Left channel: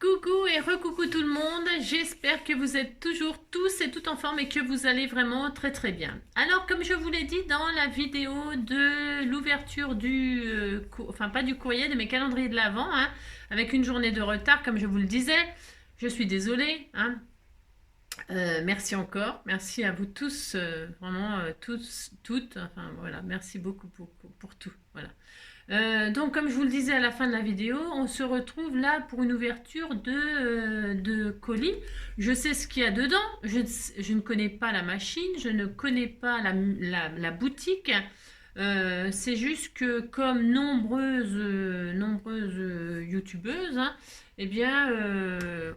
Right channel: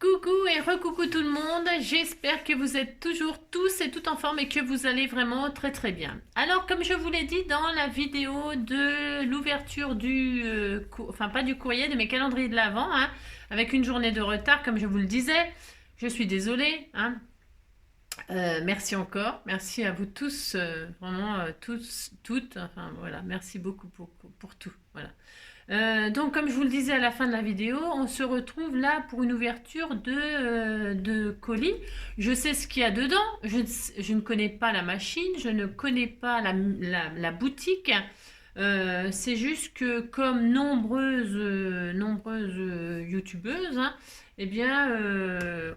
Coucou et recoucou tout le monde, j'espère que vous êtes toujours tous et toutes en forme et que vous allez vraiment très bien. Alors comme je vous l'ai dit dans la vidéo de l'ouverture du, enfin pas du courrier, de mes calendriers de l'Avent, hein, avec une journée de retard comme je vous le disais, je suis désolée. Hein. Merci encore, merci à vous tous, vraiment tous, toutes, enfin voilà, merci beaucoup pour tout. Voilà. Donc, comme je vous le disais à la fin de la vidéo, on se retrouve là pour une ouverture de colis. Je sais ce qu'il y a dedans. Je ne connais pas la machine, je ne connais pas la boutique. C'est juste que comme nombreuses youtubeuses, hein, eh bien,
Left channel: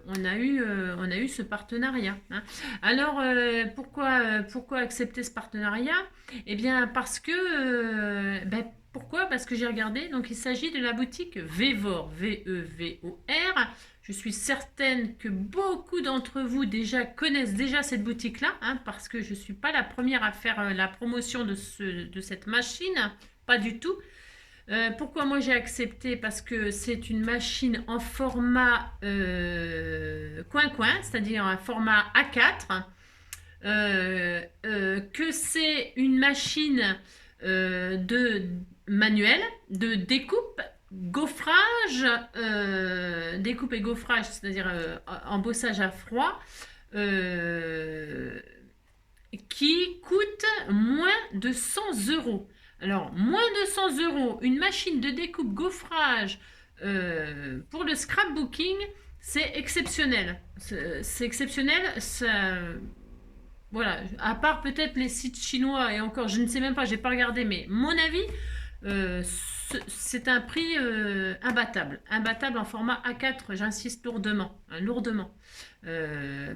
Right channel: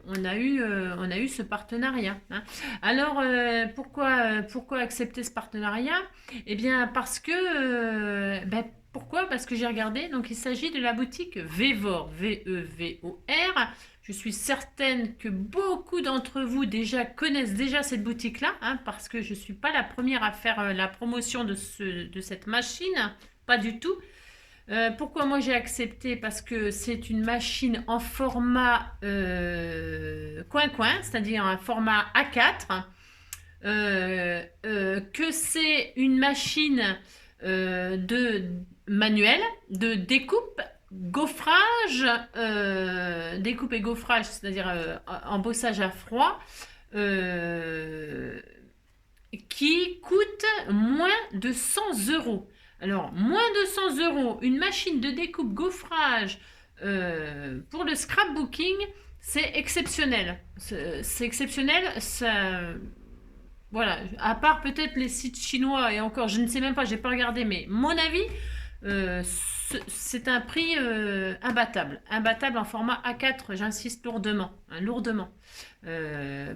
on a eu ce partenariat. Hein. Alors, pourquoi accepter ce partenariat? Eh bien, parce que pourquoi? Parce que j'ai regardé, donc il s'agit de la boutique Vevor, V-E-V-O-R. Je suis certaine que beaucoup d'entre vous connaissent déjà cette boutique-là, hein, parce que je ne suis pas la première à faire la promotion de cette machine, pas du tout. Pourquoi moi j'ai accepté? Parce que c'est une machine en format coin-coin, c'est-à-dire un format A4, que c'est une machine de manuel, de découpe, gaufrage, découpe et gaufrage, c'est-à-dire embossage à froid, qui coûte moins de 100 €. Alors, moins de 100 €, une machine de découpe gaufrage pour le scrapbooking, c'est exceptionnel. C'est exceptionnel. Ça, voilà, à part peut-être les sites chinois, et encore, je ne sais même pas, j'ai pas regardé, mais mon avis, c'est un prix imbattable en format A4, j'insiste lourdement, hein, lourdement.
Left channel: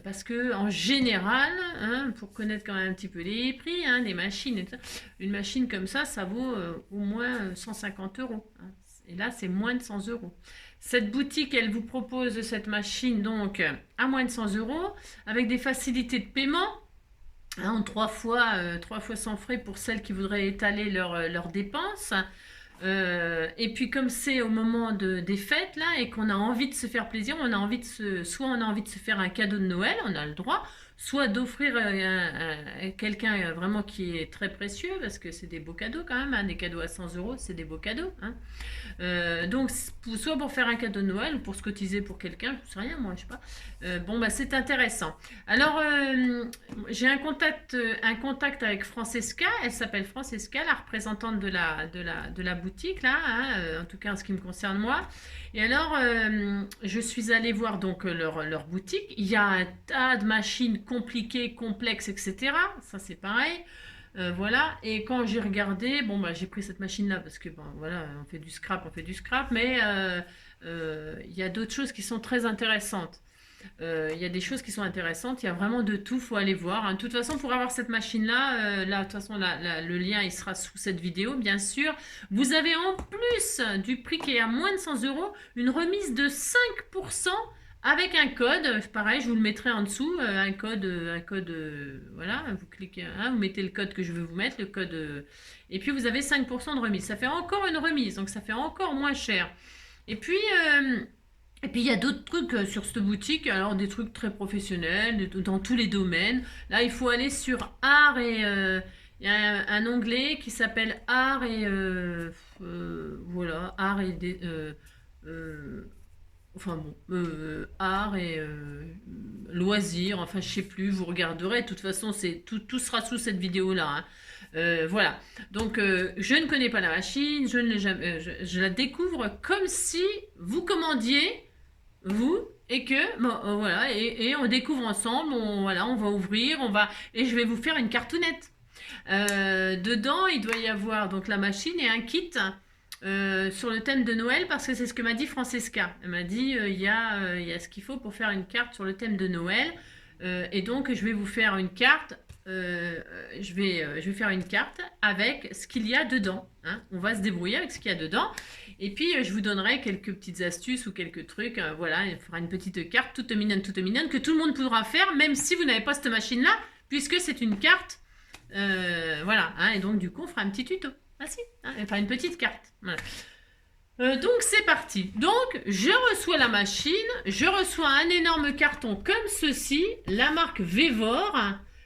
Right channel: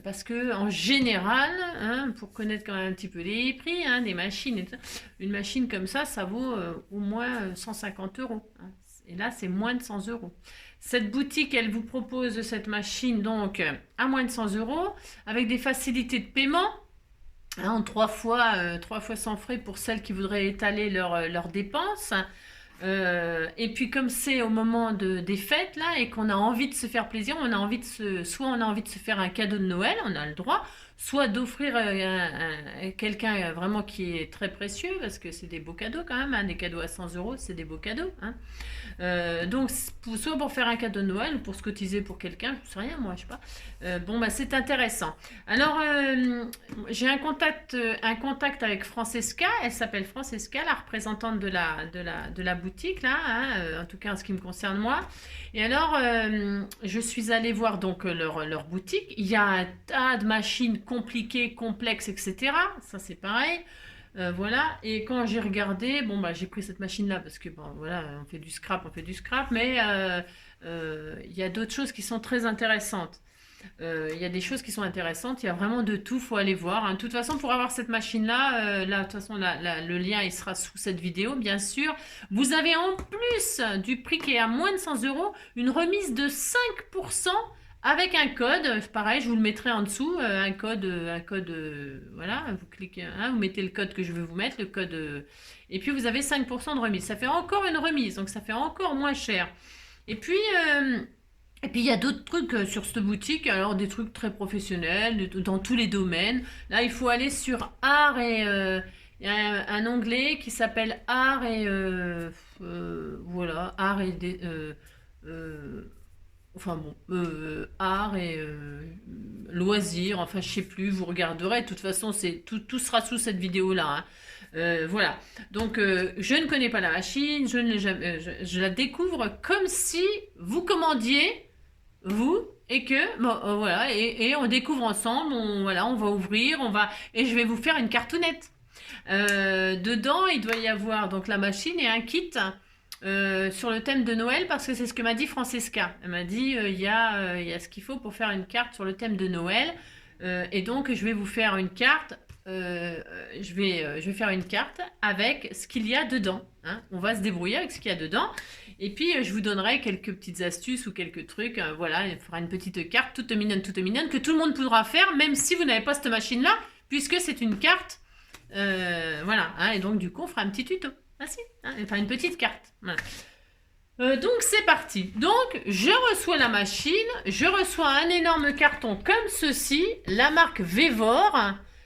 Parce que en général, hein, pour connaître quand même un petit peu les prix, hein, des machines, une machine comme ça vaut au moins 150 €. Hein. Et là, c'est moins de 100 €. Cette boutique, elle vous propose cette machine donc à moins de 100 € avec des facilités de paiement. Hein, trois fois sans frais pour celles qui voudraient étaler leurs dépenses. Et puis comme c'est au moment des fêtes là et qu'on a envie de se faire plaisir, soit on a envie de se faire un cadeau de Noël, on a le droit, soit d'offrir quelqu'un vraiment qui est très précieux, parce que c'est des beaux cadeaux quand même, hein, des cadeaux à 100 €, c'est des beaux cadeaux. Hein. Donc soit pour faire un cadeau de Noël ou pour se cotiser pour quelqu'un, je sais rien moi, je sais pas. Bon bah c'est intéressant. Alors j'ai un contact avec Francesca, elle s'appelle Francesca, la représentante de la boutique là, hein, en tout cas en ce qui me concerne moi. Et alors je suis allée voir donc leur boutique. Il y a un tas de machines compliquées, complexes, etc. Ça c'est pareil. Voilà, et quand j'ai regardé, bon bah j'ai pris cette machine là parce que bon voilà, on fait du scrap, mais il y a d'autres choses qui sont très intéressantes. Il y a des choses qui sont intéressantes, il y a vraiment de tout, faut aller voir. Hein. De toute façon, pour avoir cette machine-là, de toute façon, le lien il sera sous cette vidéo, bien sûr. Vous avez en plus du prix qui est à moins de 100 € une remise de 5% avec un code. Pareil, je vous le mettrai en dessous, un code, voilà, vous cliquez, hein, vous mettez le code que je veux vous mettre, le code, et puis vous avez 5% de remise. Ça fait encore une remise, donc ça fait encore moins cher. Et puis, il y a d'autres trucs sur cette boutique, alors des trucs très professionnels, dans tous les domaines. Là, il faut aller sur art et il y a un onglet qui s'appelle art et voilà, art et enfin bon, art et loisirs, enfin je sais plus, vous regarderez, de toute façon tout sera sous cette vidéo là. Hein. Voilà, donc je ne connais pas la machine, je la découvre comme si vous commandiez vous et que bon, voilà et on découvre ensemble, voilà, on va ouvrir, et je vais vous faire une cartoonette. Dedans il doit y avoir donc la machine et un kit sur le thème de Noël, parce que c'est ce que m'a dit Francesca. Elle m'a dit il y a ce qu'il faut pour faire une carte sur le thème de Noël, et donc je vais vous faire une carte. Je vais faire une carte avec ce qu'il y a dedans. Hein. On va se débrouiller avec ce qu'il y a dedans. Et puis je vous donnerai quelques petites astuces ou quelques trucs. Voilà, il fera une petite carte toute mignonne, que tout le monde pourra faire, même si vous n'avez pas cette machine-là, puisque c'est une carte. Voilà, hein, et donc du coup on fera un petit tuto. Ah si, hein, enfin une petite carte. Voilà. Donc c'est parti. Donc je reçois la machine, je reçois un énorme carton comme ceci, la marque Vevor.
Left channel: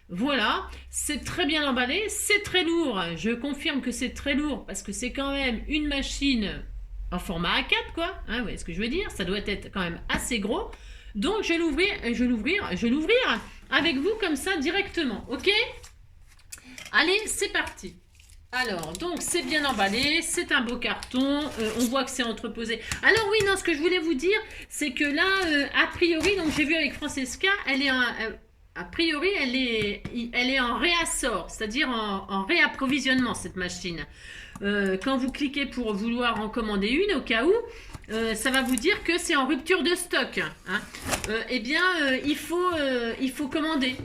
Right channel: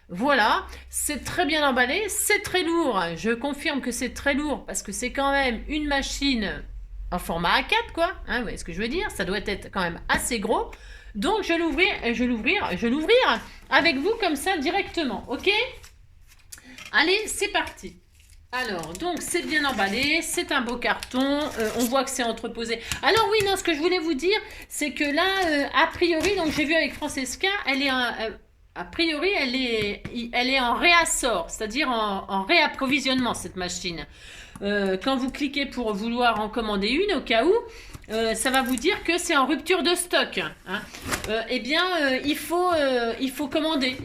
Voilà, c'est très bien emballé, c'est très lourd. Je confirme que c'est très lourd parce que c'est quand même une machine en format A4 quoi. Hein, vous voyez ce que je veux dire? Ça doit être quand même assez gros. Donc je vais l'ouvrir avec vous comme ça directement. Ok? Allez, c'est parti. Alors, donc, c'est bien emballé, c'est un beau carton, on voit que c'est entreposé. Alors oui, non, ce que je voulais vous dire, c'est que là, a priori, donc j'ai vu avec Francesca, elle est a priori, elle est en réassort, c'est-à-dire en réapprovisionnement, cette machine. Quand vous cliquez pour vouloir en commander une, au cas où, ça va vous dire que c'est en rupture de stock. Hein. Eh bien, il faut commander.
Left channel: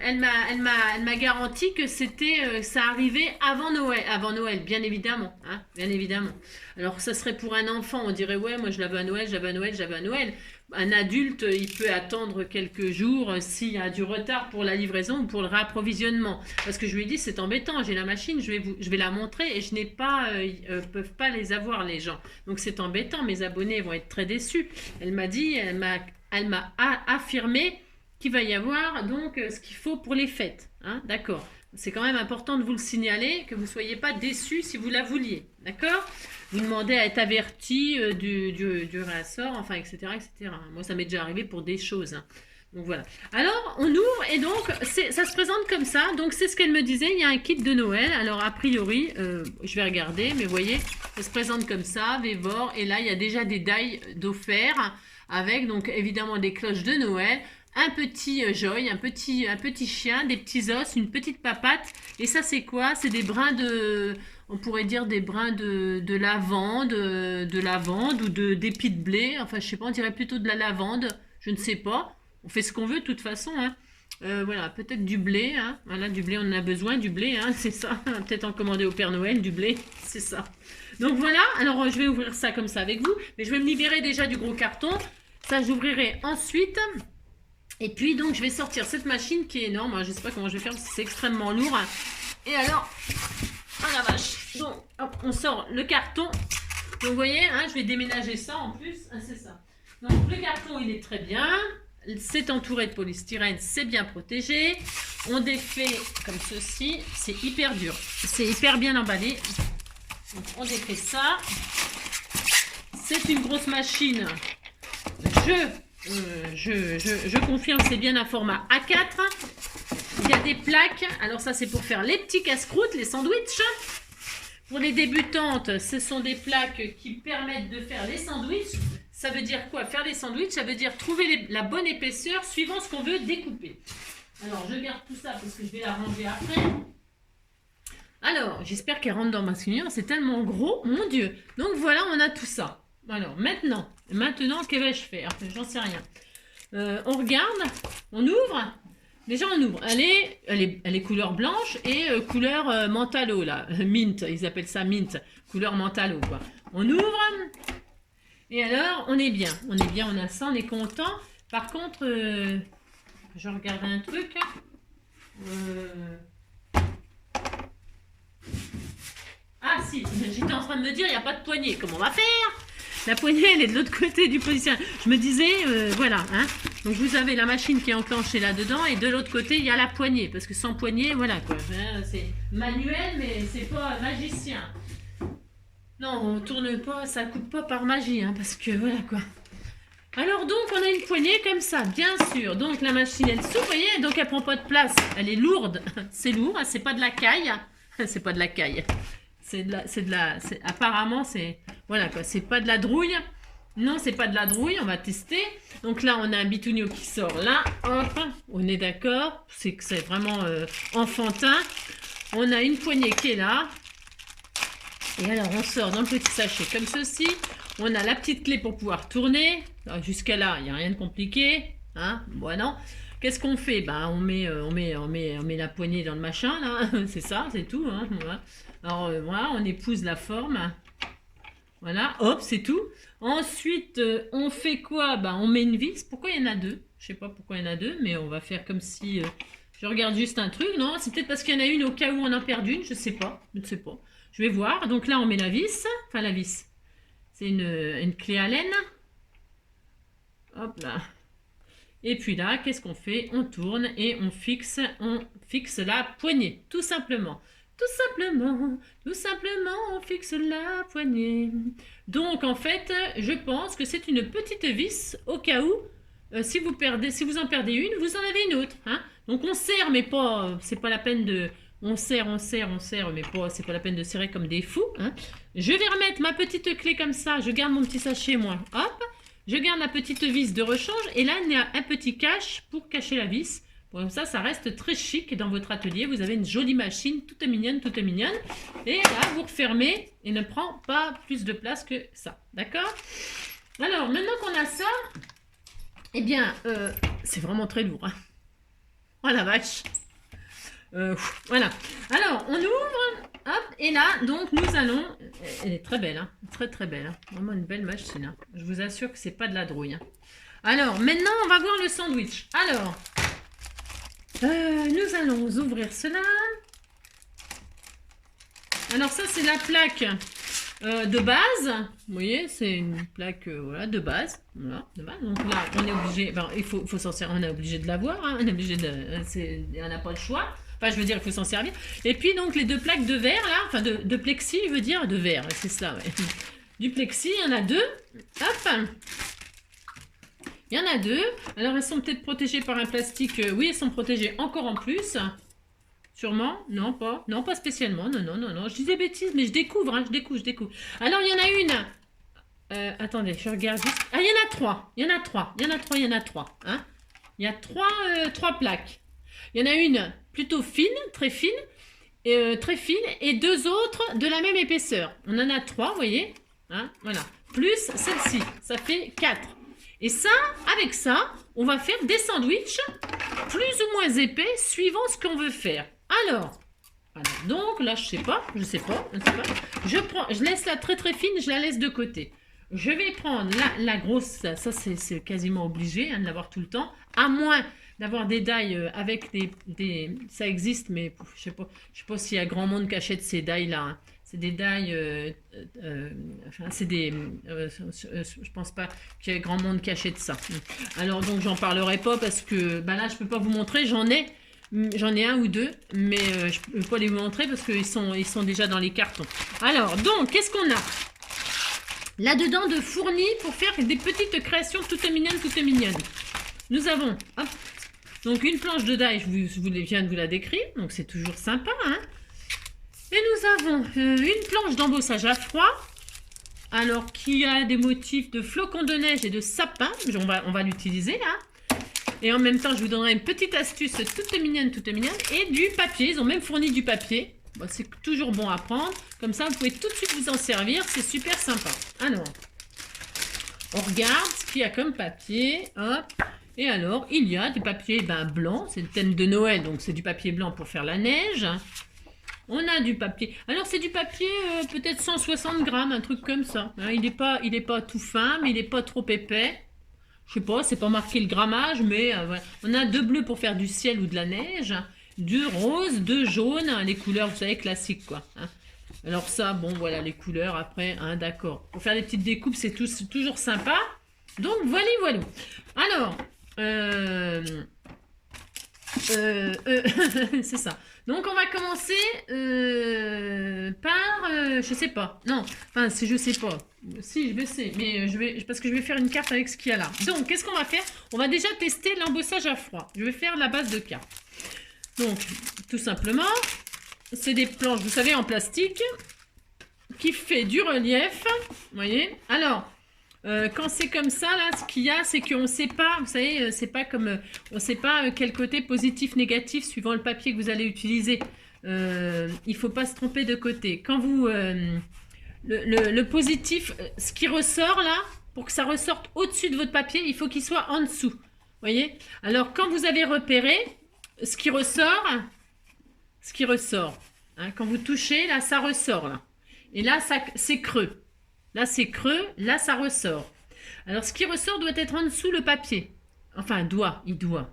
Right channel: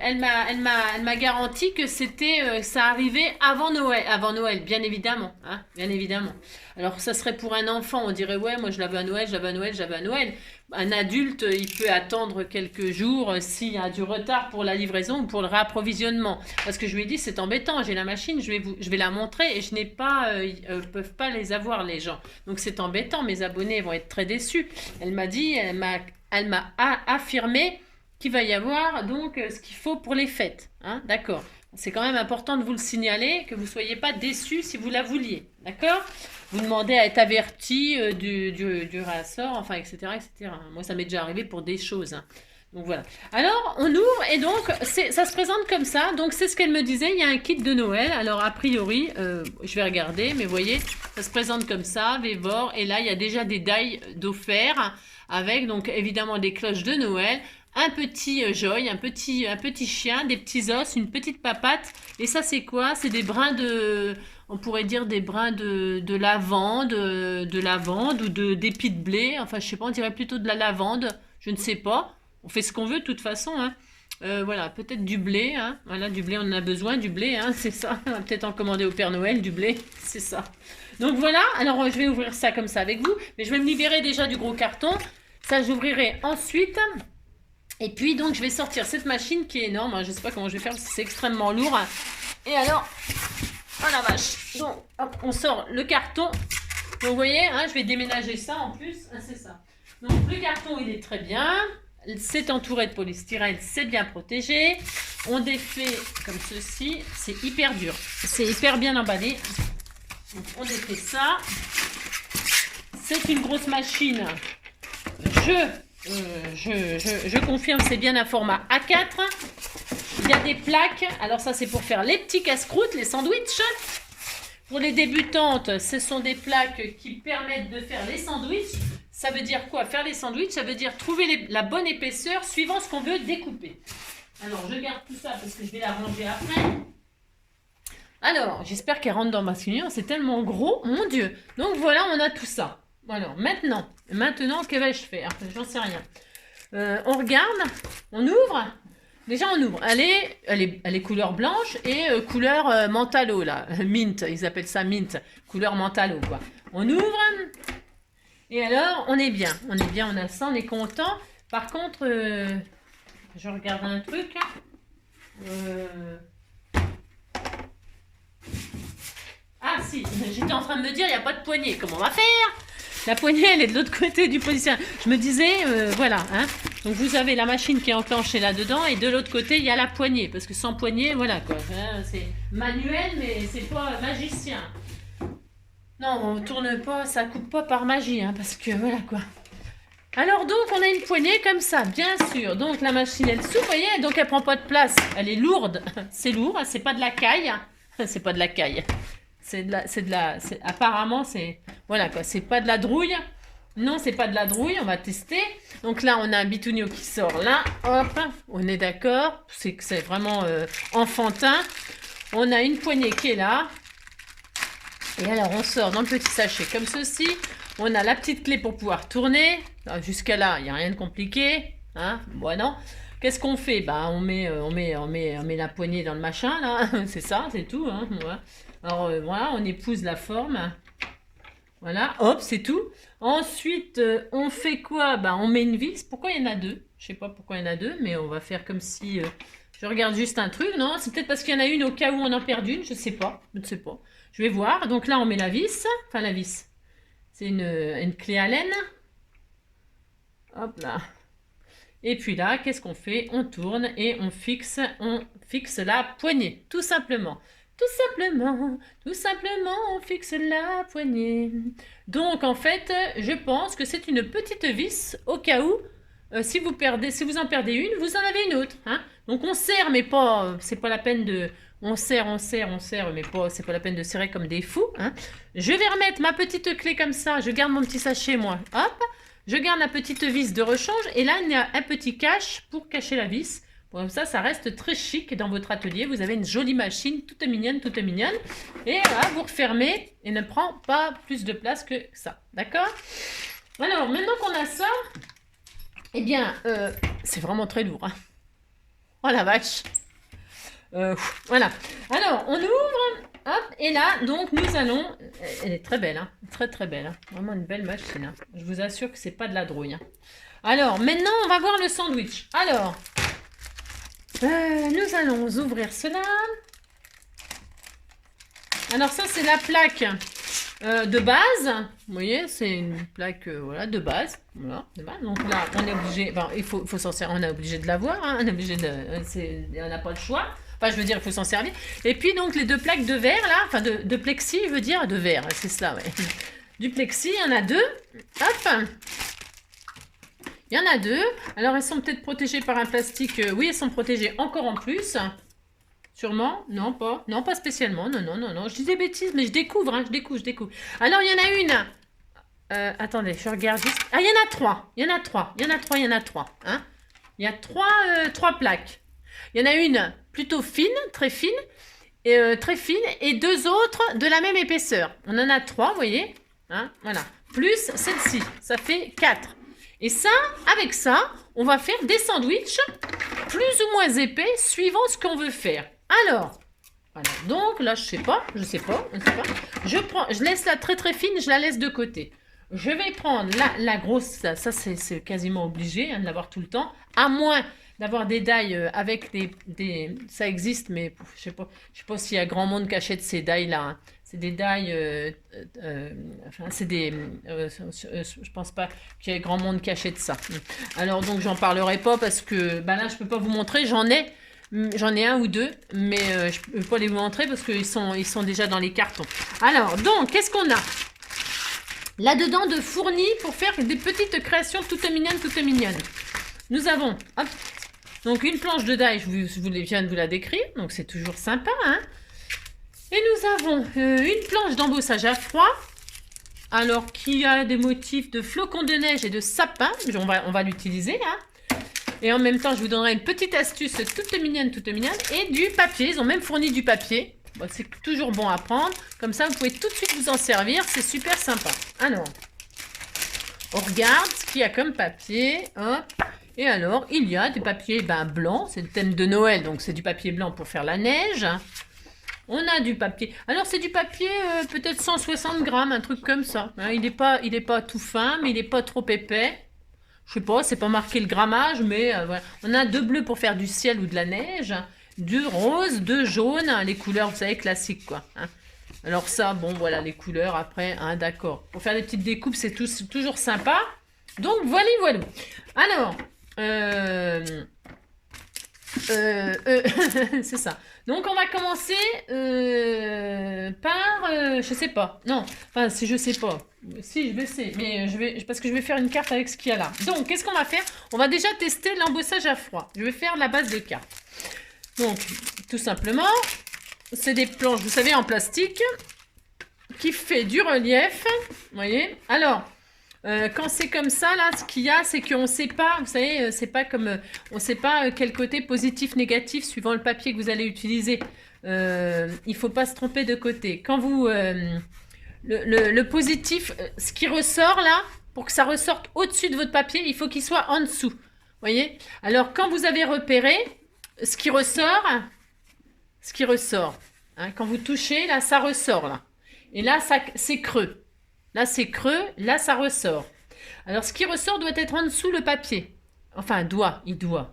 Elle m'a garanti que ça arrivait avant Noël. Avant Noël, bien évidemment. Hein, bien évidemment. Alors, ça serait pour un enfant, on dirait, ouais, moi je l'avais à Noël, j'avais à Noël. Un adulte, il peut attendre quelques jours s'il y a du retard pour la livraison ou pour le réapprovisionnement. Parce que je lui ai dit, c'est embêtant, j'ai la machine, je vais la montrer et je n'ai pas, peuvent pas les avoir les gens. Donc c'est embêtant, mes abonnés vont être très déçus. Elle m'a affirmé qu'il va y avoir donc ce qu'il faut pour les fêtes. Hein, d'accord. C'est quand même important de vous le signaler, que vous ne soyez pas déçus si vous la vouliez. D'accord? Vous demandez à être averti du réassort, enfin, etc., etc. Moi, ça m'est déjà arrivé pour des choses. Hein. Donc, voilà. Alors, on ouvre et donc, ça se présente comme ça. Donc, c'est ce qu'elle me disait. Il y a un kit de Noël. Alors, a priori, je vais regarder, mais vous voyez, ça se présente comme ça, Vevor. Et là, il y a déjà des dailles d'offert avec, donc, évidemment, des cloches de Noël. Un petit joy, un petit chien, des petits os, une petite papate. Et ça, c'est quoi? C'est des brins de... On pourrait dire des brins de lavande ou d'épi de blé. Enfin, je sais pas, on dirait plutôt de la lavande. Je ne sais pas. On fait ce qu'on veut de toute façon. Hein. Voilà, peut-être du blé. Hein. Voilà, du blé, on en a besoin, du blé, hein, c'est ça. On va peut-être en commander au Père Noël, du blé, c'est ça. Donc voilà, alors je vais ouvrir ça comme ça avec vous. Mais je vais me libérer déjà du gros carton. Ça, j'ouvrirai ensuite. Et puis donc je vais sortir cette machine qui est énorme, je ne sais pas comment je vais faire parce que c'est extrêmement lourd. Et alors, oh la vache, donc hop, on sort le carton. Donc vous voyez, hein, je vais déménager ça en plus, hein, c'est ça. Donc le carton il est très bien, c'est entouré de polystyrène, c'est bien protégé. On défait comme ceci, c'est hyper dur, c'est hyper bien emballé. Donc on défait ça. C'est une grosse machine. Je confirme, c'est bien un format A4. Il y a des plaques. Alors ça, c'est pour faire les petits casse-croûtes, les sandwichs. Pour les débutantes, ce sont des plaques qui permettent de faire les sandwichs. Ça veut dire quoi? Faire les sandwichs, ça veut dire trouver la bonne épaisseur suivant ce qu'on veut découper. Alors, je garde tout ça parce que je vais la ranger après. Alors, j'espère qu'elle rentre dans ma figure. C'est tellement gros, mon Dieu. Donc voilà, on a tout ça. Alors, maintenant, que vais-je faire? J'en sais rien. On regarde, on ouvre. Déjà, on ouvre. Elle est couleur blanche et couleur mentalo, là. Mint, ils appellent ça mint. Couleur mentalo, quoi. On ouvre. Et alors, on est bien. On est bien, on a ça, on est content. Par contre, je regarde un truc. Ah, si, j'étais en train de me dire, il n'y a pas de poignée. Comment on va faire? La poignée, elle est de l'autre côté du position. Je me disais, voilà. Hein. Donc, vous avez la machine qui est enclenchée là-dedans. Et de l'autre côté, il y a la poignée. Parce que sans poignée, voilà quoi. Hein, c'est manuel, mais c'est pas magicien. Non, on tourne pas, ça coupe pas par magie. Hein, parce que voilà quoi. Alors donc, on a une poignée comme ça, bien sûr. Donc, la machine, elle s'ouvre, vous voyez. Donc, elle prend pas de place. Elle est lourde. C'est lourd. C'est pas de la caille. C'est pas de la caille. Apparemment, c'est, voilà quoi, c'est pas de la drouille. Non, c'est pas de la drouille, on va tester. Donc là, on a un bitunio qui sort là, hop, on est d'accord. C'est vraiment enfantin. On a une poignée qui est là. Et alors, on sort dans le petit sachet comme ceci. On a la petite clé pour pouvoir tourner. Jusqu'à là, il n'y a rien de compliqué. Hein, bon, non. Qu'est-ce qu'on fait? Bah, on met la poignée dans le machin, là. C'est ça, c'est tout. Hein, voilà. Alors, voilà, on épouse la forme. Voilà, hop, c'est tout. Ensuite, on fait quoi? Bah, on met une vis. Pourquoi il y en a deux? Je sais pas pourquoi il y en a deux, mais on va faire comme si... je regarde juste un truc. Non, c'est peut-être parce qu'il y en a une au cas où on en perd une. Je sais pas. Je ne sais pas. Je vais voir. Donc là, on met la vis. Enfin, la vis. C'est une clé Allen. Hop là. Et puis là, qu'est-ce qu'on fait? On tourne et on fixe la poignée, tout simplement. Tout simplement, on fixe la poignée. Donc, en fait, je pense que c'est une petite vis au cas où, si vous en perdez une, vous en avez une autre. Hein. Donc, on serre, mais pas, c'est pas la peine de... On serre, mais pas, c'est pas la peine de serrer comme des fous. Hein. Je vais remettre ma petite clé comme ça. Je garde mon petit sachet, moi. Hop. Je garde la petite vis de rechange. Et là, il y a un petit cache pour cacher la vis. Comme ça reste très chic dans votre atelier. Vous avez une jolie machine, toute mignonne. Et là, vous refermez et ne prend pas plus de place que ça. D'accord? Alors, maintenant qu'on a ça, eh bien, c'est vraiment très lourd. Hein. Oh la vache! Voilà. Alors, on ouvre, hop, et là, donc, nous allons... Elle est très belle, hein, très belle. Hein. Vraiment une belle machine. Hein. Je vous assure que c'est pas de la drouille. Hein. Alors, maintenant, on va voir le sandwich. Alors, nous allons ouvrir cela. Alors, ça, c'est la plaque de base. Vous voyez, c'est une plaque voilà, de base. Voilà, de base. Donc là, on est obligé... Ben, il faut s'en servir. On est obligé de l'avoir. Hein. On est obligé de... on n'a pas le choix. Enfin, je veux dire, il faut s'en servir. Et puis, donc, les deux plaques de verre, là, enfin, de plexi, je veux dire, de verre, c'est ça, ouais. Du plexi, il y en a deux. Hop. Il y en a deux. Alors, elles sont peut-être protégées par un plastique. Oui, elles sont protégées encore en plus. Sûrement. Non, pas. Non, pas spécialement. Non. Je dis des bêtises, mais je découvre, hein, je découvre. Alors, il y en a une. Attendez, je regarde juste. Ah, il y en a trois. Il y en a trois. Hein. Il y a trois plaques. Il y en a une plutôt fine, très fine, et deux autres de la même épaisseur. On en a trois, vous voyez, hein, voilà. Plus celle-ci, ça fait 4. Et ça, avec ça, on va faire des sandwichs plus ou moins épais, suivant ce qu'on veut faire. Alors, voilà. Donc là, je sais pas. Je laisse la très fine, je la laisse de côté. Je vais prendre la grosse, ça c'est quasiment obligé hein, de l'avoir tout le temps, à moins d'avoir des dailles avec des... Ça existe, mais je sais pas s'il y a grand monde qui achète ces dailles-là. Hein. C'est des dailles... enfin, c'est des... je pense pas qu'il y ait grand monde qui achète ça. Alors, donc, j'en parlerai pas parce que... Ben là, je peux pas vous montrer. J'en ai un ou deux, mais je peux pas les vous montrer parce qu'ils sont déjà dans les cartons. Alors, donc, qu'est-ce qu'on a là-dedans de fourni pour faire des petites créations toutes mignonnes. Nous avons... Hop, donc, une planche de daille, je viens de vous la décrire. Donc, c'est toujours sympa. Hein. Et nous avons une planche d'embossage à froid. Alors, qui a des motifs de flocons de neige et de sapin. On va l'utiliser là. Et en même temps, je vous donnerai une petite astuce toute mignonne. Et du papier. Ils ont même fourni du papier. Bon, c'est toujours bon à prendre. Comme ça, vous pouvez tout de suite vous en servir. C'est super sympa. Alors, on regarde ce qu'il y a comme papier. Hop. Et alors, il y a des papiers blancs, c'est le thème de Noël, donc c'est du papier blanc pour faire la neige. On a du papier, alors c'est du papier peut-être 160 grammes, un truc comme ça. Hein, il est pas tout fin, mais il n'est pas trop épais. Je sais pas, c'est pas marqué le grammage, mais voilà. On a 2 bleus pour faire du ciel ou de la neige, 2 roses, 2 jaunes, les couleurs, vous savez, classiques quoi. Hein. Alors ça, bon voilà, les couleurs après, hein, d'accord. Pour faire des petites découpes, c'est toujours sympa. Donc voilà. Alors... c'est ça. Donc on va commencer par je sais pas. Non, enfin si je sais pas. Si je sais, mais parce que je vais faire une carte avec ce qu'il y a là. Donc qu'est-ce qu'on va faire? On va déjà tester l'embossage à froid. Je vais faire la base de carte. Donc tout simplement, c'est des planches, vous savez, en plastique qui fait du relief. Vous voyez? Alors quand c'est comme ça, là, ce qu'il y a, c'est qu'on ne sait pas, vous savez, c'est pas comme, on ne sait pas quel côté positif, négatif, suivant le papier que vous allez utiliser. Il ne faut pas se tromper de côté. Quand vous, le positif, ce qui ressort là, pour que ça ressorte au-dessus de votre papier, il faut qu'il soit en dessous. Vous voyez? Alors, quand vous avez repéré, ce qui ressort, hein, quand vous touchez, là, ça ressort, là. Et là, c'est creux. Là, c'est creux. Là, ça ressort. Alors, ce qui ressort doit être en dessous le papier. Enfin, il doit.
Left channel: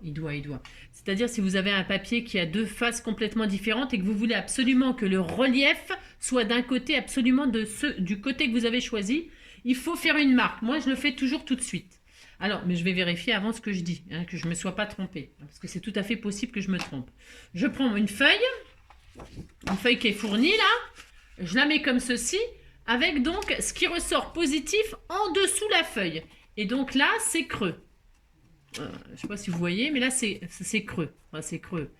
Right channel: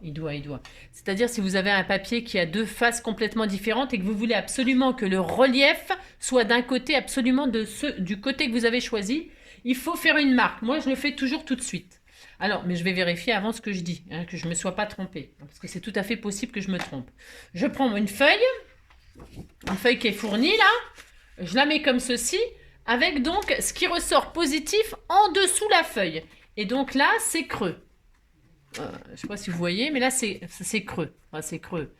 C'est-à-dire si vous avez un papier qui a deux faces complètement différentes et que vous voulez absolument que le relief soit d'un côté absolument du côté que vous avez choisi, il faut faire une marque. Moi, je le fais toujours tout de suite. Alors, mais je vais vérifier avant ce que je dis, hein, que je ne me sois pas trompée, parce que c'est tout à fait possible que je me trompe. Je prends une feuille qui est fournie là, je la mets comme ceci, avec donc ce qui ressort positif en dessous la feuille. Et donc là, c'est creux. Je ne sais pas si vous voyez, mais là, c'est creux. Enfin, c'est creux.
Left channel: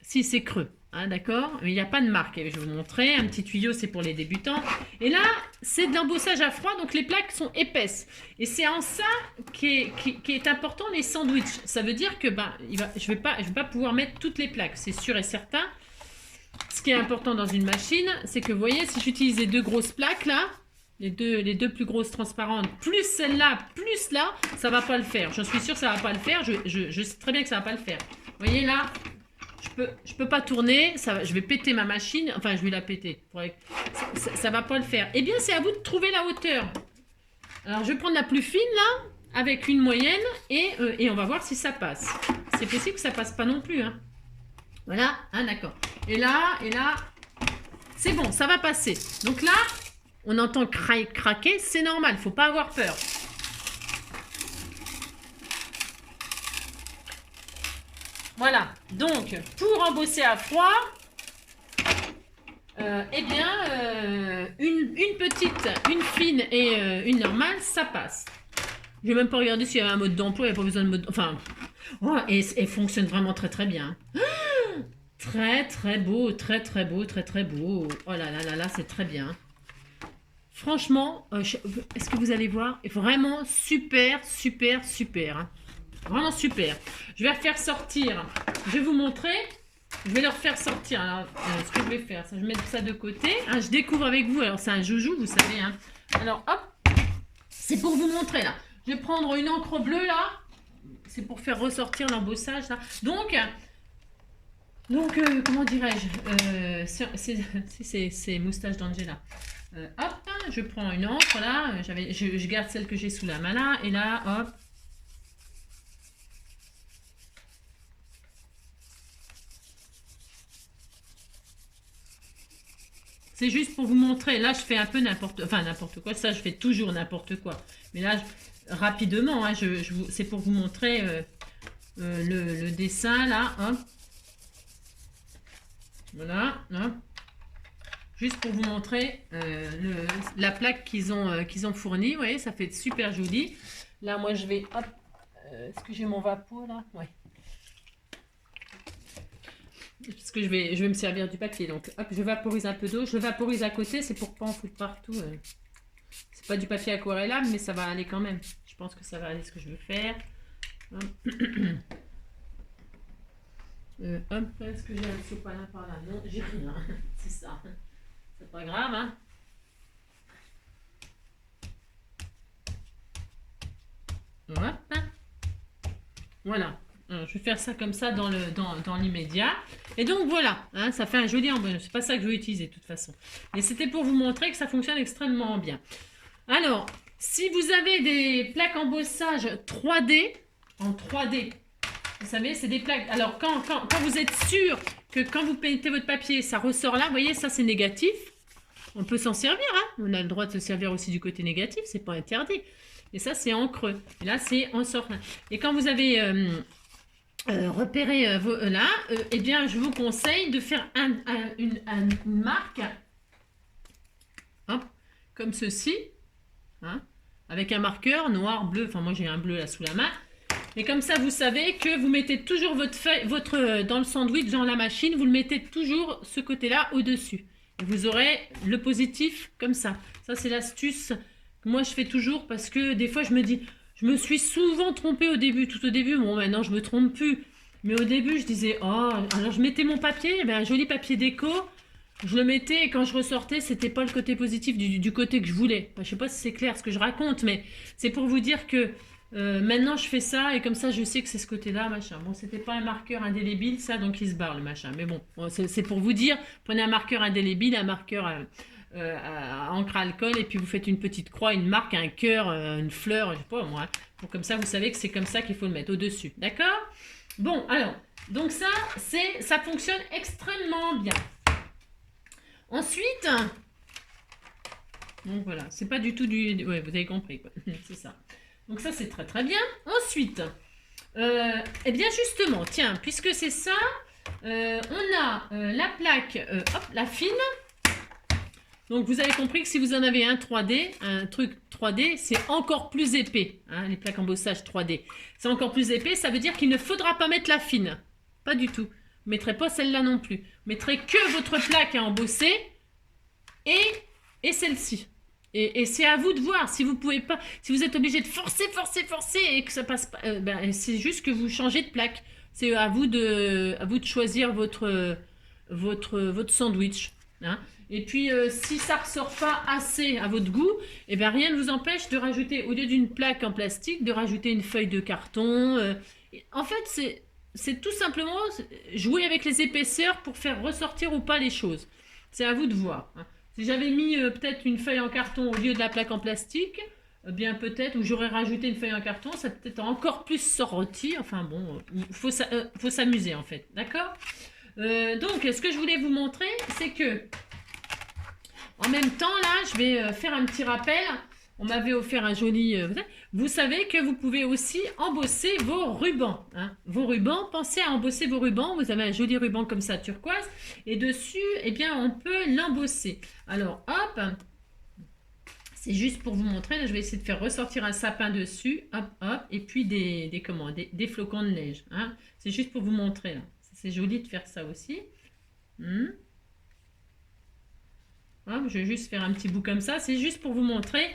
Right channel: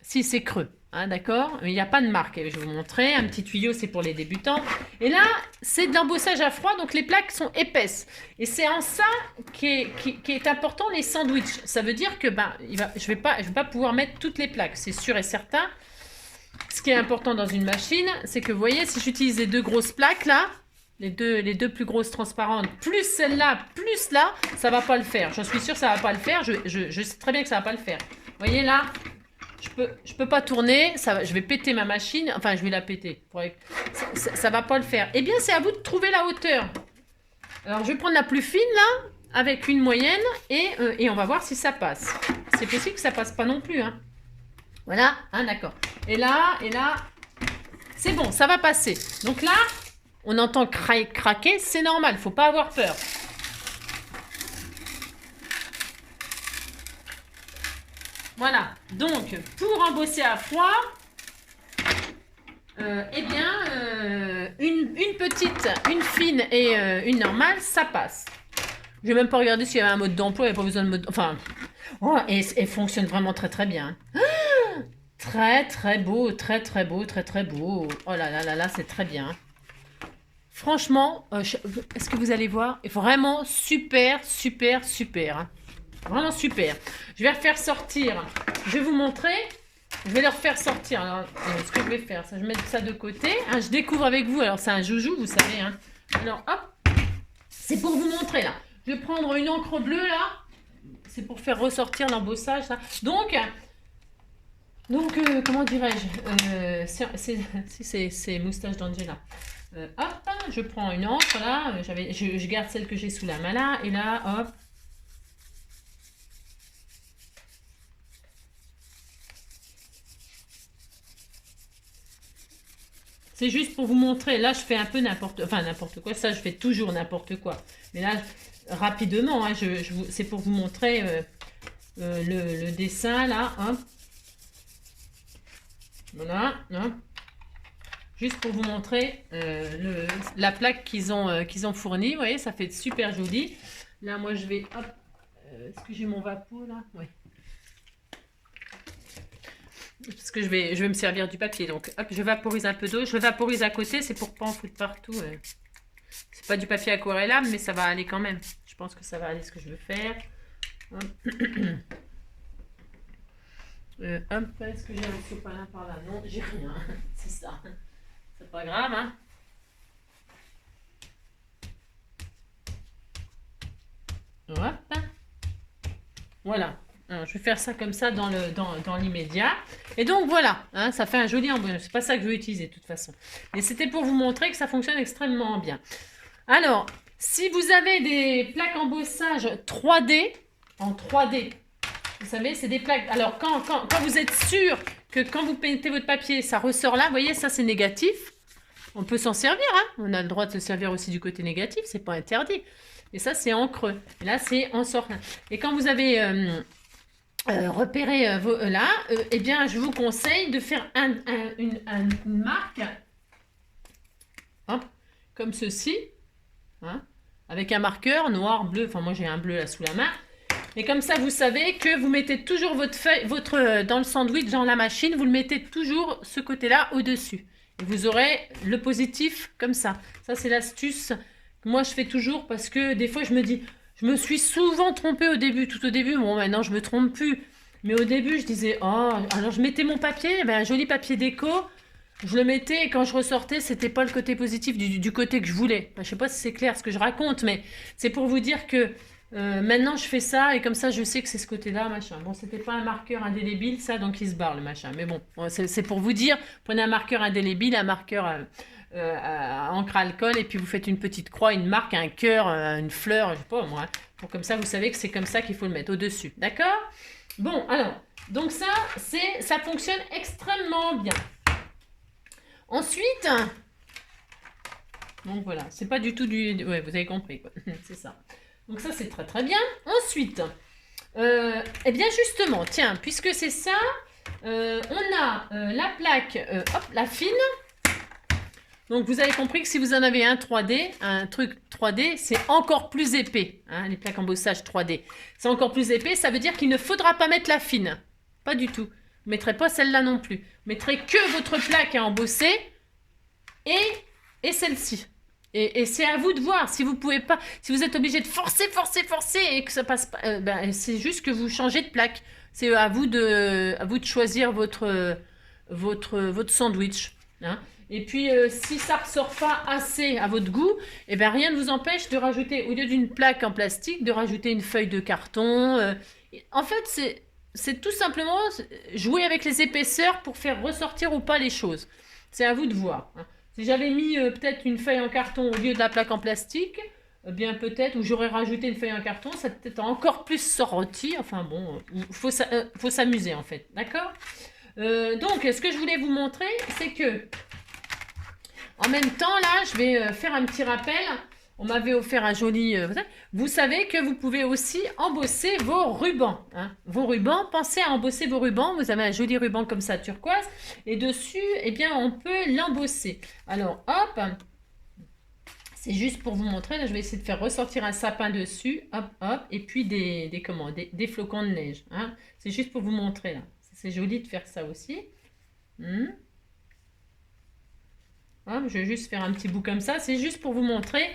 Si, c'est creux. Hein, d'accord? Mais il n'y a pas de marque. Et je vais vous montrer. Un petit tuyau, c'est pour les débutants. Et là, c'est de l'embossage à froid, donc les plaques sont épaisses. Et c'est en ça qui est important, les sandwichs. Ça veut dire que je vais pas pouvoir mettre toutes les plaques, c'est sûr et certain. Ce qui est important dans une machine, c'est que vous voyez, si j'utilise les deux grosses plaques là, les deux plus grosses transparentes, plus celle-là, plus là, ça va pas le faire. J'en suis sûre que ça va pas le faire. Je sais très bien que ça va pas le faire. Vous voyez là, je peux pas tourner. Je vais péter ma machine. Enfin, je vais la péter. Ça va pas le faire. Eh bien, c'est à vous de trouver la hauteur. Alors, je vais prendre la plus fine là, avec une moyenne, et on va voir si ça passe. C'est possible que ça passe pas non plus. Hein. Voilà, hein, d'accord. Et là, c'est bon, ça va passer. Donc là, on entend craquer, c'est normal, faut pas avoir peur. Voilà, donc pour embosser à froid, une petite, une fine et une normale, ça passe. Je vais même pas regarder s'il y avait un mode d'emploi, il n'y a pas besoin de mode... Enfin, oh, et fonctionne vraiment très très bien. Très très beau, très très beau, très très beau. Oh là là là là, c'est très bien. Franchement, est-ce que vous allez voir? Vraiment super, super, super. Hein. Vraiment super. Je vais refaire sortir. Je vais vous montrer. Je vais leur faire sortir. Alors, ce que je vais faire, je vais mettre ça de côté. Hein, je découvre avec vous. Alors, c'est un joujou, vous savez. Hein. Alors, hop. C'est pour vous montrer, là. Je vais prendre une encre bleue, là. C'est pour faire ressortir l'embossage, là. Donc comment dirais-je, c'est moustache d'Angela. Hop, je prends une encre là, je garde celle que j'ai sous la main là, et là, hop. C'est juste pour vous montrer, là je fais un peu n'importe quoi, ça je fais toujours n'importe quoi. Mais là, rapidement, hein, c'est pour vous montrer le dessin là, hop. Voilà, hein. Juste pour vous montrer la plaque qu'ils ont fournie. Vous voyez, ça fait super joli. Là, moi, je vais... Hop, est-ce que j'ai mon vapeau, là? Ouais. Parce que je vais me servir du papier. Donc, hop, je vaporise un peu d'eau. Je le vaporise à côté. C'est pour pas en foutre partout. C'est pas du papier aquarellable, mais ça va aller quand même. Je pense que ça va aller ce que je veux faire. Hop. Est-ce que j'ai un sopalin par là? Non, j'ai rien. C'est ça. C'est pas grave, hein. Hop. Voilà. Alors, je vais faire ça comme ça dans l'immédiat. Et donc voilà, hein, ça fait un joli embossage. C'est pas ça que je vais utiliser de toute façon. Mais c'était pour vous montrer que ça fonctionne extrêmement bien. Alors, si vous avez des plaques embossage 3D, en 3D, vous savez, c'est des plaques. Alors, quand vous êtes sûr que quand vous peintez votre papier, ça ressort là, vous voyez, ça c'est négatif. On peut s'en servir, hein. On a le droit de se servir aussi du côté négatif, c'est pas interdit. Et ça, c'est en creux. Et là, c'est en sortant. Et quand vous avez repéré là, eh bien, je vous conseille de faire une marque, hop, comme ceci, hein, avec un marqueur noir, bleu. Enfin, moi, j'ai un bleu là sous la main. Et comme ça, vous savez que vous mettez toujours dans le sandwich, dans la machine, vous le mettez toujours ce côté-là au-dessus. Et vous aurez le positif comme ça. Ça, c'est l'astuce que moi, je fais toujours parce que des fois, je me dis, je me suis souvent trompée au début. Tout au début, bon, maintenant, je me trompe plus. Mais au début, je disais, oh, alors je mettais mon papier, un joli papier déco. Je le mettais et quand je ressortais, c'était pas le côté positif du côté que je voulais. Je sais pas si c'est clair ce que je raconte, mais c'est pour vous dire que maintenant je fais ça et comme ça je sais que c'est ce côté-là, machin. Bon, c'était pas un marqueur indélébile, ça, donc il se barre le machin. Mais bon, c'est pour vous dire, prenez un marqueur indélébile, un marqueur à encre à alcool et puis vous faites une petite croix, une marque, un cœur, une fleur, je sais pas moi. Pour comme ça, vous savez que c'est comme ça qu'il faut le mettre au-dessus. D'accord? Bon, alors, donc ça fonctionne extrêmement bien. Ensuite, donc voilà, c'est pas du tout du... Ouais, vous avez compris, quoi. C'est ça. Donc ça, c'est très très bien. Ensuite, eh bien justement, tiens, puisque c'est ça, on a la plaque, hop, la fine. Donc vous avez compris que si vous en avez un 3D, un truc 3D, c'est encore plus épais. Hein, les plaques embossage 3D. C'est encore plus épais, ça veut dire qu'il ne faudra pas mettre la fine. Pas du tout. Vous ne mettrez pas celle-là non plus. Vous mettrez que votre plaque à embosser et celle-ci. Et c'est à vous de voir. Si vous pouvez pas, si vous êtes obligé de forcer et que ça passe pas, c'est juste que vous changez de plaque. C'est à vous de choisir votre sandwich. Hein. Et puis, si ça ressort pas assez à votre goût, eh bien, rien ne vous empêche de rajouter, au lieu d'une plaque en plastique, de rajouter une feuille de carton. En fait, c'est tout simplement jouer avec les épaisseurs pour faire ressortir ou pas les choses. C'est à vous de voir. Hein. Si j'avais mis peut-être une feuille en carton au lieu de la plaque en plastique, bien peut-être, ou j'aurais rajouté une feuille en carton, ça peut-être encore plus sorti. Enfin bon, faut s'amuser en fait. D'accord ? Donc, ce que je voulais vous montrer, c'est que en même temps, là, je vais faire un petit rappel. On m'avait offert un joli... vous savez que vous pouvez aussi embosser vos rubans. Hein. Vos rubans, pensez à embosser vos rubans. Vous avez un joli ruban comme ça, turquoise. Et dessus, eh bien, on peut l'embosser. Alors, hop. C'est juste pour vous montrer. Là, je vais essayer de faire ressortir un sapin dessus. Hop, hop. Et puis des flocons de neige. Hein. C'est juste pour vous montrer, là. C'est joli de faire ça aussi. Hein, je vais juste faire un petit bout comme ça. C'est juste pour vous montrer.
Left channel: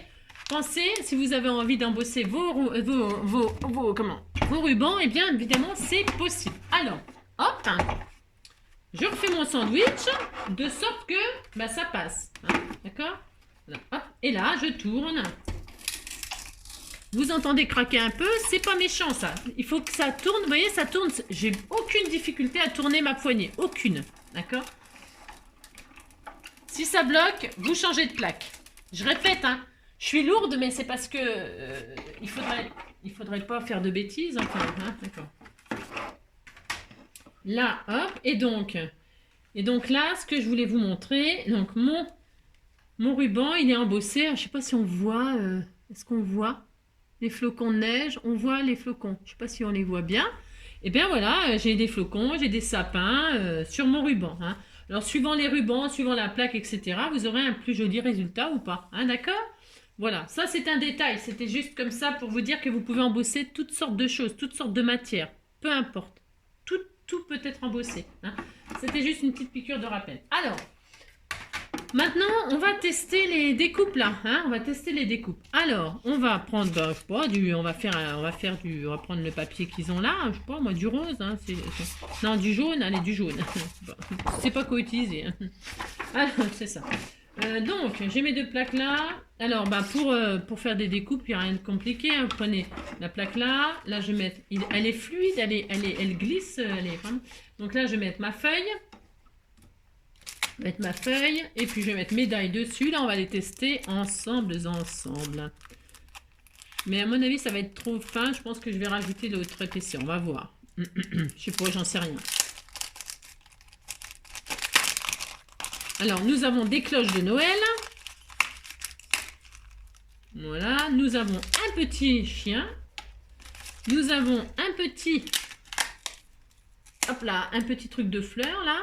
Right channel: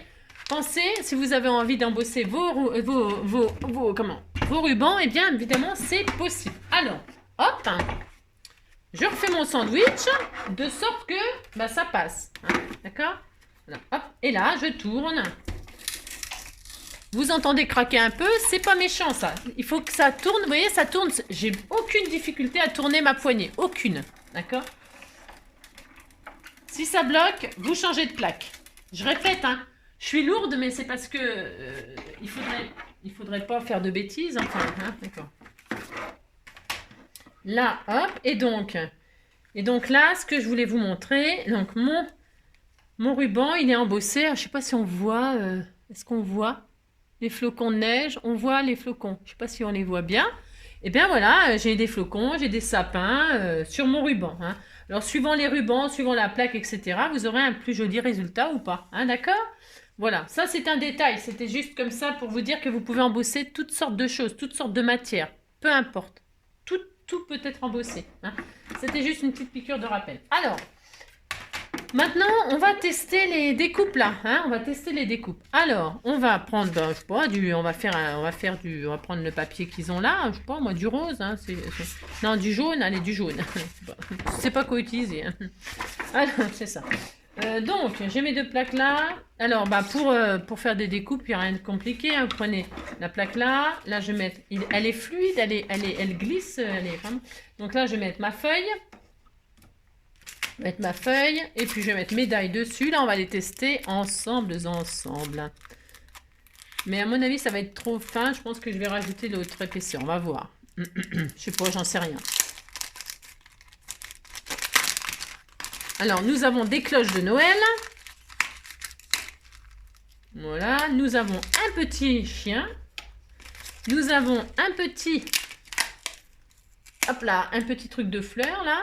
Pensez, si vous avez envie d'embosser vos rubans, eh bien, évidemment, c'est possible. Alors, hop, je refais mon sandwich de sorte que ça passe. Hein, d'accord ? Hop, et là, je tourne. Vous entendez craquer un peu, c'est pas méchant ça. Il faut que ça tourne, vous voyez, ça tourne. J'ai aucune difficulté à tourner ma poignée, aucune. D'accord ? Si ça bloque, vous changez de plaque. Je répète, hein, je suis lourde, mais c'est parce que il faudrait pas faire de bêtises. Enfin, hein, d'accord. Là, hop, et donc là, ce que je voulais vous montrer, donc mon ruban, il est embossé. Je sais pas si on voit, est-ce qu'on voit les flocons de neige? On voit les flocons. Je sais pas si on les voit bien. Et bien voilà, j'ai des flocons, j'ai des sapins sur mon ruban. Hein. Alors, suivant les rubans, suivant la plaque, etc., vous aurez un plus joli résultat ou pas. Hein, d'accord ? Voilà, ça c'est un détail. C'était juste comme ça pour vous dire que vous pouvez embosser toutes sortes de choses, toutes sortes de matières. Peu importe. Tout peut être embossé. Hein. C'était juste une petite piqûre de rappel. Alors, maintenant, on va tester les découpes là. Hein, on va tester les découpes. Alors, on va prendre, je sais pas, on va prendre le papier qu'ils ont là. Je sais pas, moi, du rose. Hein, non, du jaune. Allez, du jaune. Je sais pas quoi utiliser. Hein. Alors, c'est ça. Donc, j'ai mes deux plaques là. Alors, pour faire des découpes, il n'y a rien de compliqué. Hein. Vous prenez la plaque là. Là, je vais mettre... Elle est fluide, elle glisse. Donc là, je vais mettre ma feuille. Et puis je vais mettre mes die dessus. Là, on va les tester ensemble. Mais à mon avis, ça va être trop fin. Je pense que je vais rajouter de l'autre épaisseur. On va voir. Je sais pas, j'en sais rien. Alors, nous avons des cloches de Noël. Voilà. Nous avons un petit chien. Nous avons un petit... Hop là, un petit truc de fleurs, là.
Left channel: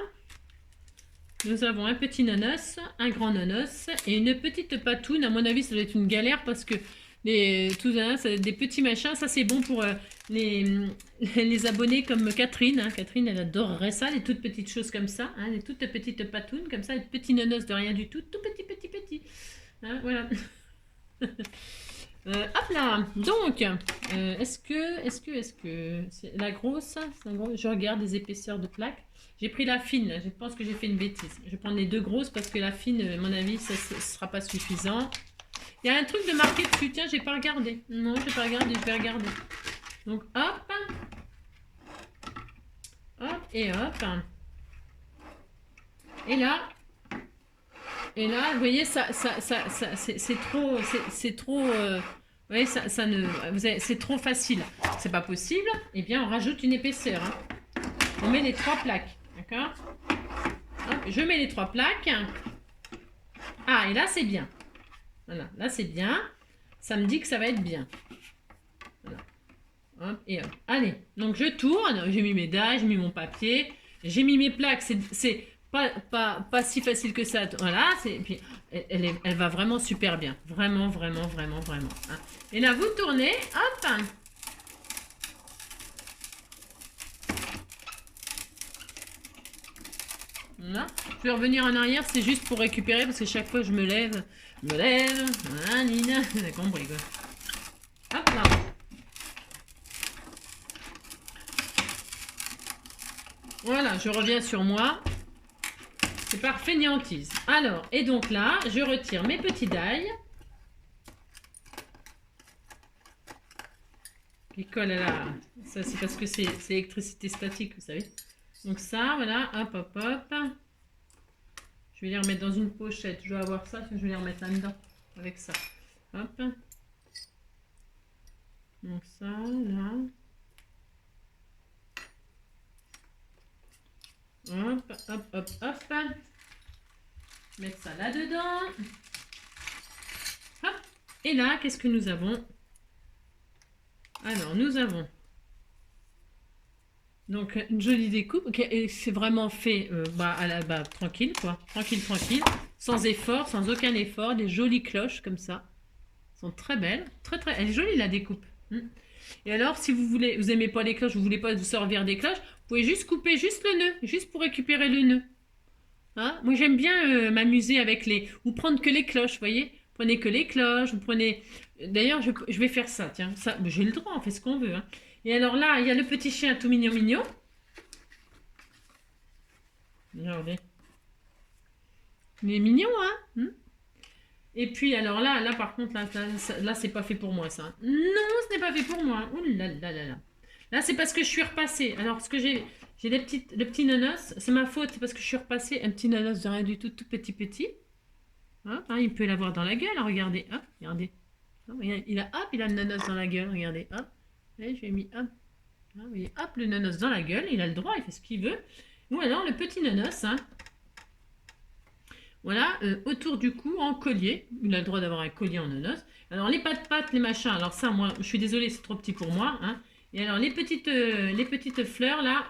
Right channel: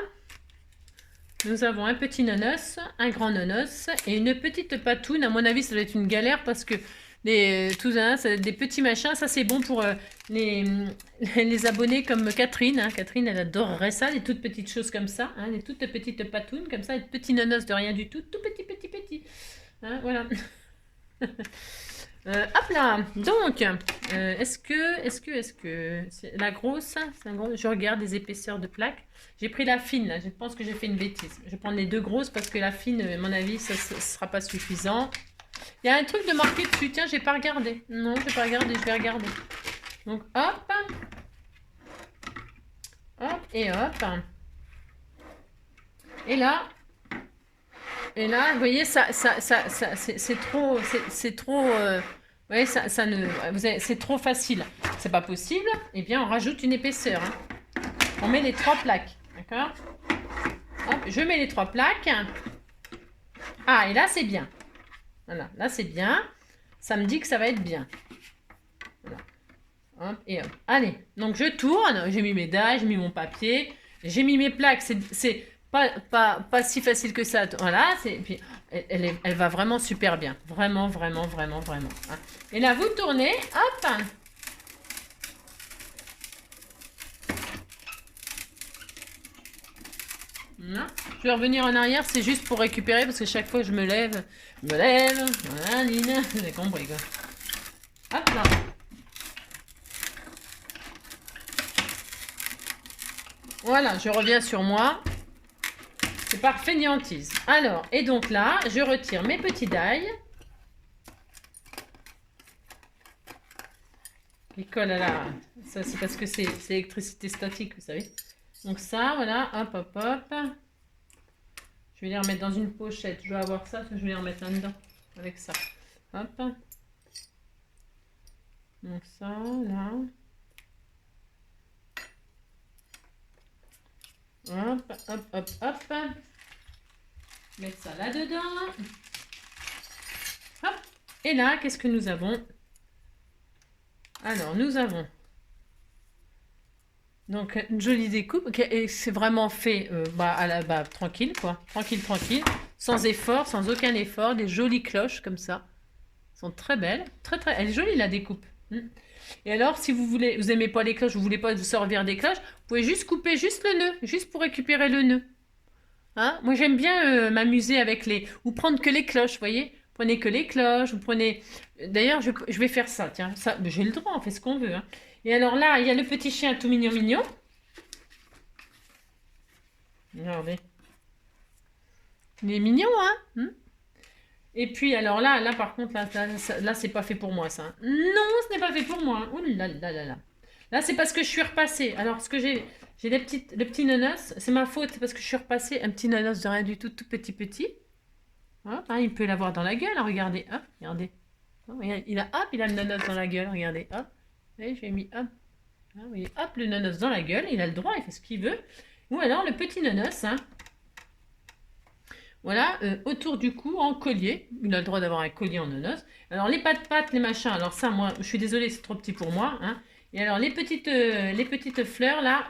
Nous avons un petit nonos, un grand nonos et une petite patoune. À mon avis, ça doit être une galère parce que tout ça, des petits machins. Ça, c'est bon pour les abonnés comme Catherine. Hein. Catherine, elle adorerait ça, les toutes petites choses comme ça. Hein, les toutes petites patounes comme ça, les petits nonos de rien du tout. Tout petit. Hein, voilà. Hop là. Donc, est-ce que c'est la grosse, je regarde les épaisseurs de plaques. J'ai pris la fine, là. Je pense que j'ai fait une bêtise. Je vais prendre les deux grosses parce que la fine, à mon avis, ça ne sera pas suffisant. Il y a un truc de marqué dessus. Tiens, j'ai pas regardé. Non, j'ai pas regardé. Je vais regarder. Donc, hop. Hop et hop. Et là, Et là, vous voyez, c'est trop, c'est trop, vous voyez, ça ne, c'est trop facile. C'est pas possible. Eh bien, on rajoute une épaisseur. Hein. On met les 3 plaques, d'accord? Je mets les 3 plaques. Ah, et là, c'est bien. Voilà, là, c'est bien. Ça me dit que ça va être bien. Voilà. Hop, et hop. Allez, donc je tourne. J'ai mis mes dalles, j'ai mis mon papier, j'ai mis mes plaques. C'est pas si facile que ça. Voilà, puis elle va vraiment super bien. Vraiment, vraiment, vraiment, vraiment. Hein. Et là, vous tournez. Hop. Voilà. Je vais revenir en arrière, c'est juste pour récupérer parce que chaque fois je me lève. Voilà, Nina. Vous avez compris quoi. Hop là. Voilà, je reviens sur moi. C'est par fainéantise. Alors, et donc là, je retire mes petits die. Qui collent à la... Ça, c'est parce que c'est électricité statique, vous savez. Donc ça, voilà, hop, hop, hop. Je vais les remettre dans une pochette. Je dois avoir ça, je vais les remettre là-dedans. Avec ça. Hop. Donc ça, là. Hop, hop, hop, hop. Mettre ça là-dedans. Hop. Et là, qu'est-ce que nous avons? Alors, nous avons donc une jolie découpe. Et c'est vraiment fait tranquille, quoi. Tranquille, tranquille. Sans effort, sans aucun effort. Des jolies cloches comme ça. Elles sont très belles. Très, très... Elle est jolie, la découpe. Et alors, si vous voulez, vous aimez pas les cloches, vous voulez pas vous servir des cloches, vous pouvez juste couper juste le nœud, juste pour récupérer le nœud. Hein? Moi, j'aime bien m'amuser avec les... Ou prendre que les cloches, vous voyez? Prenez que les cloches, vous prenez... D'ailleurs, je vais faire ça, tiens. Ça, j'ai le droit, on fait ce qu'on veut. Hein. Et alors là, il y a le petit chien tout mignon, mignon. Regardez. Il est mignon, hein? Et puis, alors là par contre, là c'est pas fait pour moi, ça. Non, ce n'est pas fait pour moi. Ouh là là là là. Là, c'est parce que je suis repassée. Alors, ce que j'ai les petits nonos. C'est ma faute, parce que je suis repassée. Un petit nonos de rien du tout, tout petit. Hop, hein, il peut l'avoir dans la gueule, hein, regardez. Hop, regardez. Hop, il a le nonos dans la gueule, regardez. Hop, et je lui ai mis hop. Hop, le nonos dans la gueule. Il a le droit, il fait ce qu'il veut. Ou alors, le petit nonos, hein. Voilà, autour du cou, en collier. Il a le droit d'avoir un collier en nonos. Alors, les pattes, les machins. Alors, ça, moi, je suis désolée, c'est trop petit pour moi. Hein. Et alors, les petites fleurs, là,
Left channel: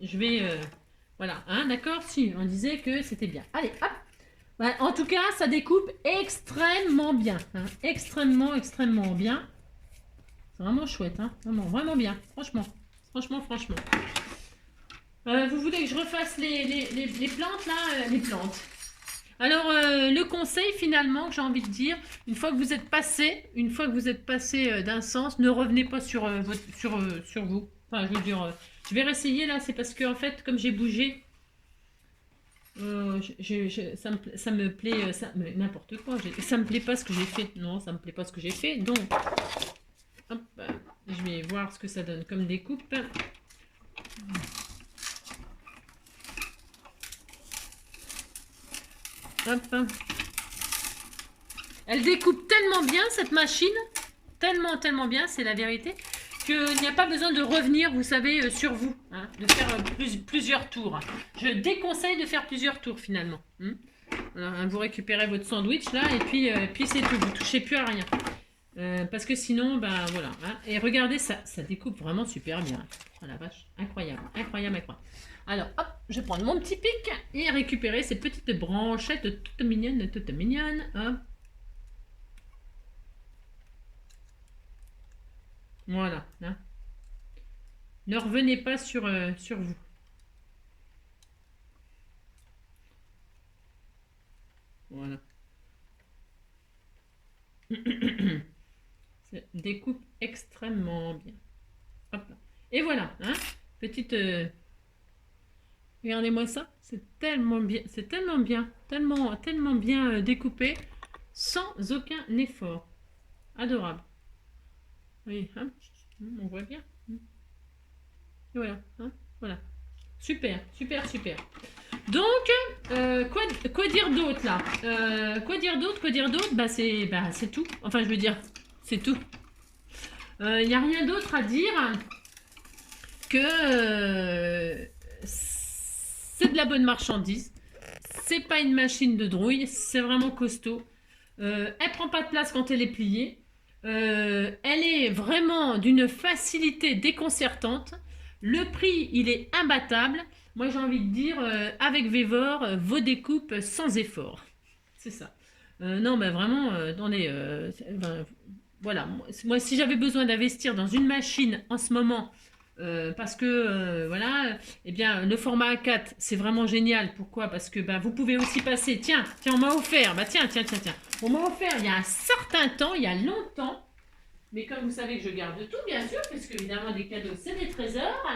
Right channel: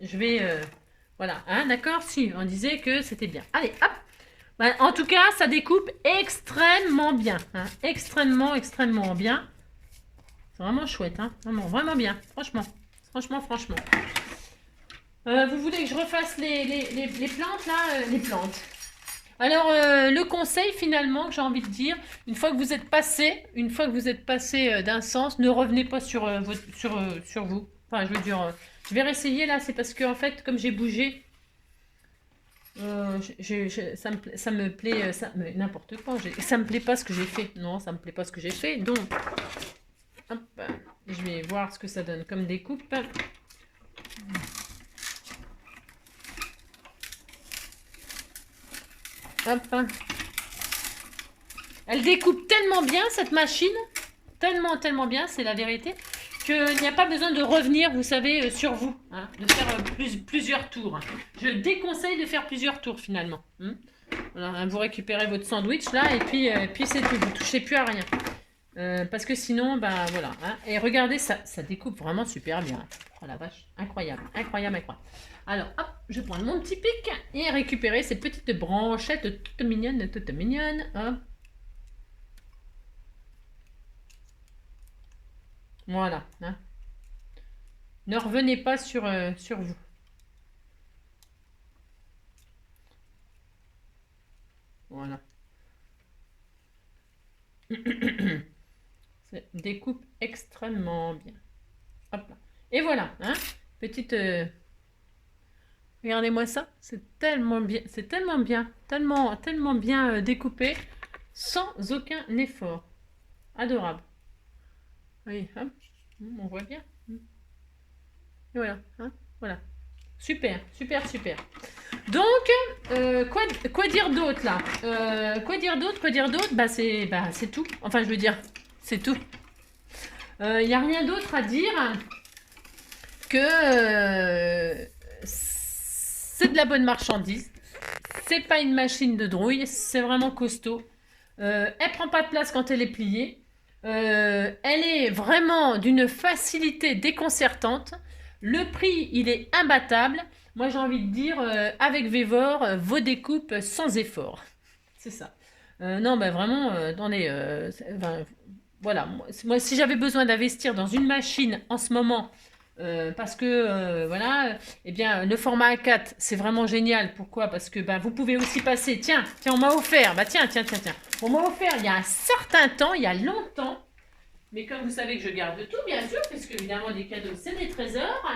je vais... voilà, hein, d'accord? Si, on disait que c'était bien. Allez, hop. Ben, en tout cas, ça découpe extrêmement bien. Hein, extrêmement, extrêmement bien. C'est vraiment chouette. Hein, vraiment, vraiment bien. Franchement. Franchement. Vous voulez que je refasse les plantes, là? Les plantes. Alors, le conseil finalement que j'ai envie de dire, une fois que vous êtes passé d'un sens, ne revenez pas sur vous. Enfin, je veux dire, je vais réessayer là, c'est parce que en fait, comme j'ai bougé, ça me plaît, n'importe quoi, ça me plaît pas ce que j'ai fait. Non, ça me plaît pas ce que j'ai fait. Donc, hop, je vais voir ce que ça donne comme découpe. Hop. Elle découpe tellement bien cette machine, tellement bien, c'est la vérité, qu'il n'y a pas besoin de revenir, vous savez, sur vous, hein, de faire plusieurs tours. Je déconseille de faire plusieurs tours finalement. Voilà, vous récupérez votre sandwich là et puis c'est tout, vous ne touchez plus à rien. Parce que sinon, ben voilà. Hein, et regardez, ça découpe vraiment super bien. Oh la vache, incroyable. Alors, hop, je vais prendre mon petit pic et récupérer ces petites branchettes toutes mignonnes. Hop. Voilà. Hein. Ne revenez pas sur vous. Voilà. Ça découpe extrêmement bien. Hop là. Et voilà. Hein. Petite... Regardez-moi ça, c'est tellement bien, tellement bien découpé, sans aucun effort. Adorable. Oui, hein, on voit bien. Et voilà, hein, voilà. Super. Donc, quoi dire d'autre là? Quoi dire d'autre? C'est tout. Enfin, je veux dire, c'est tout. Il n'y a rien d'autre à dire que c'est de la bonne marchandise. C'est pas une machine de drouille, c'est vraiment costaud. Elle prend pas de place quand elle est pliée. Elle est vraiment d'une facilité déconcertante. Le prix, il est imbattable. Moi, j'ai envie de dire, avec Vévor, vos découpes sans effort. C'est ça. Non, ben vraiment, voilà. Moi, si j'avais besoin d'investir dans une machine en ce moment, parce que voilà, eh bien le format A4 c'est vraiment génial. Pourquoi? Parce que vous pouvez aussi passer. Tiens, on m'a offert. Tiens. On m'a offert il y a un certain temps, il y a longtemps. Mais comme vous savez que je garde tout, bien sûr, parce que évidemment des cadeaux c'est des trésors.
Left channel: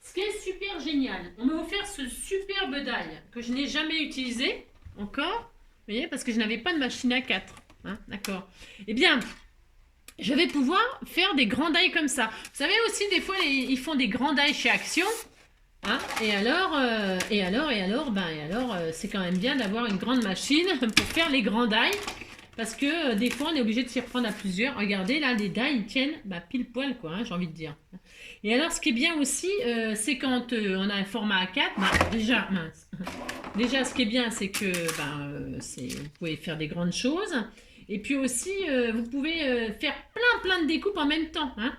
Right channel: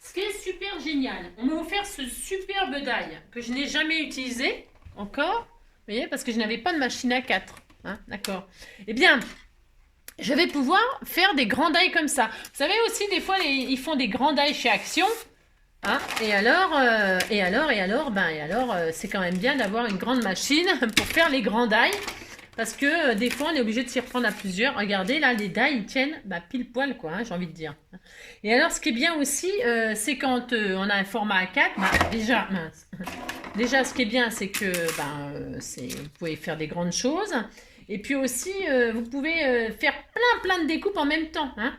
Ce qui est super génial, on m'a offert ce superbe die que je n'ai jamais utilisé encore. Vous voyez, parce que je n'avais pas de machine A4. Hein, d'accord. Eh bien, je vais pouvoir faire des grands die comme ça. Vous savez aussi, des fois, ils font des grands die chez Action. Hein, et alors, c'est quand même bien d'avoir une grande machine pour faire les grands die. Parce que des fois, on est obligé de s'y reprendre à plusieurs. Regardez, là, les die, ils tiennent pile poil, quoi, hein, j'ai envie de dire. Et alors, ce qui est bien aussi, c'est quand on a un format A4. Déjà, ce qui est bien, c'est que vous pouvez faire des grandes choses. Et puis aussi, vous pouvez faire plein de découpes en même temps. Hein.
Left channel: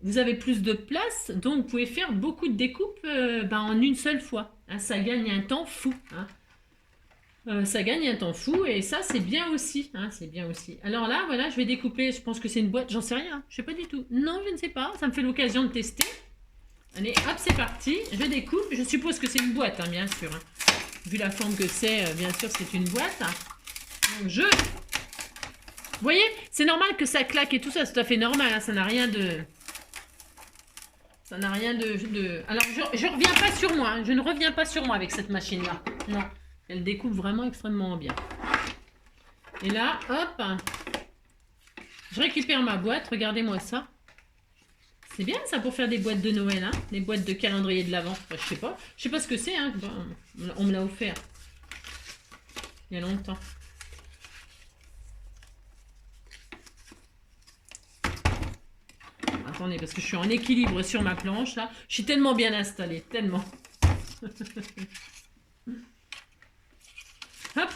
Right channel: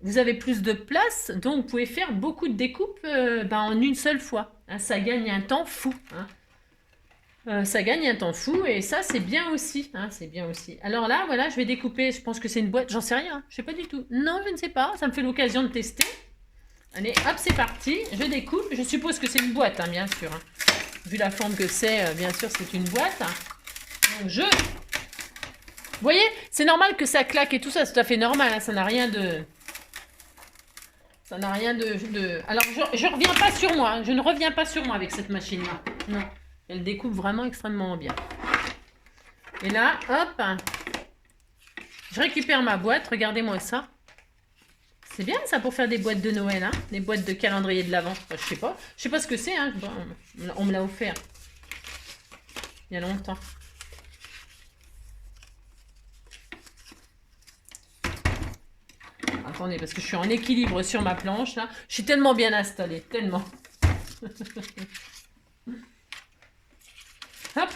Vous avez plus de place, donc vous pouvez faire beaucoup de découpes en une seule fois. Hein. Ça gagne un temps fou. Hein. Ça gagne un temps fou et ça, c'est bien aussi. Hein, c'est bien aussi. Alors là, voilà, je vais découper. Je pense que c'est une boîte. J'en sais rien. Je sais pas du tout. Non, je ne sais pas. Ça me fait l'occasion de tester. Allez, hop, c'est parti. Je découpe. Je suppose que c'est une boîte, hein, bien sûr. Hein. Vu la forme que c'est, bien sûr, c'est une boîte. Donc, vous voyez, c'est normal que ça claque et tout ça. C'est tout à fait normal. Hein, ça n'a rien de... Alors, je reviens pas sur moi. Hein, je ne reviens pas sur moi avec cette machine-là. Non. Elle découpe vraiment extrêmement bien. Et là, hop, je récupère ma boîte. Regardez-moi ça. C'est bien ça pour faire des boîtes de Noël, hein, des boîtes de calendrier de l'Avent. Enfin, je sais pas ce que c'est. Hein. Bon, on me l'a offert il y a longtemps. Attendez, parce que je suis en équilibre sur ma planche là. Je suis tellement bien installée, tellement. Hop.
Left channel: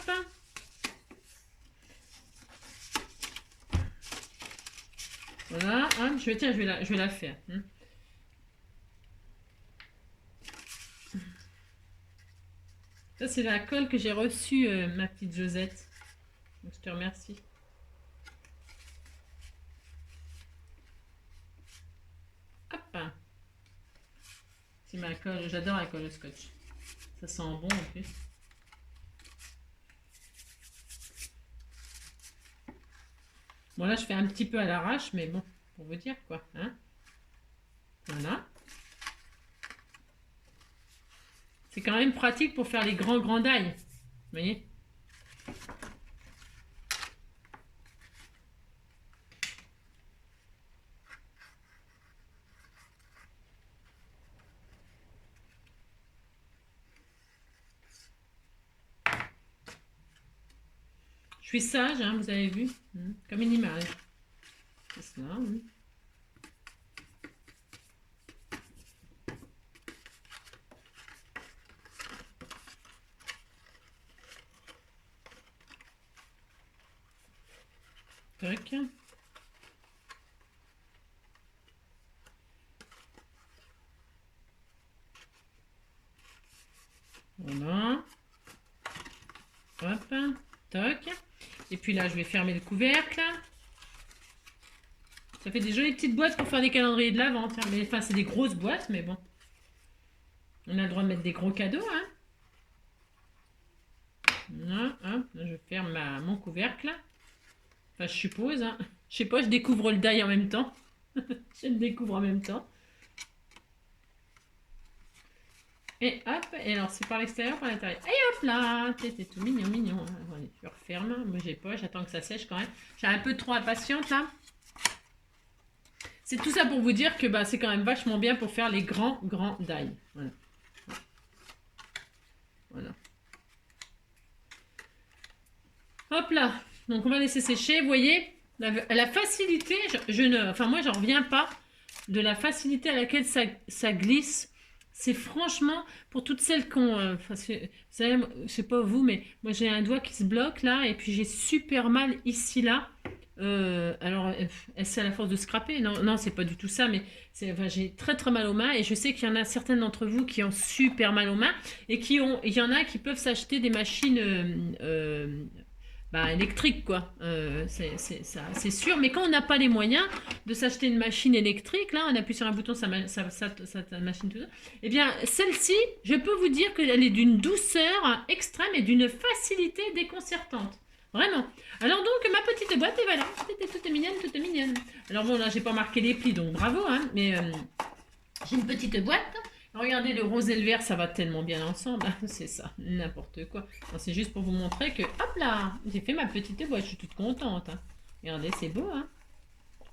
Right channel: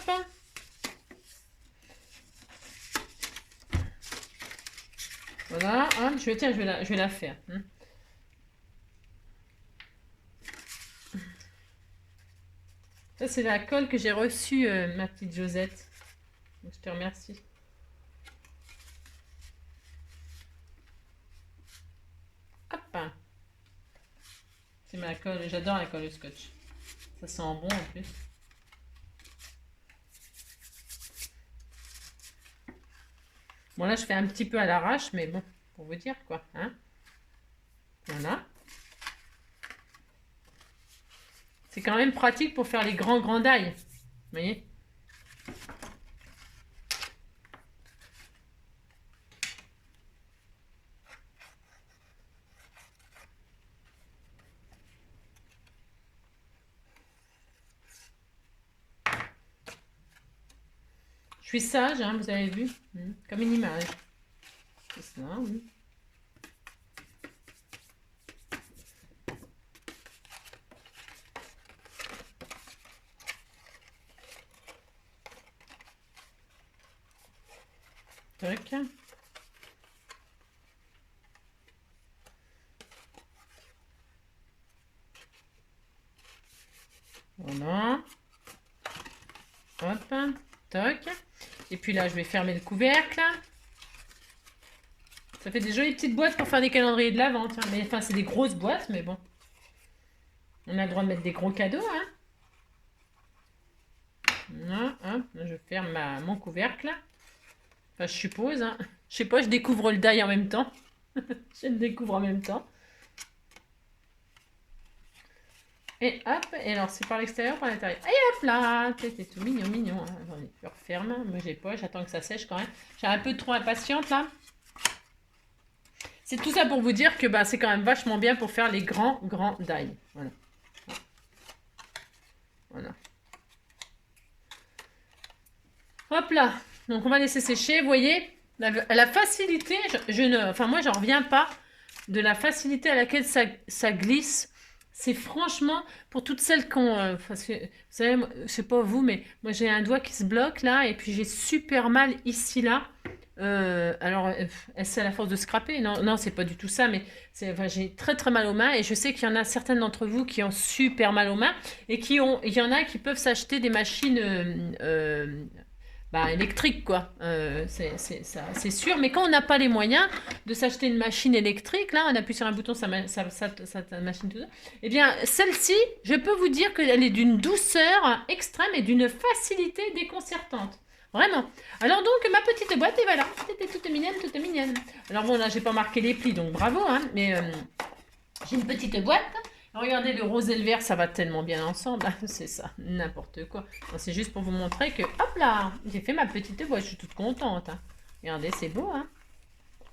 Voilà, hein, je vais la faire. Hein. Ça, c'est la colle que j'ai reçue, ma petite Josette. Donc, je te remercie. Hop. C'est ma colle, j'adore la colle au scotch. Ça sent bon en plus. Bon, là, je fais un petit peu à l'arrache, mais bon, pour vous dire quoi. Hein. Voilà. C'est quand même pratique pour faire les grands die. Vous voyez? Je suis sage, hein, vous avez vu? Comme une image. C'est ça, oui. Tac. Voilà. Hop. Toc. Et puis là, je vais fermer le couvercle. Ça fait des jolies petites boîtes pour faire des calendriers de l'Avent. Mais enfin, c'est des grosses boîtes, mais bon. On a le droit de mettre des gros cadeaux, hein. Là, hop, je ferme mon couvercle. Enfin, je suppose, hein. Je sais pas, je découvre le die en même temps. Je le découvre en même temps. Et hop, et alors c'est par l'extérieur, par l'intérieur. Et hop là, c'est tout mignon. Attendez, je referme. Moi j'ai pas, j'attends que ça sèche quand même. J'ai un peu trop impatiente là. C'est tout ça pour vous dire que c'est quand même vachement bien pour faire les grands die. Voilà. Voilà. Hop là. Donc on va laisser sécher. Vous voyez, la facilité, enfin moi j'en reviens pas de la facilité à laquelle ça glisse. C'est franchement, pour toutes celles qui ont, vous savez, je sais pas vous, mais moi j'ai un doigt qui se bloque là, et puis j'ai super mal ici là. Alors, est-ce à la force de scraper? Non, non, c'est pas du tout ça, mais enfin, j'ai très très mal aux mains, et je sais qu'il y en a certaines d'entre vous qui ont super mal aux mains, et il y en a qui peuvent s'acheter des machines électriques, quoi. C'est sûr, mais quand on n'a pas les moyens de s'acheter une machine électrique, là, on appuie sur un bouton, ça machine tout ça. Eh bien, celle-ci, je peux vous dire qu'elle est d'une douceur extrême et d'une facilité déconcertante. Vraiment. Alors donc, ma petite boîte, et voilà, c'était toute mignonne, toute mignonne. Alors bon, là, j'ai pas marqué les plis, donc bravo, hein, mais j'ai une petite boîte. Regardez, le rose et le vert, ça va tellement bien ensemble. C'est ça, n'importe quoi. C'est juste pour vous montrer que, hop là, j'ai fait ma petite boîte, je suis toute contente. Hein. Regardez, c'est beau, hein.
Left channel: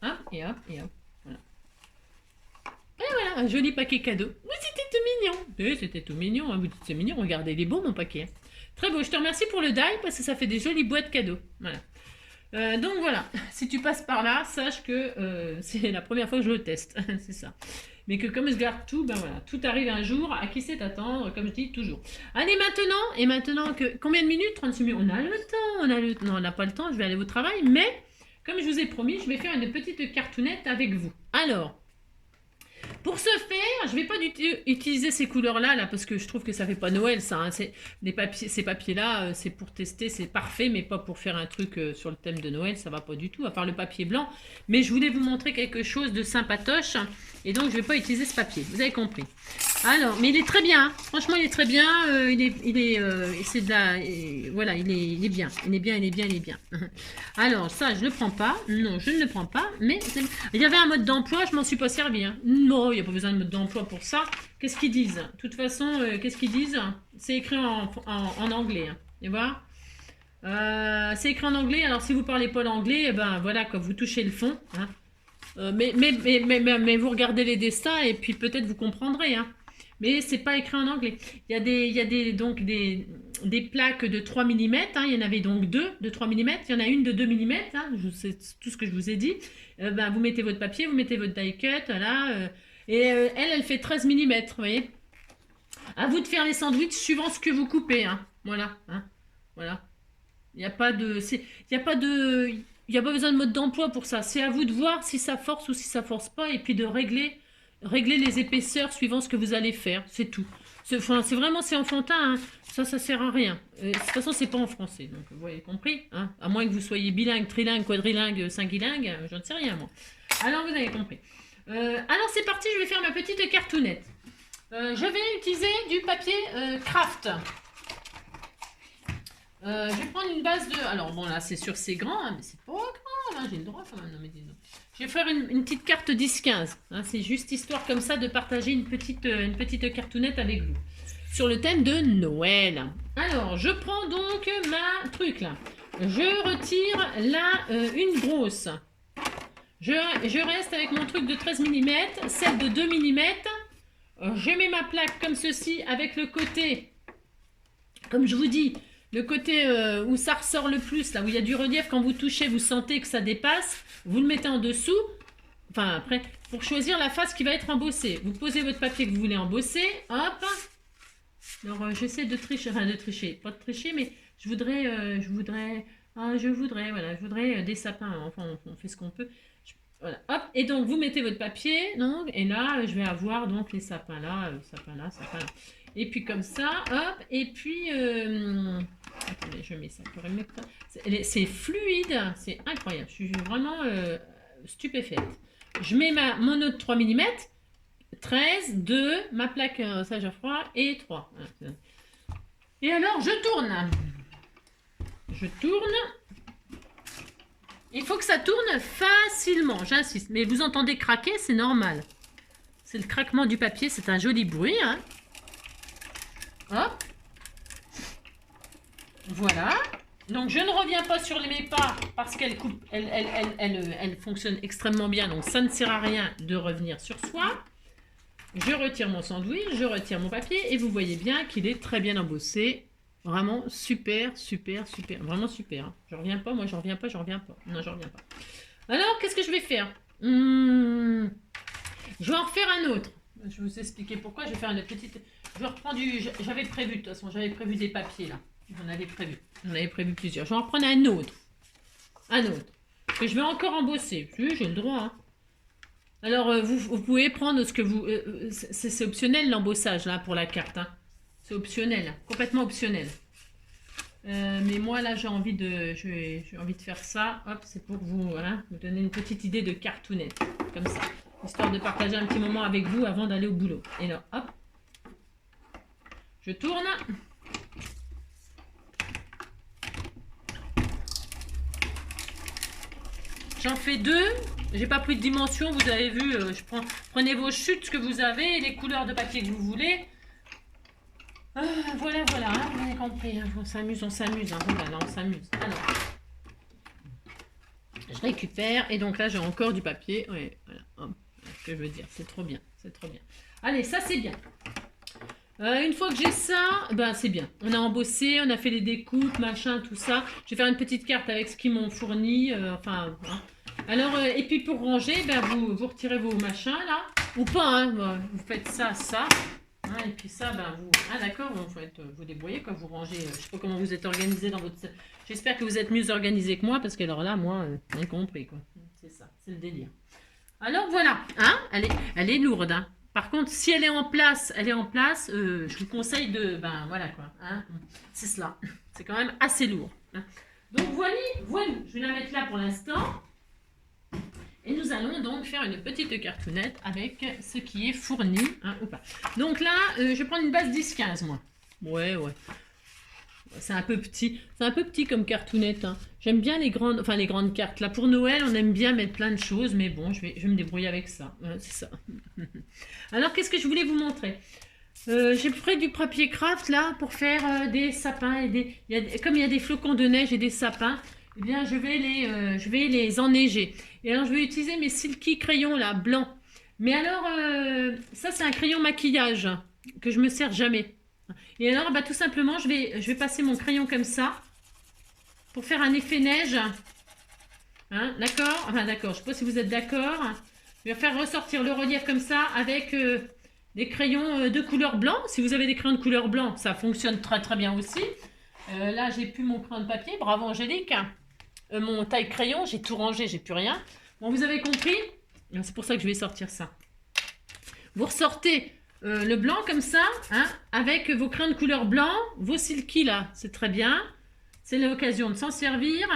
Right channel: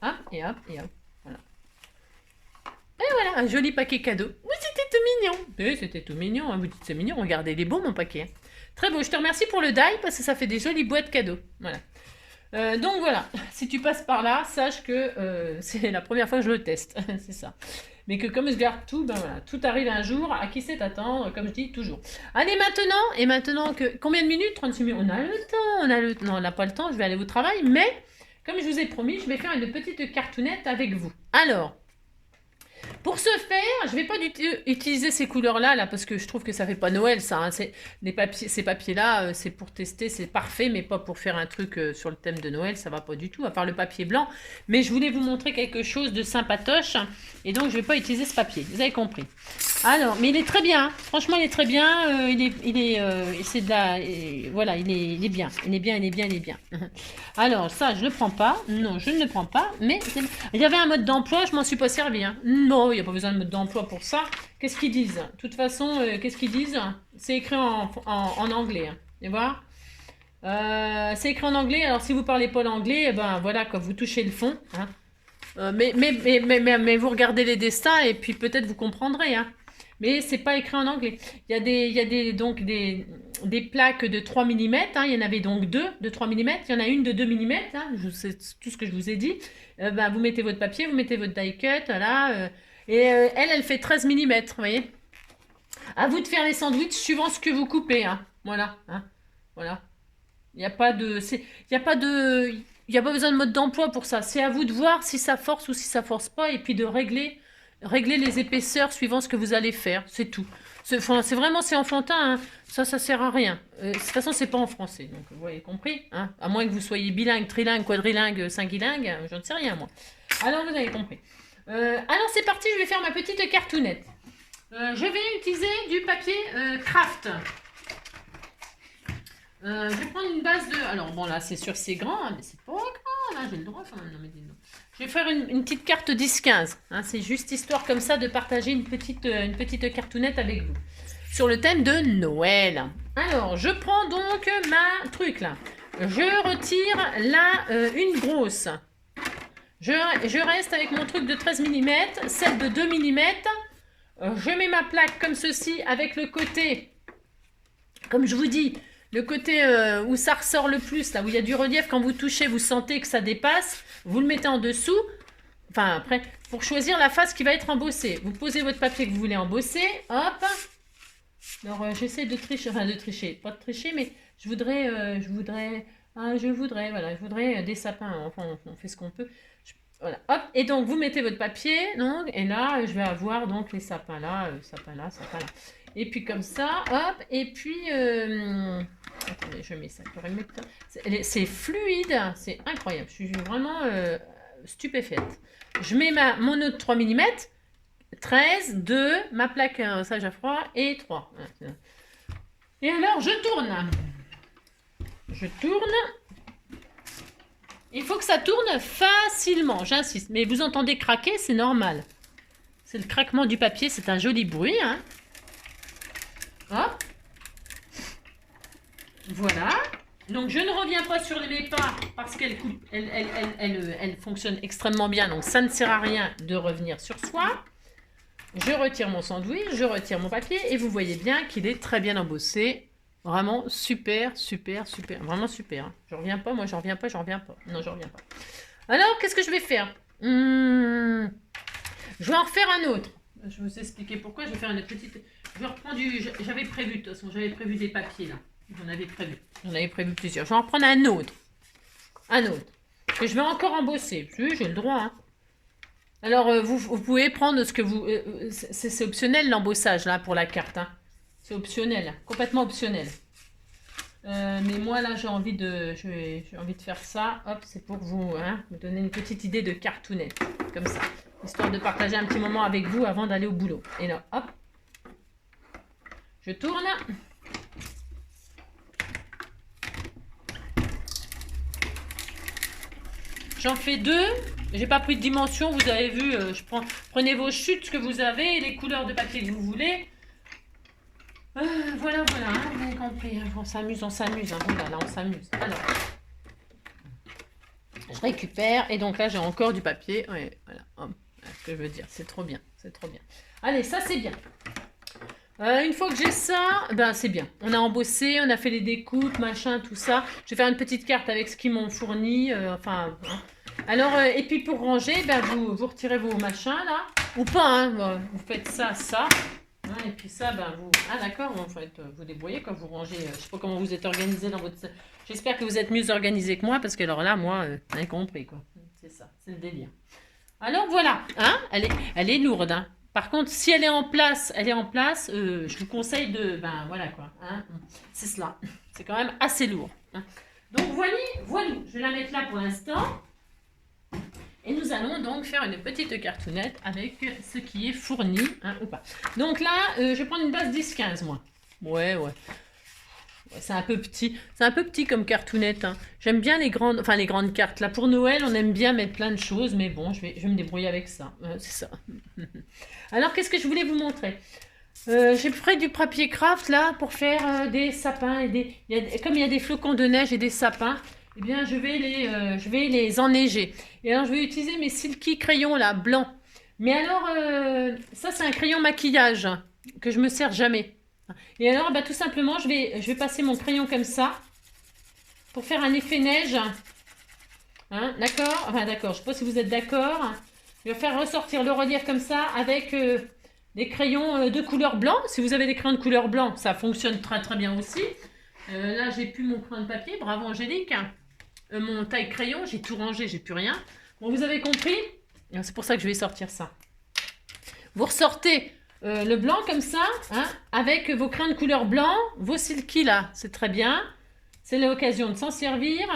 Hop, et hop, et hop. Voilà. Et voilà, un joli paquet cadeau. Oui, c'était tout mignon. Oui, c'était tout mignon. Hein. Vous dites c'est mignon, regardez, il est beau mon paquet. Hein. Très beau, je te remercie pour le die parce que ça fait des jolies boîtes cadeaux. Voilà. Donc voilà, si tu passes par là, sache que c'est la première fois que je le teste. C'est ça. Mais que comme je garde tout, ben voilà, tout arrive un jour, à qui sait attendre, comme je dis toujours. Allez maintenant que... Combien de minutes? 36 minutes. On a le temps, Non, on n'a pas le temps, je vais aller au travail, mais comme je vous ai promis, je vais faire une petite cartoonette avec vous. Alors, pour ce faire, je ne vais pas utiliser ces couleurs-là, là, parce que je trouve que ça ne fait pas Noël, ça. Hein. Ces papiers-là, c'est pour tester, c'est parfait, mais pas pour faire un truc sur le thème de Noël, ça ne va pas du tout, à part le papier blanc. Mais je voulais vous montrer quelque chose de sympatoche, et donc je ne vais pas utiliser ce papier, vous avez compris. Alors, mais il est très bien, hein. Franchement, il est très bien, c'est de la... voilà, il est bien, il est bien. Alors, ça, je ne le prends pas, non, je ne le prends pas, mais il y avait un mode d'emploi, je m'en suis pas servi, hein. Non, il n'y a pas besoin de mode d'emploi pour ça. Qu'est-ce qu'ils disent? De toute façon, qu'est-ce qu'ils disent? C'est écrit en anglais. Hein. Et voilà. C'est écrit en anglais. Alors, si vous parlez pas l'anglais, eh ben voilà, quand vous touchez le fond. Hein. Mais vous regardez les destins et puis peut-être vous comprendrez. Hein. Mais c'est pas écrit en anglais. Il y a des plaques de 3 mm. Hein. Il y en avait donc deux de 3 mm. Il y en a une de 2 mm. Hein. C'est tout ce que je vous ai dit. Vous mettez votre papier, vous mettez votre die cut, là, elle fait 13 mm, vous voyez. À vous de faire les sandwichs suivant ce que vous coupez, hein. Voilà, hein. Voilà. Il n'y a pas de, il a pas besoin de mode d'emploi pour ça. C'est à vous de voir si ça force ou si ça force pas, et puis de régler les épaisseurs suivant ce que vous allez faire, c'est tout. C'est vraiment, c'est enfantin, hein. Ça sert à rien. De toute façon, c'est pas en français, donc vous avez compris, hein. À moins que vous soyez bilingue, trilingue, quadrilingue, cinquilingue, je ne sais rien, moi. Alors, vous avez compris. Alors, c'est parti, je vais faire ma petite cartoonette. Je vais utiliser du papier craft. Je vais prendre une base de... Alors, bon, là, c'est sûr, c'est grand, hein, mais c'est pas grand, là, j'ai le droit quand même. Non, mais dis-donc. Je vais faire une petite carte 10-15. Hein, c'est juste histoire comme ça de partager une petite cartoonette avec vous. Sur le thème de Noël. Alors, je prends donc ma truc là. Je retire là une grosse. Je reste avec mon truc de 13 mm, celle de 2 mm. Je mets ma plaque comme ceci avec le côté, comme je vous dis, le côté où ça ressort le plus, là où il y a du relief, quand vous touchez, vous sentez que ça dépasse. Vous le mettez en dessous. Enfin, après, pour choisir la face qui va être embossée. Vous posez votre papier que vous voulez embosser. Hop. Alors, j'essaie de tricher, pas de tricher, mais je voudrais des sapins, enfin, on fait ce qu'on peut. Voilà, hop, et donc, vous mettez votre papier, donc, et là, je vais avoir, donc, les sapins là. Et puis, comme ça, hop, et puis, attendez, je mets ça, c'est fluide, c'est incroyable, je suis vraiment stupéfaite. Je mets mon autre 3 mm, 13, 2, ma plaque sage à froid et 3. Et alors, je tourne. Il faut que ça tourne facilement, j'insiste. Mais vous entendez craquer, c'est normal. C'est le craquement du papier, c'est un joli bruit. Hein. Hop. Voilà. Donc, je ne reviens pas sur mes pas parce qu'elle fonctionne extrêmement bien. Donc, ça ne sert à rien de revenir sur soi. Je retire mon sandwich, je retire mon papier et vous voyez bien qu'il est très bien embossé. Vraiment super, super, super. Vraiment super. Hein. Je reviens pas, moi j'en reviens pas, j'en reviens pas. Non, j'en reviens pas. Alors, qu'est-ce que je vais faire? Je vais en refaire un autre. Je vais vous expliquer pourquoi. Je vais faire une petite... Je vais reprendre du... J'avais prévu, de toute façon, j'avais prévu des papiers là. J'en avais prévu. J'en avais prévu plusieurs. Je vais en reprendre un autre. Un autre. Que je vais encore embosser. Oui, j'ai le droit. Hein. Alors, vous pouvez prendre ce que vous... c'est optionnel l'embossage là pour la carte. Hein. C'est optionnel. Complètement optionnel. Mais moi là j'ai envie de faire ça. Hop, c'est pour vous, hein, vous donner une petite idée de cartoonette. Comme ça. Histoire de partager un petit moment avec vous avant d'aller au boulot. Et là, hop. Je tourne. J'en fais deux. J'ai pas pris de dimension, vous avez vu. Prenez vos chutes que vous avez, les couleurs de papier que vous voulez. Voilà, hein, vous avez compris. Hein, on s'amuse. Hein, voilà, là, on s'amuse. Alors, je récupère. Et donc là, j'ai encore du papier. Ouais, voilà. Hop, ce que je veux dire, c'est trop bien. C'est trop bien. Allez, ça, c'est bien. Une fois que j'ai ça, ben c'est bien. On a embossé, on a fait les découpes, machin, tout ça. Je vais faire une petite carte avec ce qu'ils m'ont fourni. Hein. Alors, et puis pour ranger, ben vous retirez vos machins là. Ou pas, hein. Vous faites ça. Hein, et puis ça, ben vous... Ah d'accord, vous faites vous débrouillez quand vous rangez. Je sais pas comment vous êtes organisé dans votre... J'espère que vous êtes mieux organisé que moi, parce que alors là, moi, vous avez compris quoi. C'est ça, c'est le délire. Alors voilà, hein, elle est lourde, hein. Par contre, si elle est en place, je vous conseille de... Ben voilà quoi. Hein, c'est cela. C'est quand même assez lourd. Hein. Donc voilà. Je vais la mettre là pour l'instant. Et nous allons donc faire une petite cartoonette avec ce qui est fourni. Hein, ou pas. Donc là, je vais prendre une base 10-15 moi. Ouais. C'est un peu petit. C'est un peu petit comme cartoonette. Hein. J'aime bien les grandes cartes. Là, pour Noël, on aime bien mettre plein de choses. Mais bon, je vais me débrouiller avec ça. C'est ça. Alors, qu'est-ce que je voulais vous montrer? J'ai pris du papier craft là pour faire des sapins. Comme il y a des flocons de neige et des sapins, eh bien, je vais les enneiger. Et alors, je vais utiliser mes silky crayons là, blancs. Mais alors, ça, c'est un crayon maquillage que je me sers jamais. Et alors, bah, tout simplement, je vais passer mon crayon comme ça pour faire un effet neige. Hein, d'accord? Enfin, d'accord, je ne sais pas si vous êtes d'accord. Je vais faire ressortir le relief comme ça avec des crayons de couleur blanc. Si vous avez des crayons de couleur blanc, ça fonctionne très très bien aussi. Là, j'ai plus mon crayon de papier. Bravo Angélique. Mon taille crayon, j'ai tout rangé, j'ai plus rien. Bon, vous avez compris? C'est pour ça que je vais sortir ça. Vous ressortez le blanc comme ça, hein, avec vos crayons de couleur blanc, vos silky là, c'est très bien. C'est l'occasion de s'en servir.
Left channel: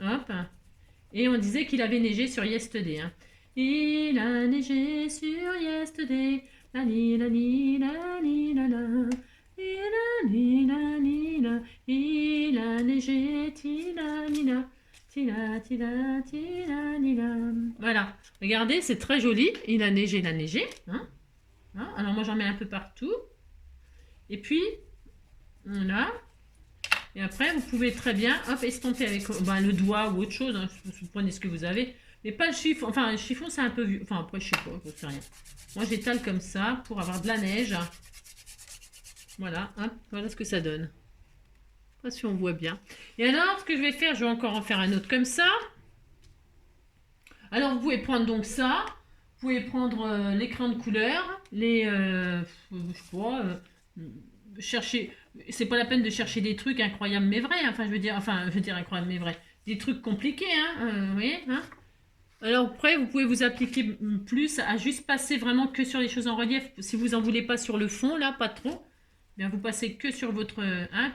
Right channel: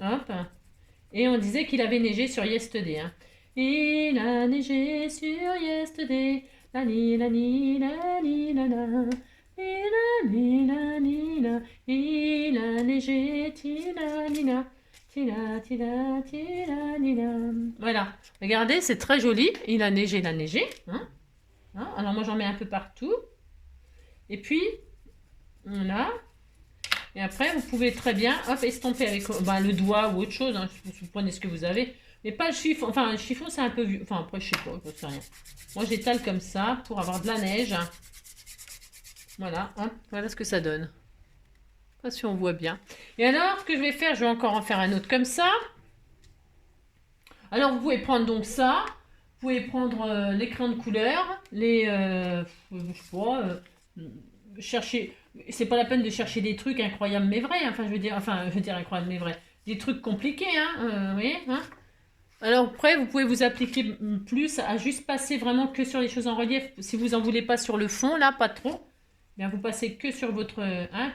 Hop. Et on disait qu'il avait neigé sur Yesterday. Hein. Il a neigé sur Yesterday. La ni la ni la ni la la. Il a ni la ni la. Il a neigé tina nina. Tina tina tina nina. Voilà. Regardez, c'est très joli. Il a neigé, Hein. Hein. Alors moi j'en mets un peu partout. Et puis, voilà. Et après, vous pouvez très bien, hop, estomper avec le doigt ou autre chose. Hein, vous prenez ce que vous avez. Mais pas le chiffon. Enfin, le chiffon, c'est un peu vu. Enfin, après, je sais pas, je sais rien. Moi, j'étale comme ça pour avoir de la neige. Voilà, hop, voilà ce que ça donne. Je sais pas si on voit bien. Et alors, ce que je vais faire, je vais encore en faire un autre comme ça. Alors, vous pouvez prendre donc ça. Vous pouvez prendre l'écran de couleur. Je sais pas, chercher... C'est pas la peine de chercher des trucs incroyables mais vrais. Enfin, je veux dire incroyables mais vrais. Des trucs compliqués, hein. Vous voyez, hein. Alors après, vous pouvez vous appliquer plus à juste passer vraiment que sur les choses en relief. Si vous en voulez pas sur le fond, là, pas trop. Bien, vous passez que sur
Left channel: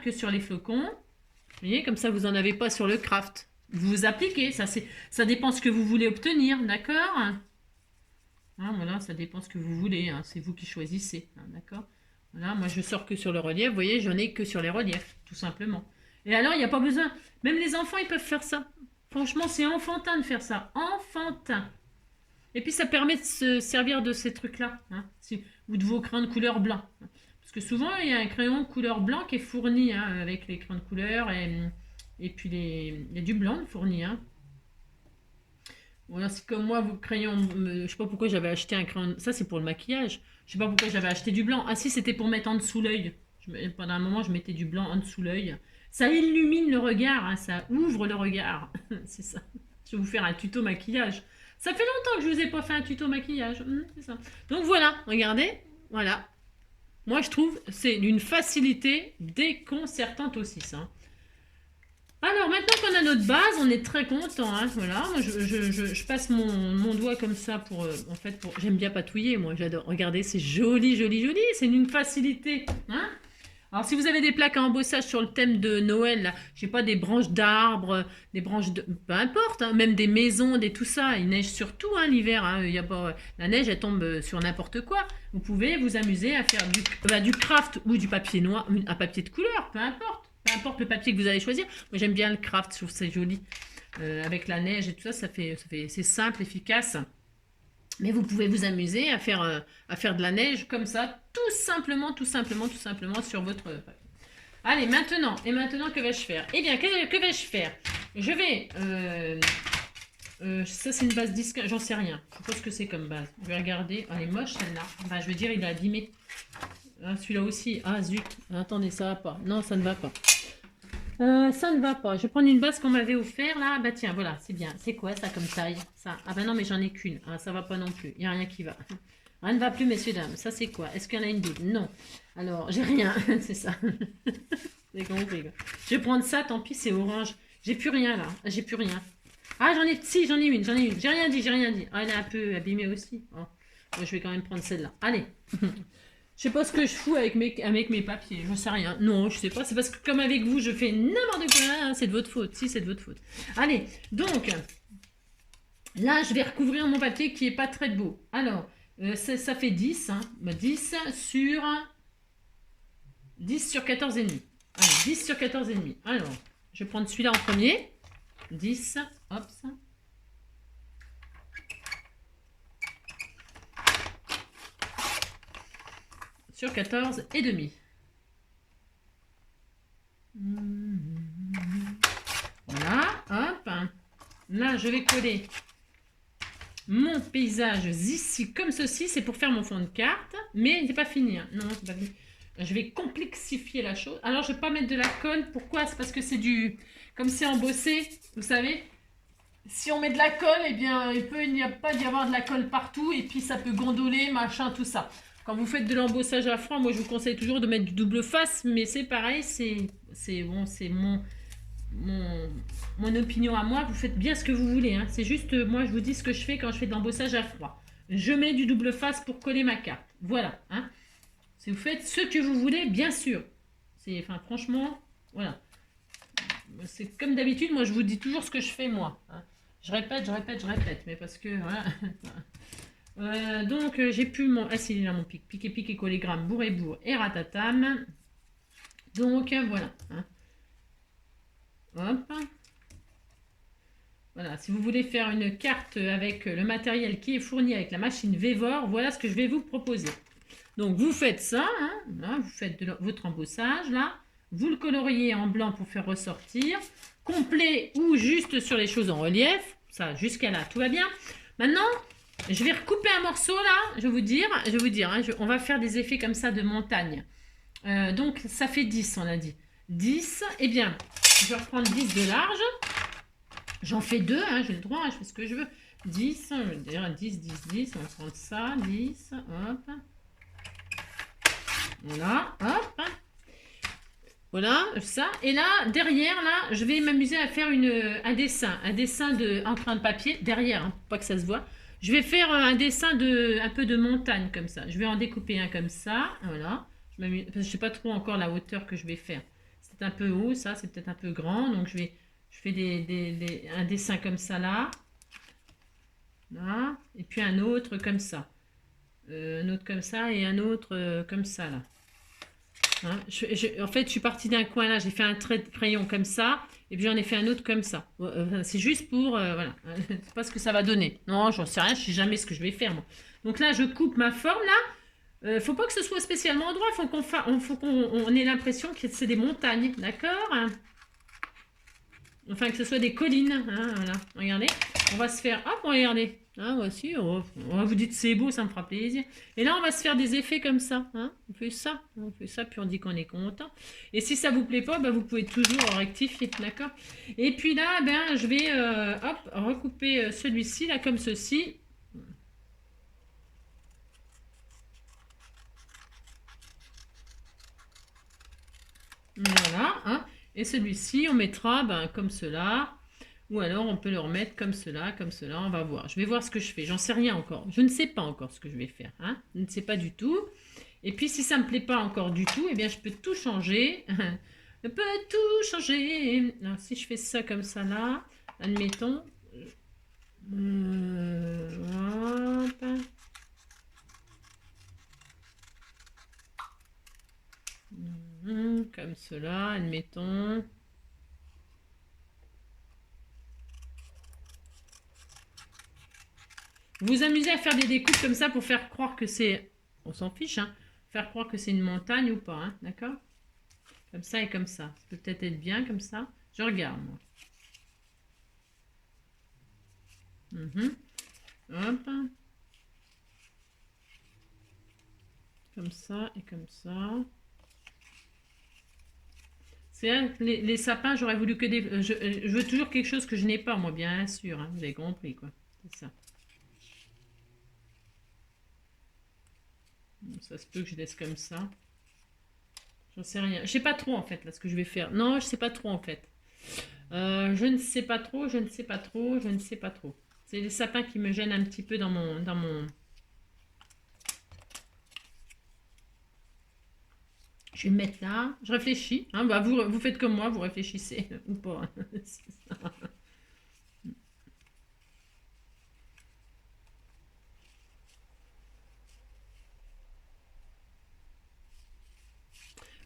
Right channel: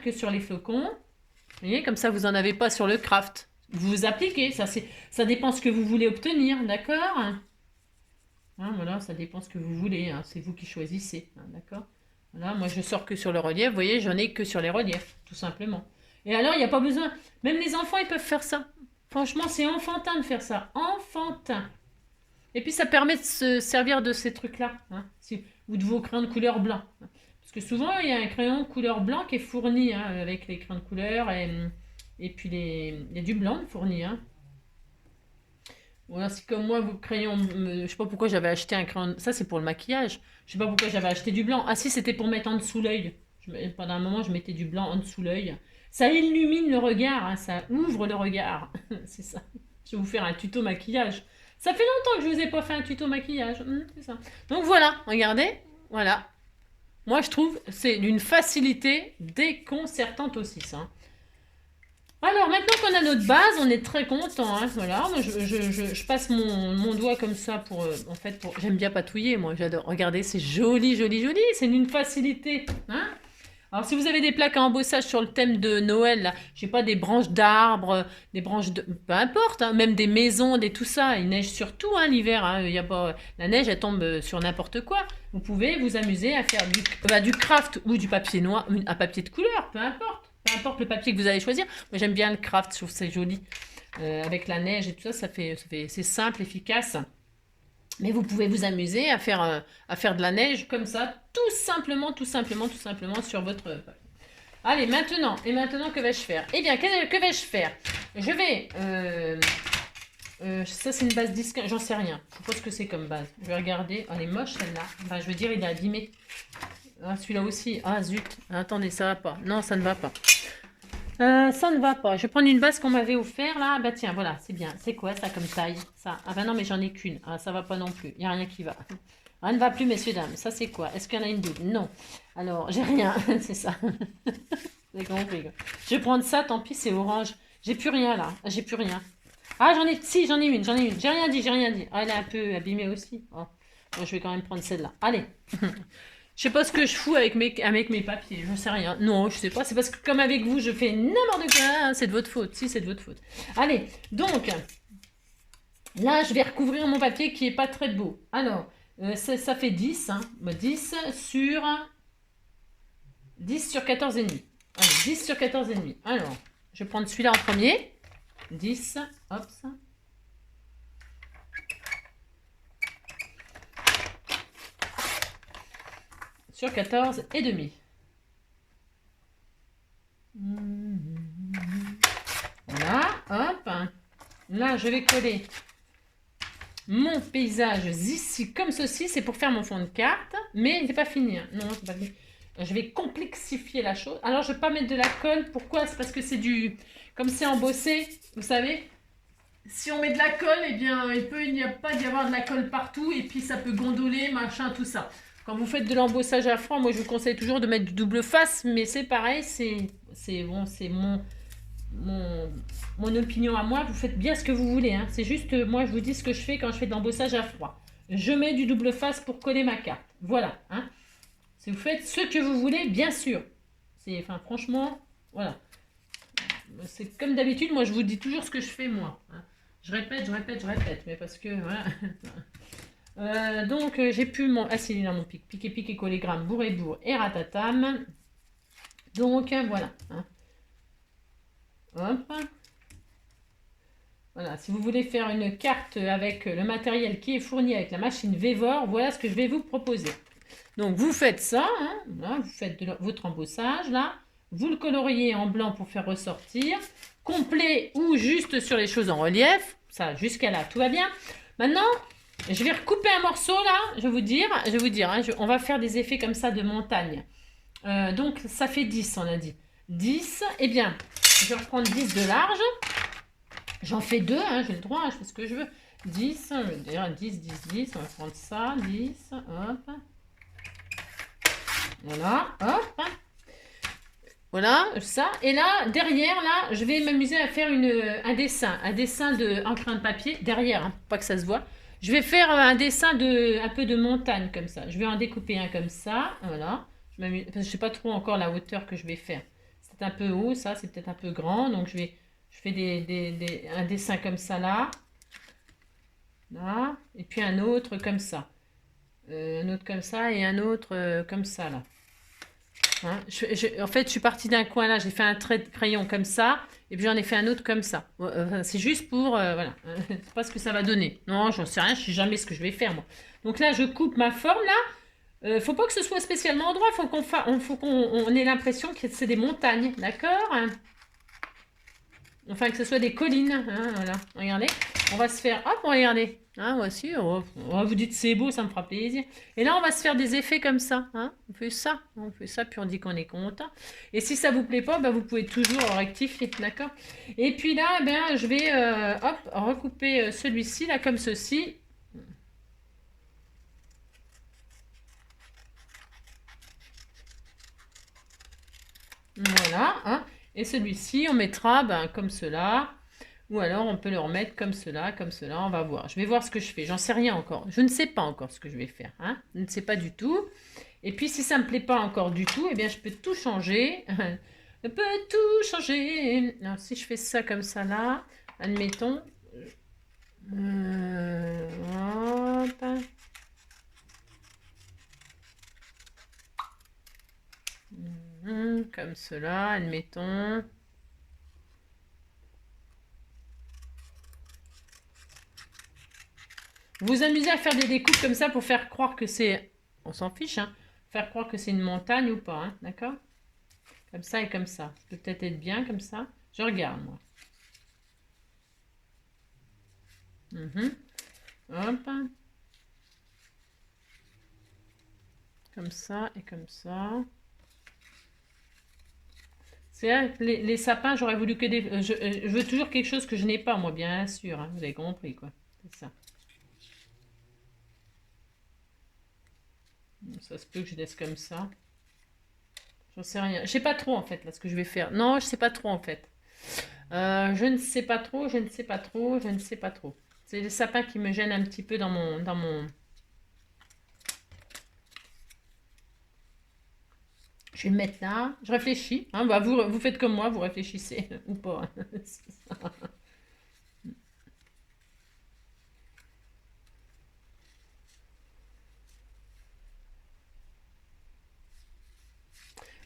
que sur les flocons. Vous voyez, comme ça, vous en avez pas sur le craft. Vous vous appliquez. Ça dépend ce que vous voulez obtenir, d'accord? Hein, voilà, ça dépend ce que vous voulez. Hein, c'est vous qui choisissez, hein, d'accord? Voilà, moi je sors que sur le relief, vous voyez, j'en ai que sur les reliefs, tout simplement. Et alors, il n'y a pas besoin, même les enfants, ils peuvent faire ça. Franchement, c'est enfantin de faire ça, enfantin. Et puis, ça permet de se servir de ces trucs-là, hein, ou de vos crayons de couleur blanc. Parce que souvent, il y a un crayon de couleur blanc qui est fourni, hein, avec les crayons de couleur, et puis il y a du blanc fourni. Hein. Ou alors, si comme moi, vos crayons, je sais pas pourquoi j'avais acheté un crayon. Ça, c'est pour le maquillage. Je sais pas pourquoi j'avais acheté du blanc. Ah, si, c'était pour mettre en dessous l'œil. Pendant un moment, je mettais du blanc en dessous l'œil. Ça illumine le regard, hein, ça ouvre le regard. C'est ça. Je vais vous faire un tuto maquillage. Ça fait longtemps que je vous ai pas fait un tuto maquillage. C'est ça. Donc voilà, regardez. Voilà. Moi, je trouve c'est d'une facilité déconcertante aussi, ça. Alors, maintenant qu'on a notre base, on est très content. Hein, voilà, moi, je passe mon doigt comme ça pour... en fait, j'aime bien patouiller, moi, j'adore. Regardez, c'est joli, joli, joli. C'est d'une facilité. Hein. Alors, si vous avez des plaques à embossage sur le thème de Noël, là, je sais pas, des branches d'arbres, des branches de... Peu importe, hein, même des maisons, des tout ça. Il neige surtout hein, l'hiver. Hein, y a pas... La neige, elle tombe sur n'importe quoi. Vous pouvez vous amuser à faire du craft ou du papier noir, un papier de couleur, peu importe. Peu importe le papier que vous allez choisir. Moi, j'aime bien le craft, je trouve ça joli. Avec la neige et tout ça, c'est simple, efficace. Mais vous pouvez vous amuser à faire de la neige comme ça, tout simplement, tout simplement, tout simplement sur votre papier. Allez, maintenant, que vais-je faire? Eh bien, que vais-je faire? Je vais... ça, c'est une base disque, j'en sais rien. Je sais pas ce que c'est comme base. Je vais regarder. Elle est moche, celle-là. Enfin, je veux dire, il est abîmé. Ah, celui-là aussi. Ah, zut. Attendez, ça va pas. Non, ça ne va pas. Ça ne va pas. Je vais prendre une base qu'on m'avait offert là. Bah tiens, voilà, c'est bien. C'est quoi ça comme taille? Ça. Ah bah non, mais j'en ai qu'une. Ah, ça va pas non plus. Il n'y a rien qui va. Rien ne va plus, messieurs, dames. Ça, c'est quoi? Est-ce qu'il y en a une double? Non. Alors, j'ai rien. C'est ça. J'ai compris. Je vais prendre ça, tant pis, c'est orange. J'ai plus rien là. J'ai plus rien. Ah, j'en ai. Si, j'en ai une. J'ai rien dit, j'ai rien dit. Ah, elle est un peu abîmée aussi. Oh. Bon, je vais quand même prendre celle-là. Allez. Je sais pas ce que je fous avec mes papiers, je sais rien. Non, je sais pas, c'est parce que comme avec vous, je fais n'importe quoi, c'est de votre faute. Si, c'est de votre faute. Allez, donc, là, je vais recouvrir mon papier qui est pas très beau. Alors, ça fait 10, hein. 10 sur 14,5. Allez, 10 sur 14,5. Alors, je vais prendre celui-là en premier. 10, hop, ça. Sur 14,5. Voilà, hop. Là, je vais coller mon paysage ici comme ceci. C'est pour faire mon fond de carte. Mais c'est pas fini. Hein. Non, c'est pas fini. Je vais complexifier la chose. Alors, je vais pas mettre de la colle. Pourquoi? C'est parce que c'est du... Comme c'est embossé, vous savez, si on met de la colle, eh bien, il n'y a pas d'y avoir de la colle partout. Et puis, ça peut gondoler, machin, tout ça. Quand vous faites de l'embossage à froid, moi je vous conseille toujours de mettre du double face, mais c'est pareil, c'est mon opinion à moi. Vous faites bien ce que vous voulez, hein. C'est juste, moi je vous dis ce que je fais quand je fais de l'embossage à froid. Je mets du double face pour coller ma carte. Voilà, hein. Si vous faites ce que vous voulez, bien sûr. Enfin, franchement, voilà. C'est comme d'habitude, moi je vous dis toujours ce que je fais moi. Hein. Je répète, mais parce que voilà. Donc j'ai pu mon... Ah si, il est là mon pic. Piqué, collégramme, bourre et ratatam. Donc voilà. Hein. Hop. Voilà, si vous voulez faire une carte avec le matériel qui est fourni avec la machine Vevor, voilà ce que je vais vous proposer. Donc vous faites ça, hein, là, vous faites votre embossage là, vous le coloriez en blanc pour faire ressortir, complet ou juste sur les choses en relief, ça jusqu'à là tout va bien. Maintenant, je vais recouper un morceau là, je vais vous dire, hein, on va faire des effets comme ça de montagne. Donc ça fait 10 on a dit. 10, eh bien, je vais reprendre 10 de large. J'en fais 2, hein, j'ai le droit, hein, je fais ce que je veux. 10, je veux dire 10, on va prendre ça, 10, hop. Voilà, hop. Voilà, ça. Et là, derrière, là, je vais m'amuser à faire un dessin de crayon de papier, derrière, hein, pour pas que ça se voit. Je vais faire un dessin un peu de montagne, comme ça. Je vais en découper un comme ça, voilà. Parce que je ne sais pas trop encore la hauteur que je vais faire. C'est un peu haut, ça, c'est peut-être un peu grand, donc je fais un dessin comme ça, là. Là. Et puis un autre comme ça. Un autre comme ça et un autre comme ça, là. Hein, en fait, je suis partie d'un coin là, j'ai fait un trait de crayon comme ça, et puis j'en ai fait un autre comme ça. C'est juste pour, voilà, c'est pas ce que ça va donner. Non, j'en sais rien, je sais jamais ce que je vais faire moi. Donc là, je coupe ma forme là. Faut pas que ce soit spécialement droit, faut qu'on ait l'impression que c'est des montagnes, d'accord? Enfin, que ce soit des collines, hein, voilà. Regardez, on va se faire... Hop, regardez. Hein, voici, vous dites c'est beau, ça me fera plaisir. Et là, on va se faire des effets comme ça. Hein. On fait ça, puis on dit qu'on est content. Et si ça vous plaît pas, vous pouvez toujours rectifier, d'accord? Et puis là, je vais hop, recouper celui-ci, là, comme ceci. Voilà, hein. Et celui-ci, on mettra comme cela. Ou alors, on peut le remettre comme cela, on va voir. Je vais voir ce que je fais, j'en sais rien encore. Je ne sais pas encore ce que je vais faire, hein. Je ne sais pas du tout. Et puis, si ça ne me plaît pas encore du tout, eh bien, je peux tout changer. Je peux tout changer. Alors, si je fais ça comme ça, là, admettons. Hop. Comme cela, admettons. Vous vous amusez à faire des découpes comme ça pour faire croire que c'est... On s'en fiche, hein. Faire croire que c'est une montagne ou pas, hein, d'accord? Comme ça et comme ça. Ça peut peut-être être bien comme ça. Je regarde, moi. Hop. Comme ça et comme ça. C'est vrai, les sapins, j'aurais voulu que des... je veux toujours quelque chose que je n'ai pas, moi, bien sûr. Hein, vous avez compris, quoi. C'est ça. Ça se peut que je laisse comme ça. J'en sais rien. Je sais pas trop, en fait, là, ce que je vais faire. Non, je sais pas trop, en fait. Je ne sais pas trop, je ne sais pas trop, je ne sais pas trop. C'est les sapins qui me gênent un petit peu dans mon... Je vais le mettre là. Je réfléchis. Hein, vous faites comme moi, vous réfléchissez ou pas.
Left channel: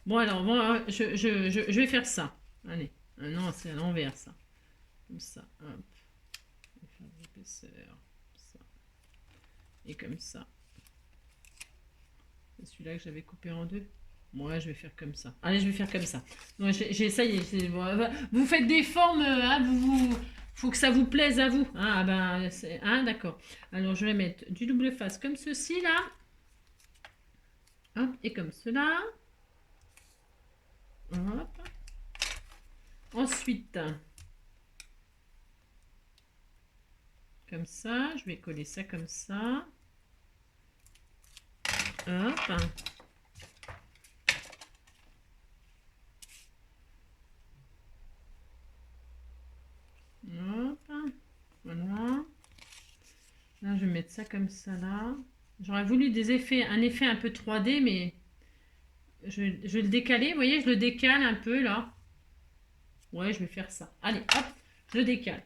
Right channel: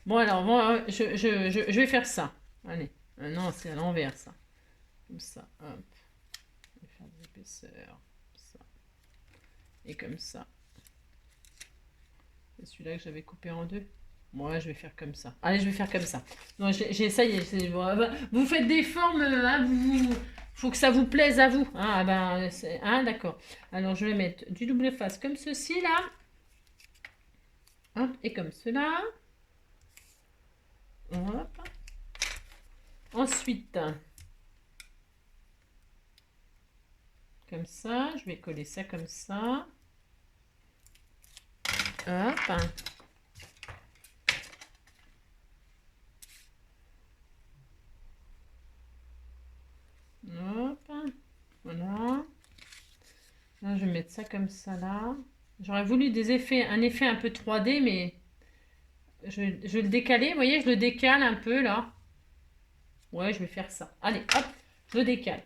Bon, alors, bon, je vais faire ça. Allez. Non, c'est à l'envers, ça. Comme ça. Hop. Je vais faire de l'épaisseur. Ça. Et comme ça. C'est celui-là que j'avais coupé en deux. Moi, je vais faire comme ça. Allez, je vais faire comme ça. Non, ça y est. Vous faites des formes, hein, faut que ça vous plaise à vous. Hein, hein, d'accord. Alors, je vais mettre du double face comme ceci, là. Hop, et comme cela. Hop. Ensuite, comme ça, je vais coller ça comme ça. Hop. Hop. Voilà. Là, je vais mettre ça comme ça, là. J'aurais voulu un effet un peu 3D, mais je vais le décaler. Vous voyez, je le décale un peu, là. Ouais, je vais faire ça. Allez, hop, je le décale.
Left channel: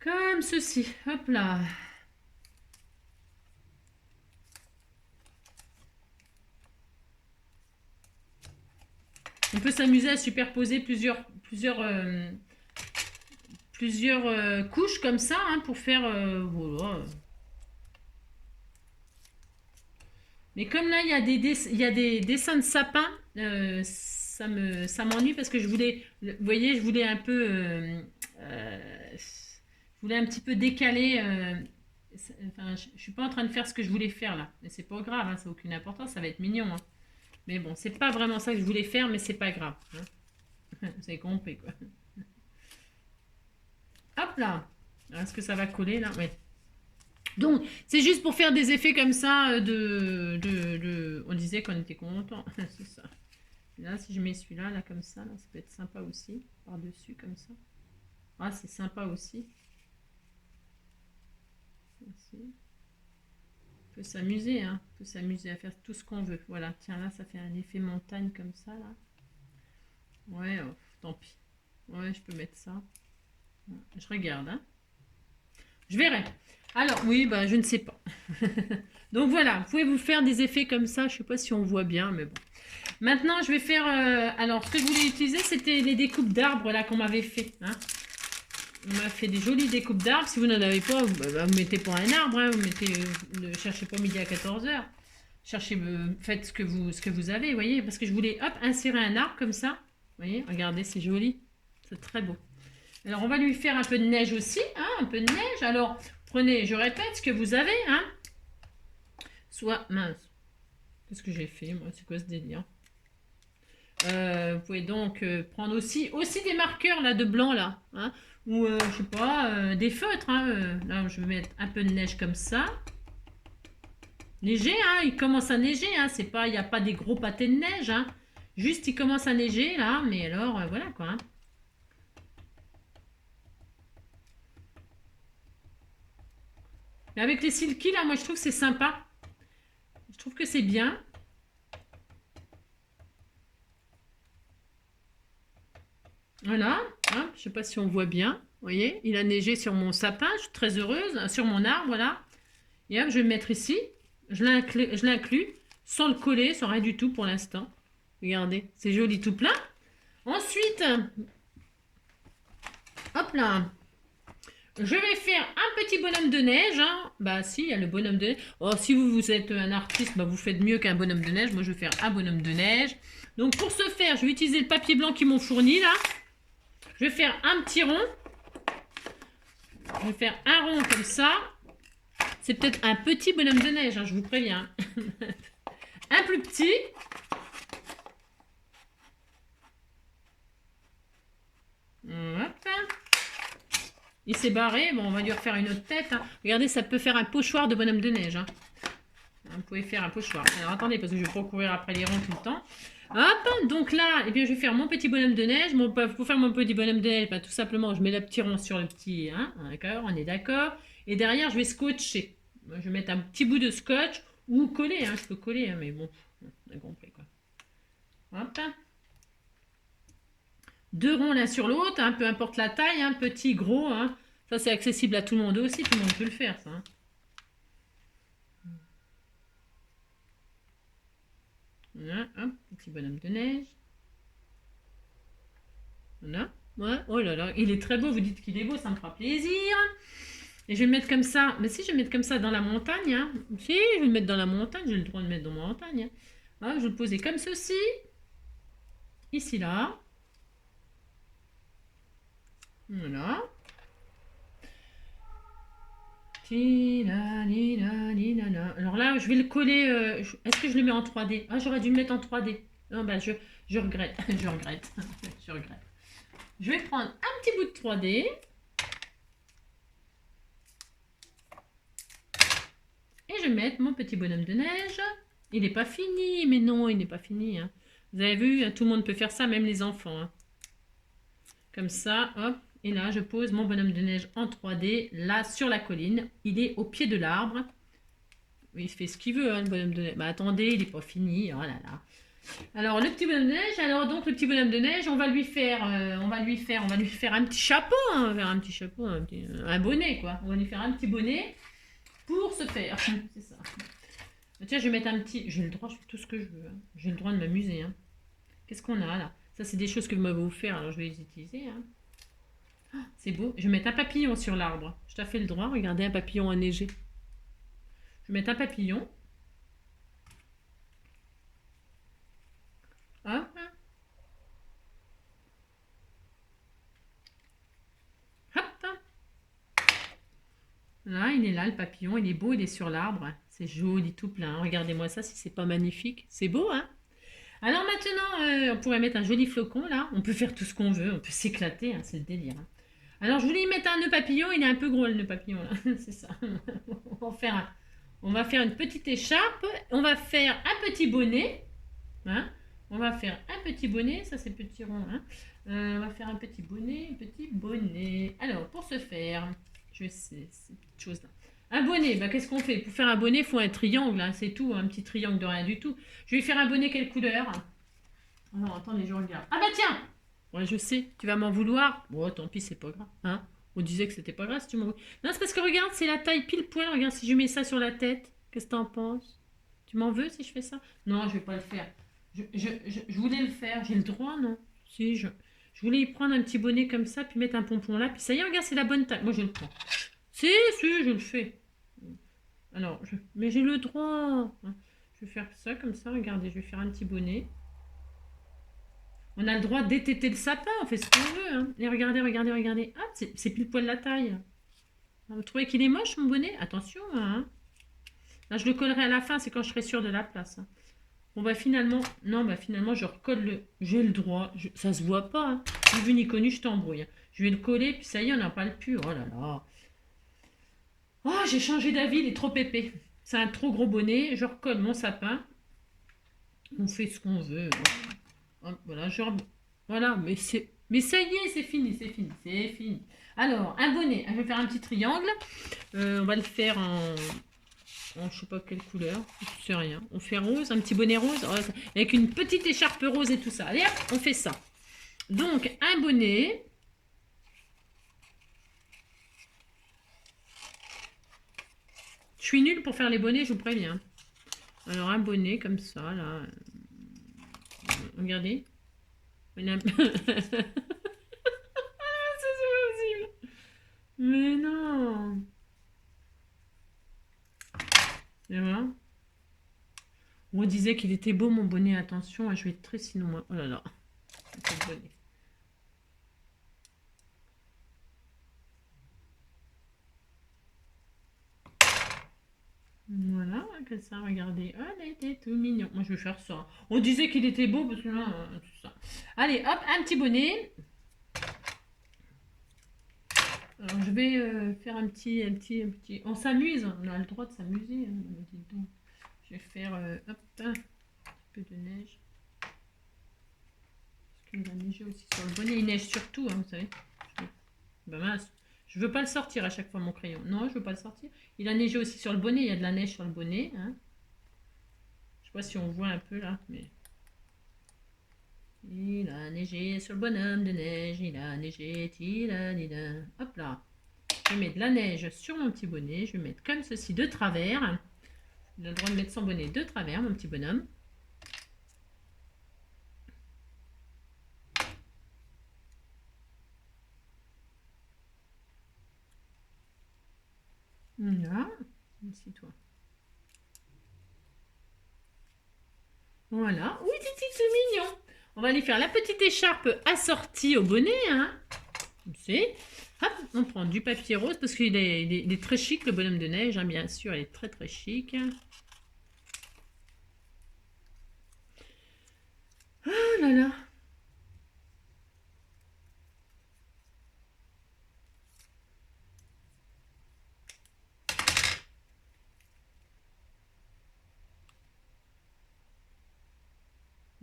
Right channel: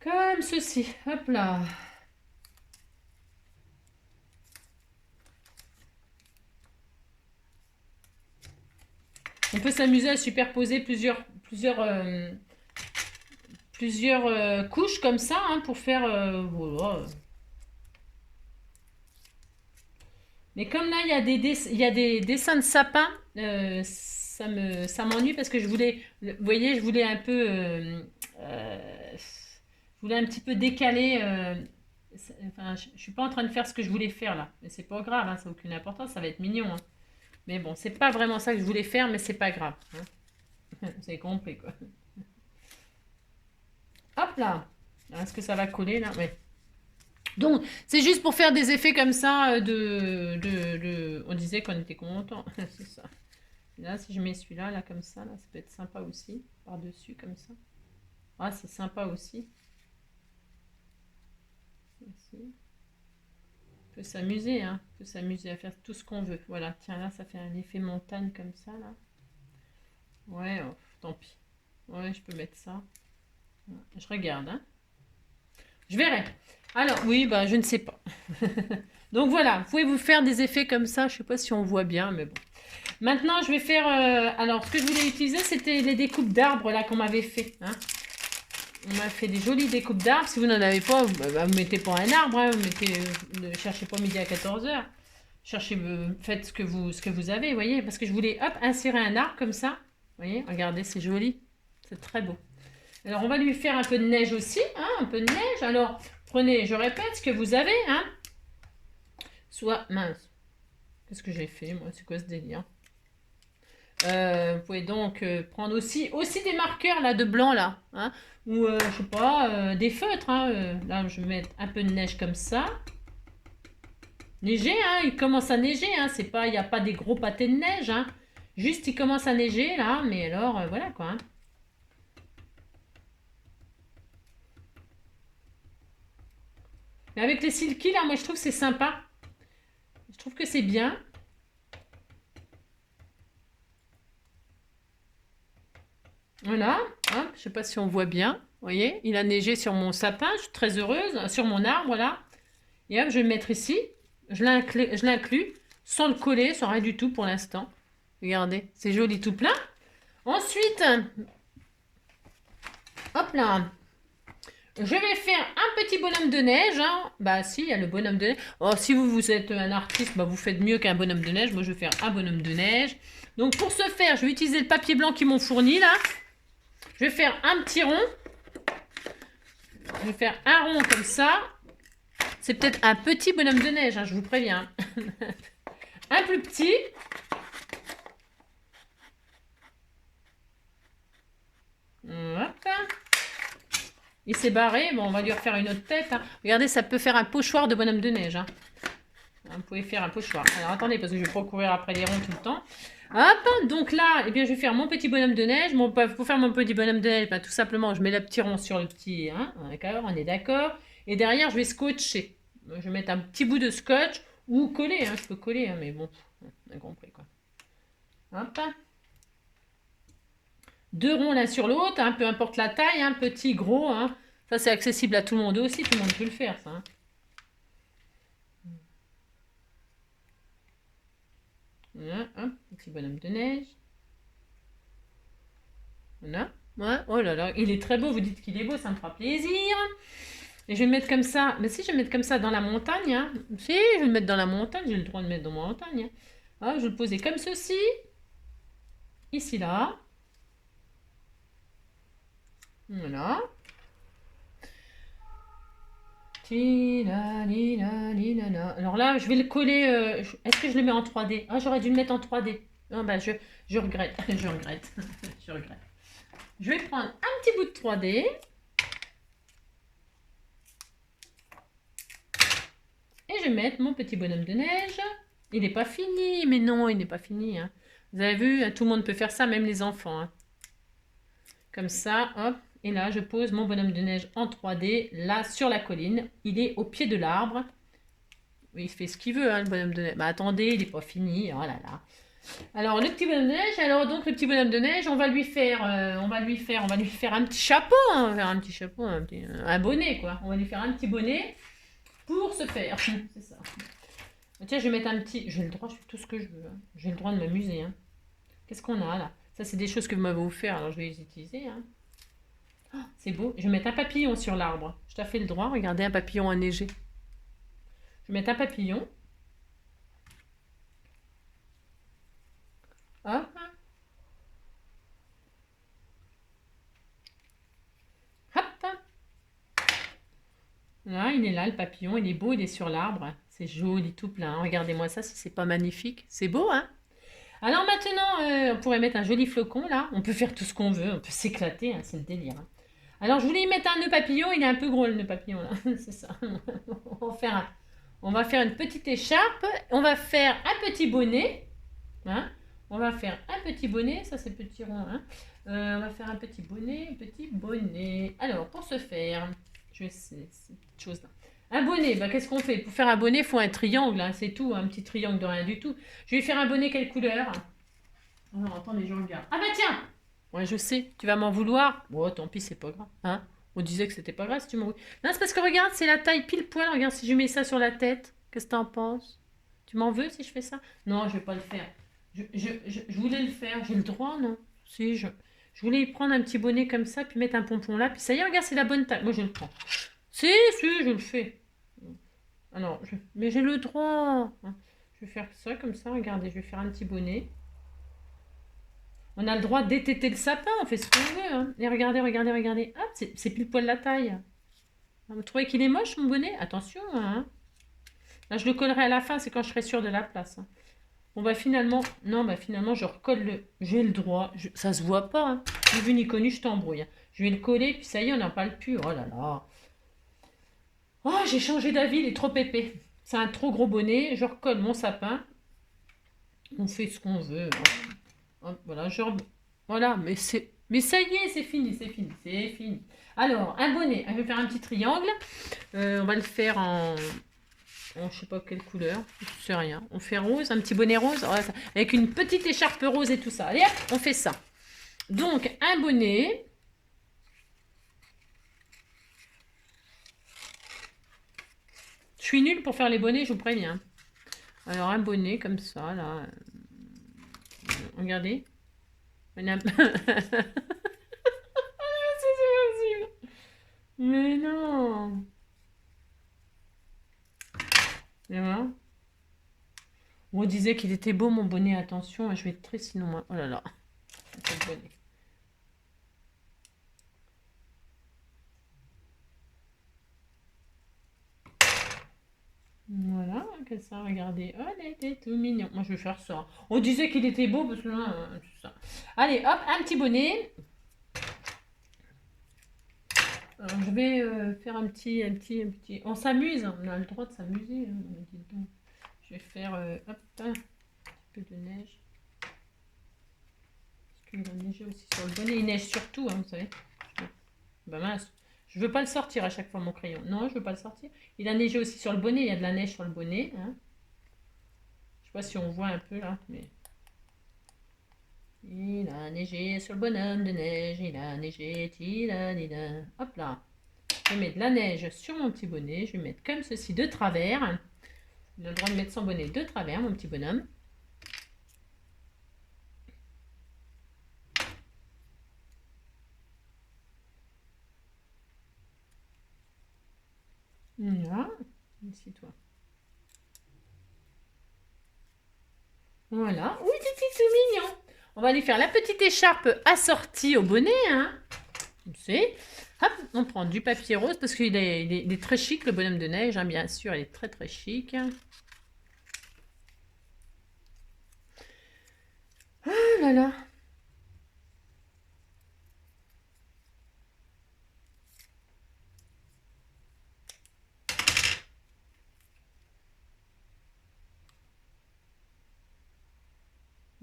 Comme ceci. Hop là. On peut s'amuser à superposer plusieurs couches comme ça, hein, pour faire... voilà. Mais comme là, il y a des dessins de sapins, ça m'ennuie parce que je voulais... Vous voyez, je voulais un peu... je voulais un petit peu décaler... enfin, je suis pas en train de faire ce que je voulais faire là. Mais c'est pas grave, hein, ça n'a aucune importance, ça va être mignon. Hein. Mais bon, c'est pas vraiment ça que je voulais faire, mais c'est pas grave. Hein. Vous avez compris, quoi. Hop là. Est-ce que ça va coller, là? Oui. Donc, c'est juste pour faire des effets comme ça On disait qu'on était content. C'est ça. Et là, si je mets celui-là, là, comme ça, là, ça peut être sympa aussi. Par-dessus, comme ça. Ah, c'est sympa aussi. Aussi. Faut s'amuser, hein. Faut s'amuser à faire tout ce qu'on veut. Voilà, tiens, là, ça fait un effet montagne comme ça, là. Ouais, oh, tant pis. Ouais, je peux mettre ça. Je regarde, hein. Je verrai. Alors, oui, je ne sais pas. Donc voilà, vous pouvez vous faire des effets comme ça. Je ne sais pas si on voit bien, mais bon. Maintenant, je vais faire... alors, ce que je voulais utiliser, c'était les découpes d'arbres, là, qu'on m'avait fait. Hein. On m'a fait des jolies découpes d'arbres. Si vous n'en avez pas, vous mettez pas un arbre. Hein, vous mettez, ne cherchez pas midi à 14h. Cherchez, faites ce que vous avez, vous voyez. Parce que je voulais, hop, insérer un arbre comme ça. Vous voyez, regardez, c'est joli. C'est très beau. Alors, on va lui faire un peu de neige aussi, hein, un peu de neige. Alors, prenez, je répète, ce que vous avez, hein. Soit, mince, qu'est-ce que j'ai fait, moi? C'est quoi ce délire? Vous pouvez donc prendre aussi des marqueurs, là, de blanc, là, hein. Ou, je sais pas, des feutres, hein. Là, je vais mettre un peu de neige comme ça. Neiger, hein, il commence à neiger, hein. C'est pas, il n'y a pas des gros pâtés de neige, hein. Juste, il commence à neiger, là, mais alors, voilà, quoi, hein. Mais avec les silky, là, moi, je trouve que c'est sympa. Je trouve que c'est bien. Voilà, hop, je sais pas si on voit bien. Vous voyez, il a neigé sur mon sapin, je suis très heureuse, sur mon arbre, voilà. Et hop, je vais le mettre ici. Je l'inclus sans le coller, sans rien du tout pour l'instant. Regardez, c'est joli tout plein. Ensuite, hop là, je vais faire un petit bonhomme de neige. Hein. Bah si, il y a le bonhomme de neige. Oh, si vous êtes un artiste, bah, vous faites mieux qu'un bonhomme de neige. Moi, je vais faire un bonhomme de neige. Donc pour ce faire, je vais utiliser le papier blanc qu'ils m'ont fourni là. Je vais faire un petit rond. Je vais faire un rond comme ça. C'est peut-être un petit bonhomme de neige, hein, je vous préviens. Un plus petit. Hop. Il s'est barré. Bon, on va lui refaire une autre tête. Hein. Regardez, ça peut faire un pochoir de bonhomme de neige. Hein. Vous pouvez faire un pochoir. Alors, attendez, parce que je vais pas courir après les ronds tout le temps. Hop, donc là, eh bien, je vais faire mon petit bonhomme de neige. Bon, pour faire mon petit bonhomme de neige, bah, tout simplement, je mets le petit rond sur le petit... Hein, d'accord, on est d'accord. Et derrière, je vais scotcher. Je vais mettre un petit bout de scotch ou coller. Hein, je peux coller, hein, mais bon, on a compris, quoi. Hop. Deux ronds l'un sur l'autre, hein, peu importe la taille, hein, petit, gros. Hein. Ça, c'est accessible à tout le monde aussi. Tout le monde peut le faire, ça. Hein. Voilà, hop, petit bonhomme de neige. Voilà. Ouais, oh là là, il est très beau, vous dites qu'il est beau, ça me fera plaisir. Et je vais le mettre comme ça. Mais si je vais le mettre comme ça dans la montagne, hein. Si, je vais le mettre dans la montagne, j'ai le droit de le mettre dans la montagne. Hein. Ah, je vais le poser comme ceci. Ici, là. Voilà. Alors là, je vais le coller. Est-ce que je le mets en 3D? Ah, j'aurais dû le mettre en 3D. Non, bah, je regrette. Je regrette. Je regrette. Je vais prendre un petit bout de 3D. Et je vais mettre mon petit bonhomme de neige. Il n'est pas fini. Mais non, il n'est pas fini. Hein. Vous avez vu, tout le monde peut faire ça, même les enfants. Hein. Comme ça, hop. Et là, je pose mon bonhomme de neige en 3D, là, sur la colline. Il est au pied de l'arbre. Il fait ce qu'il veut, hein, le bonhomme de neige. Mais attendez, il n'est pas fini. Oh là là. Alors, le petit bonhomme de neige. Alors, donc, le petit bonhomme de neige, on va lui faire un petit chapeau. Hein, on va faire un petit chapeau, un bonnet, quoi. On va lui faire un petit bonnet pour se faire. C'est ça. Tiens, je vais mettre un petit... J'ai le droit, je fais tout ce que je veux. Hein. J'ai le droit de m'amuser. Hein. Qu'est-ce qu'on a, là? Ça, c'est des choses que vous m'avez offert, alors je vais les utiliser. Hein. C'est beau. Je vais mettre un papillon sur l'arbre. Je t'ai fait le droit. Regardez, un papillon enneigé. Je vais mettre un papillon. Hop. Hop. Là, il est là, le papillon. Il est beau, il est sur l'arbre. C'est joli, tout plein. Regardez-moi ça, si c'est pas magnifique. C'est beau, hein? Alors maintenant, on pourrait mettre un joli flocon, là. On peut faire tout ce qu'on veut. On peut s'éclater, hein, c'est le délire. Hein. Alors, je voulais y mettre un nœud papillon. Il est un peu gros, le nœud papillon, là. C'est ça. On va faire une petite écharpe. On va faire un petit bonnet. Hein. On va faire un petit bonnet. Ça, c'est petit rond. Hein. On va faire un petit bonnet. Alors, pour ce faire, je vais essayer cette chose-là. Un bonnet, bah, qu'est-ce qu'on fait? Pour faire un bonnet, il faut un triangle. Hein, c'est tout. Un petit triangle de rien du tout. Je vais faire un bonnet quelle couleur? Non, attendez, je regarde. Ah bah tiens! Ouais, je sais, tu vas m'en vouloir. Bon, tant pis, c'est pas grave. Hein, on disait que c'était pas grave si tu m'en voulais. Non, c'est parce que regarde, c'est la taille pile poil. Regarde, si je mets ça sur la tête, qu'est-ce que t'en penses? Tu m'en veux si je fais ça? Non, je vais pas le faire. Je voulais le faire. J'ai le droit, non? Si, je voulais y prendre un petit bonnet comme ça, puis mettre un pompon là, puis ça y est, regarde, c'est la bonne taille. Moi, je le prends. Si, je le fais. Alors, mais j'ai le droit. Je vais faire ça comme ça, regardez, je vais faire un petit bonnet. On a le droit d'étêter le sapin, on fait ce qu'on veut. Hein. Et regardez, regardez, regardez. Ah, c'est pile poil la taille. Vous trouvez qu'il est moche, mon bonnet? Attention, hein. Là, je le collerai à la fin, c'est quand je serai sûre de la place. Hein. Bon, bah finalement, non, bah finalement, je recolle le... J'ai le droit. Ça se voit pas. Hein. Ni vu ni connu, je t'embrouille. Je vais le coller, puis ça y est, on n'en parle plus. Oh là là. Oh, j'ai changé d'avis, il est trop épais. C'est un trop gros bonnet. Je recolle mon sapin. On fait ce qu'on veut. Voilà, voilà, mais ça y est, c'est fini, c'est fini, c'est fini. Alors, un bonnet, je vais faire un petit triangle. On va le faire en je sais pas quelle couleur, je sais rien. On fait rose, un petit bonnet rose, avec une petite écharpe rose et tout ça. Allez, hop, on fait ça. Donc, un bonnet. Je suis nulle pour faire les bonnets, je vous préviens. Alors, un bonnet comme ça, là. Regardez. Madame. Mais non. Et voilà. On disait qu'il était beau mon bonnet, attention, je vais être triste sinon moi. Oh là là. Voilà, que ça, regardez. Oh, il était tout mignon. Moi, je vais faire ça. On disait qu'il était beau parce que là, tout ça. Allez, hop, un petit bonnet. Alors, je vais faire un petit. On s'amuse, on a le droit de s'amuser. Hein, je vais faire, hop, un petit peu de neige. Parce qu'il a neigé aussi sur le bonnet. Il neige surtout, hein, vous savez. Bah mince. Je veux pas le sortir à chaque fois, mon crayon. Non, je veux pas le sortir. Il a neigé aussi sur le bonnet. Il y a de la neige sur le bonnet. Hein. Je sais pas si on voit un peu là, mais... Il a neigé sur le bonhomme de neige. Il a neigé, hop là. Je mets de la neige sur mon petit bonnet. Je vais mettre comme ceci de travers. Il a le droit de mettre son bonnet de travers, mon petit bonhomme. Là, ici toi. Voilà. Oui, c'est tout mignon. On va aller faire la petite écharpe assortie au bonnet. Hein. Tu sais. Hop, on prend du papier rose parce qu'il est très chic, le bonhomme de neige. Hein, bien sûr, il est très très chic. Oh là là.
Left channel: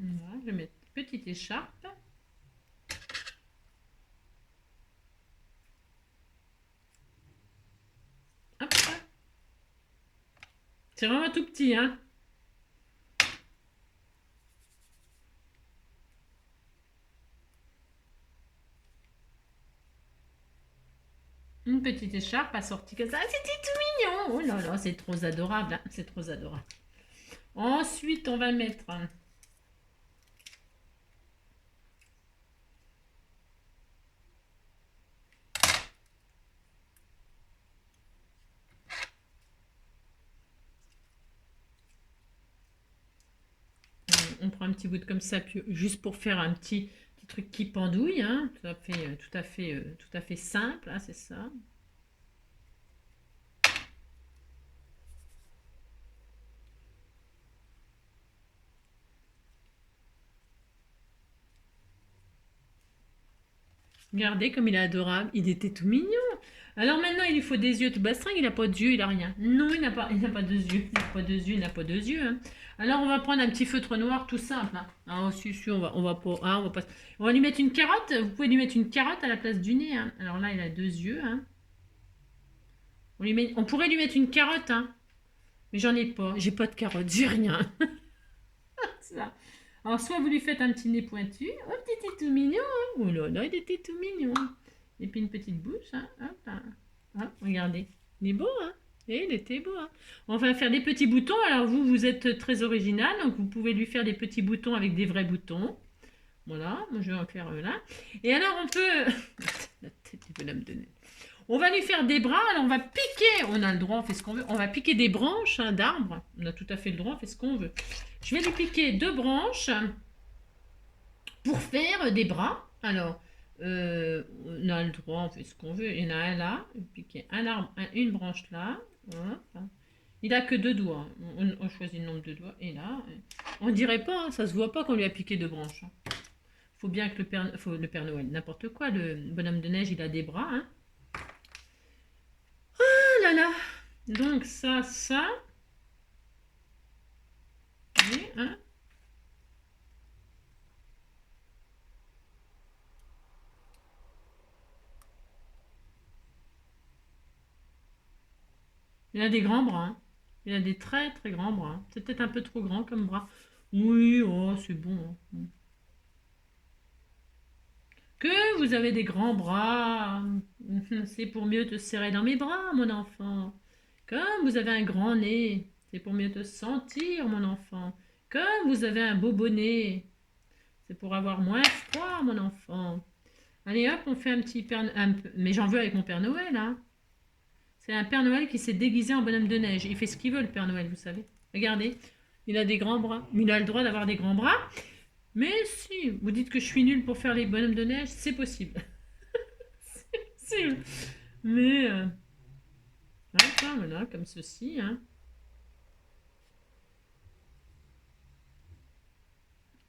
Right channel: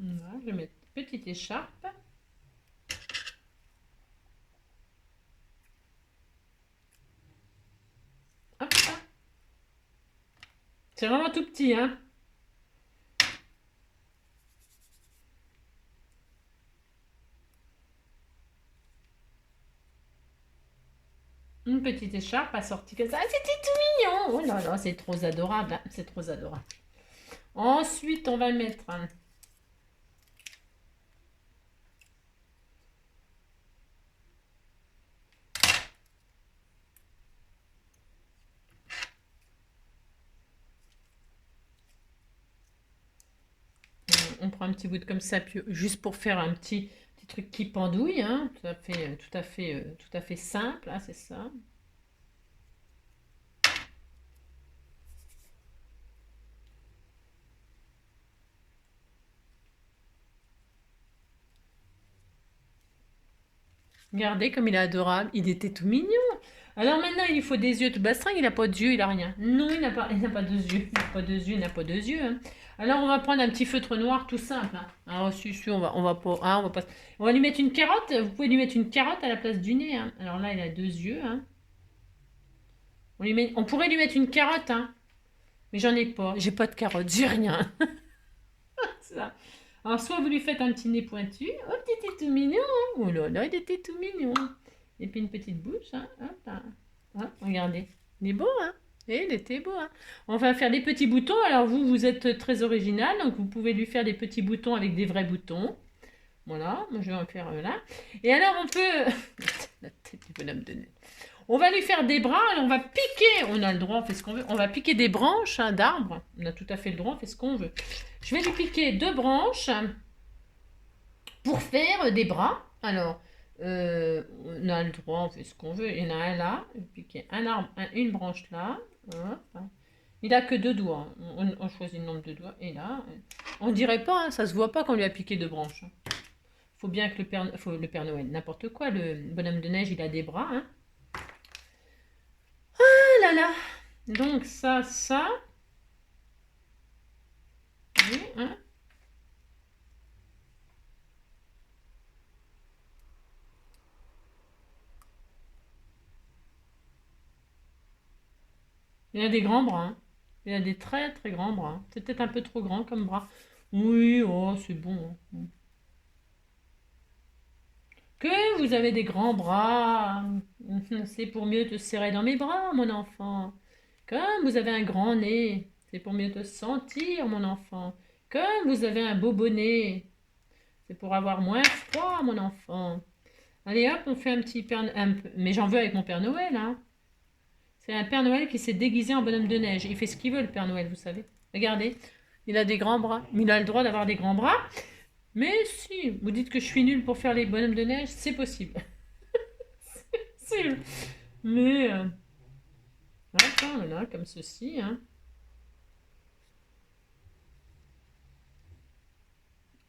Voilà, je vais mettre petite écharpe. Hop. C'est vraiment tout petit, hein. Une petite écharpe assortie comme ça. Ah, c'était tout mignon. Oh là là, c'est trop adorable. Hein. C'est trop adorable. Ensuite, on va mettre... On prend un petit bout de comme ça, puis juste pour faire un petit truc qui pendouille, hein, tout à fait simple, hein, c'est ça. Regardez comme il est adorable, il était tout mignon. Alors maintenant, il faut des yeux tout bastringue, il n'a pas de yeux, il n'a rien. Non, il n'a pas de yeux, il n'a pas de yeux, il n'a pas de yeux. Hein. Alors on va prendre un petit feutre noir tout simple. Hein. Ah, si, on va pas, ah, on va lui mettre une carotte. Vous pouvez lui mettre une carotte à la place du nez. Hein. Alors là, il a deux yeux. Hein. On pourrait lui mettre une carotte, hein. Mais j'en ai pas. J'ai pas de carotte, j'ai rien. Ça. Alors soit vous lui faites un petit nez pointu. Oh, il était tout mignon. Hein. Oh là là, il était tout mignon. Et puis une petite bouche. Hein. Hop, là. Hop, regardez. Il est beau, hein. Et il était beau. Hein. On va faire des petits boutons. Alors vous êtes très original. Donc vous pouvez lui faire des petits boutons avec des vrais boutons. Voilà. Moi je vais en faire là. Et alors on peut... La tête du bonhomme de neige. On va lui faire des bras, alors on va piquer, on a le droit, on fait ce qu'on veut, on va piquer des branches hein, d'arbres, on a tout à fait le droit, on fait ce qu'on veut. Je vais lui piquer deux branches, pour faire des bras. Alors, on a le droit, on fait ce qu'on veut. Il y en a un là, et puis il y a un arbre, une branche là. Hop. Il a que 2 doigts. On choisit le nombre de doigts. Et là, on dirait pas, hein, ça se voit pas qu'on lui a piqué 2 branches. Faut bien que le Père Noël, n'importe quoi, le bonhomme de neige, il a des bras. Hein. Oh là là. Donc ça. Oui, hein. Il a des grands bras. Hein. Il a des très très grands bras. C'est peut-être un peu trop grand comme bras. Oui, oh, c'est bon. Hein. Que vous avez des grands bras, c'est pour mieux te serrer dans mes bras, mon enfant. Comme vous avez un grand nez, c'est pour mieux te sentir, mon enfant. Comme vous avez un beau bonnet, c'est pour avoir moins froid, mon enfant. Allez hop, on fait un petit Père Noël. Mais j'en veux avec mon Père Noël, hein. C'est un Père Noël qui s'est déguisé en bonhomme de neige. Il fait ce qu'il veut, le Père Noël, vous savez. Regardez, il a des grands bras. Il a le droit d'avoir des grands bras. Mais si vous dites que je suis nulle pour faire les bonhommes de neige, c'est possible. C'est possible. Mais, voilà, comme ceci. Hein.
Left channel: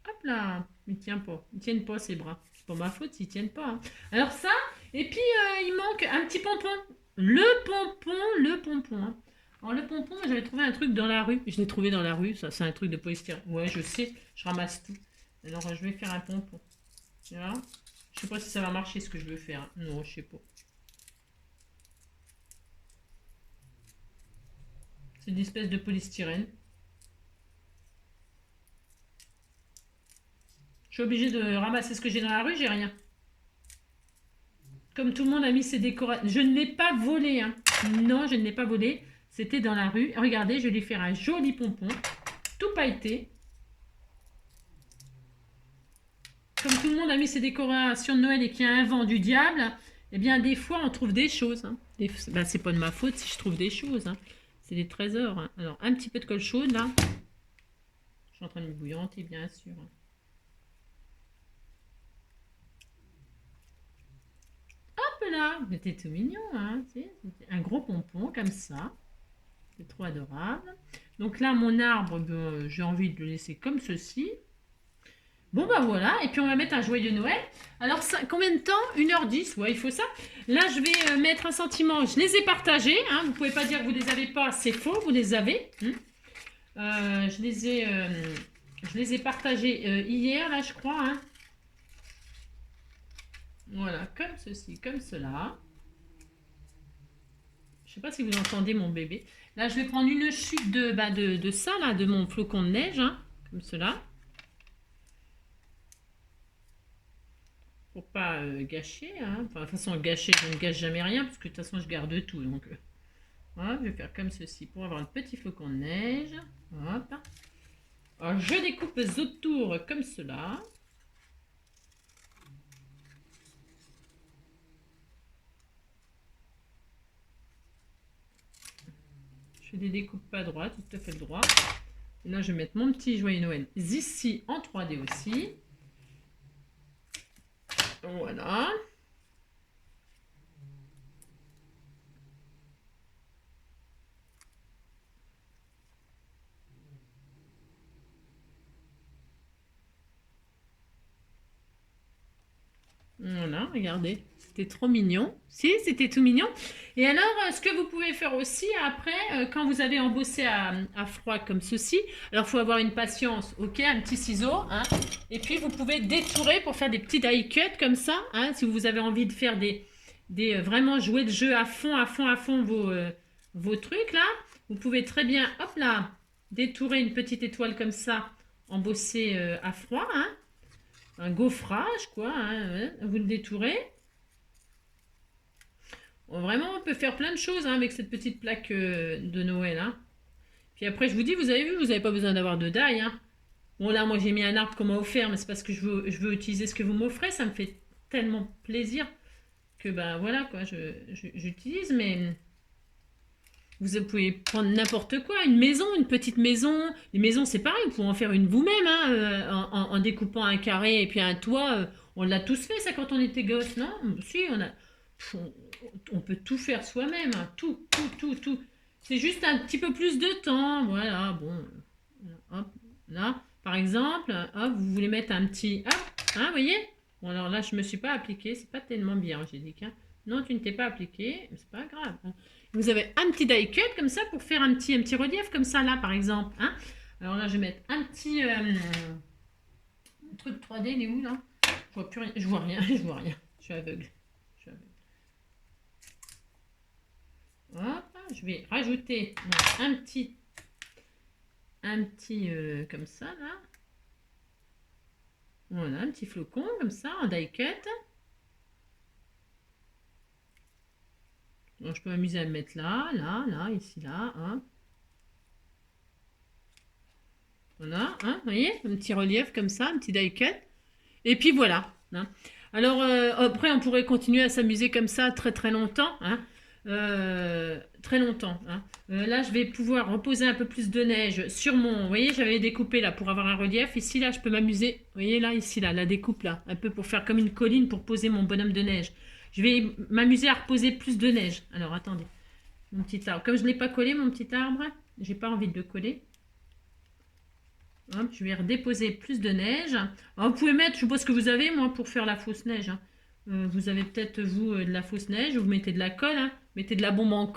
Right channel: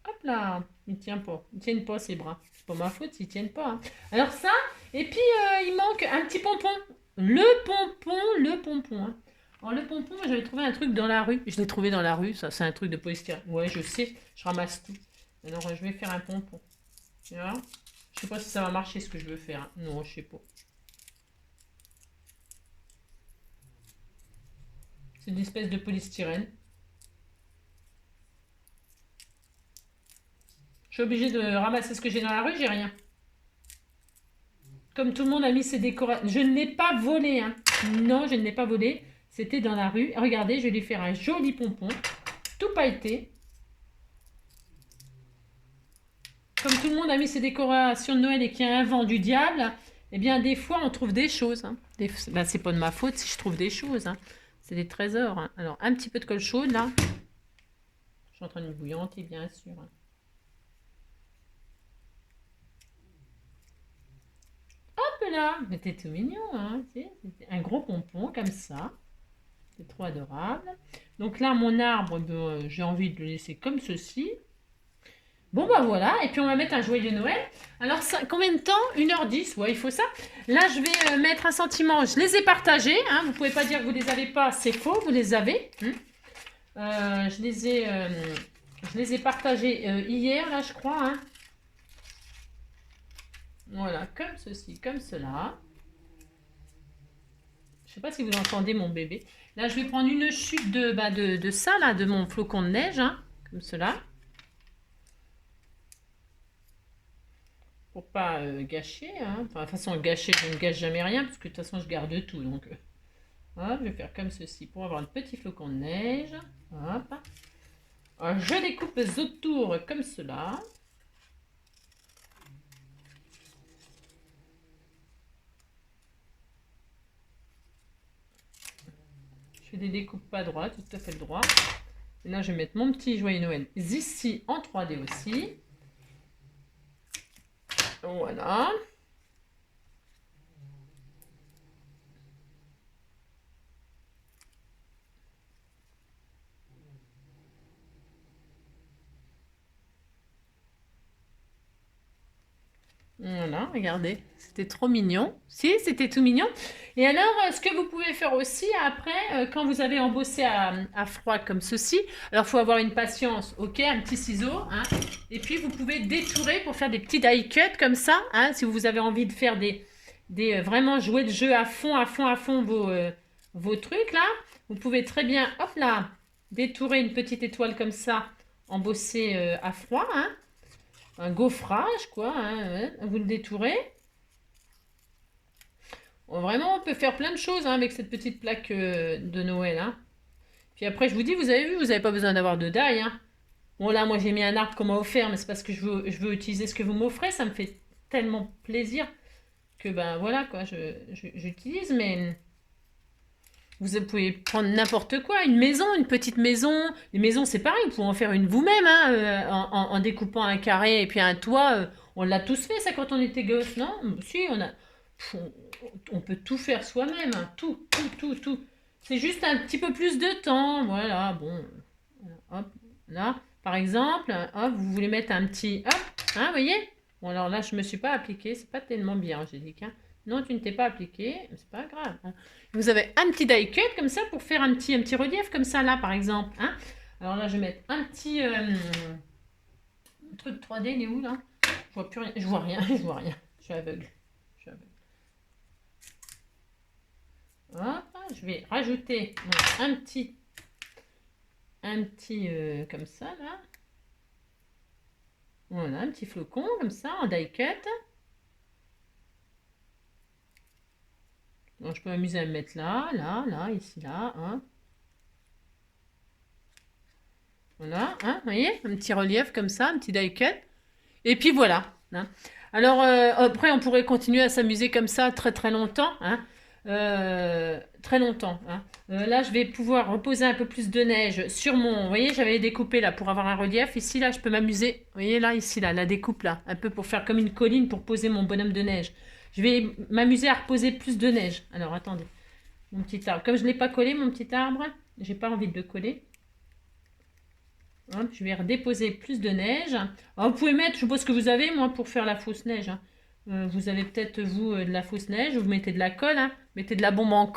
Hop là, il tient pas. Ils tiennent pas ses bras. C'est pas ma faute s'ils tiennent pas. Hein. Alors ça, et puis il manque un petit pompon. Le pompon. Hein. Alors le pompon, j'avais trouvé un truc dans la rue. Je l'ai trouvé dans la rue, ça c'est un truc de polystyrène. Ouais, je sais, je ramasse tout. Alors je vais faire un pompon. Tu vois? Je sais pas si ça va marcher ce que je veux faire. Non, je sais pas. C'est une espèce de polystyrène. Je suis obligée de ramasser ce que j'ai dans la rue, j'ai rien. Comme tout le monde a mis ses décorations. Je ne l'ai pas volé. Hein. Non, je ne l'ai pas volé. C'était dans la rue. Regardez, je vais lui faire un joli pompon. Tout pailleté. Comme tout le monde a mis ses décorations de Noël et qu'il y a un vent du diable, eh bien, des fois, on trouve des choses. Hein. Ben, c'est pas de ma faute si je trouve des choses. Hein. C'est des trésors. Hein. Alors, un petit peu de colle chaude, là. Je suis en train de bouillanter, bien sûr. Hein. Hop là, c'était tout mignon. Hein. Un gros pompon, comme ça. C'est trop adorable. Donc là, mon arbre, j'ai envie de le laisser comme ceci. Bon, bah voilà. Et puis, on va mettre un joyeux Noël. Alors, ça, combien de temps 1h10. Ouais, il faut ça. Là, je vais mettre un sentiment. Je les ai partagés. Hein. Vous ne pouvez pas dire que vous ne les avez pas. C'est faux, vous les avez. Je les ai partagés hier, là, je crois. Hein. Voilà, comme ceci, comme cela. Je ne sais pas si vous entendez mon bébé. Là, je vais prendre une chute de ça, là, de mon flocon de neige, hein, comme cela. Pour pas gâcher. Hein. Enfin, de toute façon, gâcher, je ne gâche jamais rien, parce que de toute façon, je garde tout. Donc, voilà, je vais faire comme ceci pour avoir le petit flocon de neige. Hop. Alors, je découpe autour comme cela. Je fais des découpes pas droites, tout à fait droit. Et là, je vais mettre mon petit joyeux Noël ici en 3D aussi. Voilà. Voilà, regardez, c'était trop mignon. Si, c'était tout mignon. Et alors, ce que vous pouvez faire aussi après, quand vous avez embossé à froid comme ceci, alors il faut avoir une patience, ok, un petit ciseau, hein, et puis vous pouvez détourer pour faire des petits die cuts comme ça, hein, si vous avez envie de faire vraiment jouer le jeu à fond vos trucs là, vous pouvez très bien, hop là, détourer une petite étoile comme ça, embossée à froid, hein. Un gaufrage, quoi. Hein, vous le détourez. Vraiment, on peut faire plein de choses hein, avec cette petite plaque de Noël. Hein. Puis après, je vous dis, vous avez vu, vous n'avez pas besoin d'avoir de die. Hein. Bon, là, moi, j'ai mis un arbre qu'on m'a offert, mais c'est parce que je veux utiliser ce que vous m'offrez. Ça me fait tellement plaisir que, ben voilà, quoi, j'utilise. Mais Vous pouvez prendre n'importe quoi, une maison, une petite maison. Les maisons, c'est pareil, vous pouvez en faire une vous-même, hein, en découpant un carré et puis un toit. On l'a tous fait, ça, quand on était gosse, non? Si, on peut tout faire soi-même, hein, tout, tout, tout, tout. C'est juste un petit peu plus de temps, voilà, bon. Hop, là, par exemple, hop, vous voulez mettre un petit, hop, hein, vous voyez? Bon, alors là, je me suis pas appliqué, c'est pas tellement bien, Angélique, hein. Non, tu ne t'es pas appliqué, c'est pas grave, hein. Vous avez un petit die cut comme ça pour faire un petit relief comme ça là par exemple, hein. Alors là je vais mettre un petit truc 3D, il est où là? Je vois plus rien, je vois rien, je vois rien, je suis aveugle. Hop, je vais rajouter un petit comme ça là. Voilà, un petit flocon comme ça en die cut. Donc je peux m'amuser à me mettre là, là, ici, là, hein. Voilà, hein, vous voyez, un petit relief comme ça, un petit die cut. Et puis voilà, hein. Alors après, on pourrait continuer à s'amuser comme ça très très longtemps, hein. Très longtemps, hein. Là, je vais pouvoir reposer un peu plus de neige sur mon... Vous voyez, j'avais découpé là pour avoir un relief. Ici, là, je peux m'amuser. Vous voyez, là, ici, là, la découpe là, un peu pour faire comme une colline pour poser mon bonhomme de neige. Je vais m'amuser à reposer plus de neige. Alors, attendez. Mon petit arbre. Comme je ne l'ai pas collé, mon petit arbre, j'ai pas envie de le coller. Hop, je vais redéposer plus de neige. Alors, vous pouvez mettre, je sais pas ce que vous avez, moi, pour faire la fausse neige, hein. Vous avez peut-être, vous, de la fausse neige, vous mettez de la colle, hein. Mettez de la bombe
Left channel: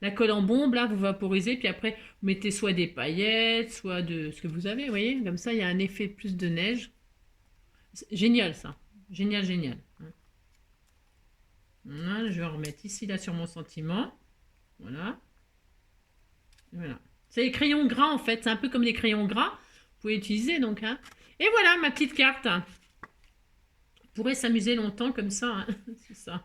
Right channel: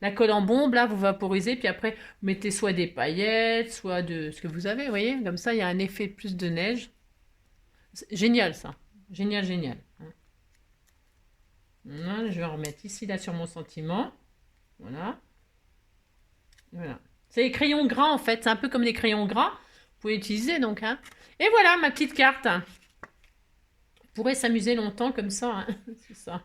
la colle en bombe, là, vous vaporisez, puis après, vous mettez soit des paillettes, soit de ce que vous avez, vous voyez. Comme ça, il y a un effet plus de neige. Génial, ça. Génial, génial. Voilà, je vais en remettre ici, là, sur mon sentiment. Voilà. Voilà. C'est les crayons gras en fait, c'est un peu comme les crayons gras. Vous pouvez utiliser donc, hein. Et voilà ma petite carte. On pourrait s'amuser longtemps comme ça, hein. C'est ça.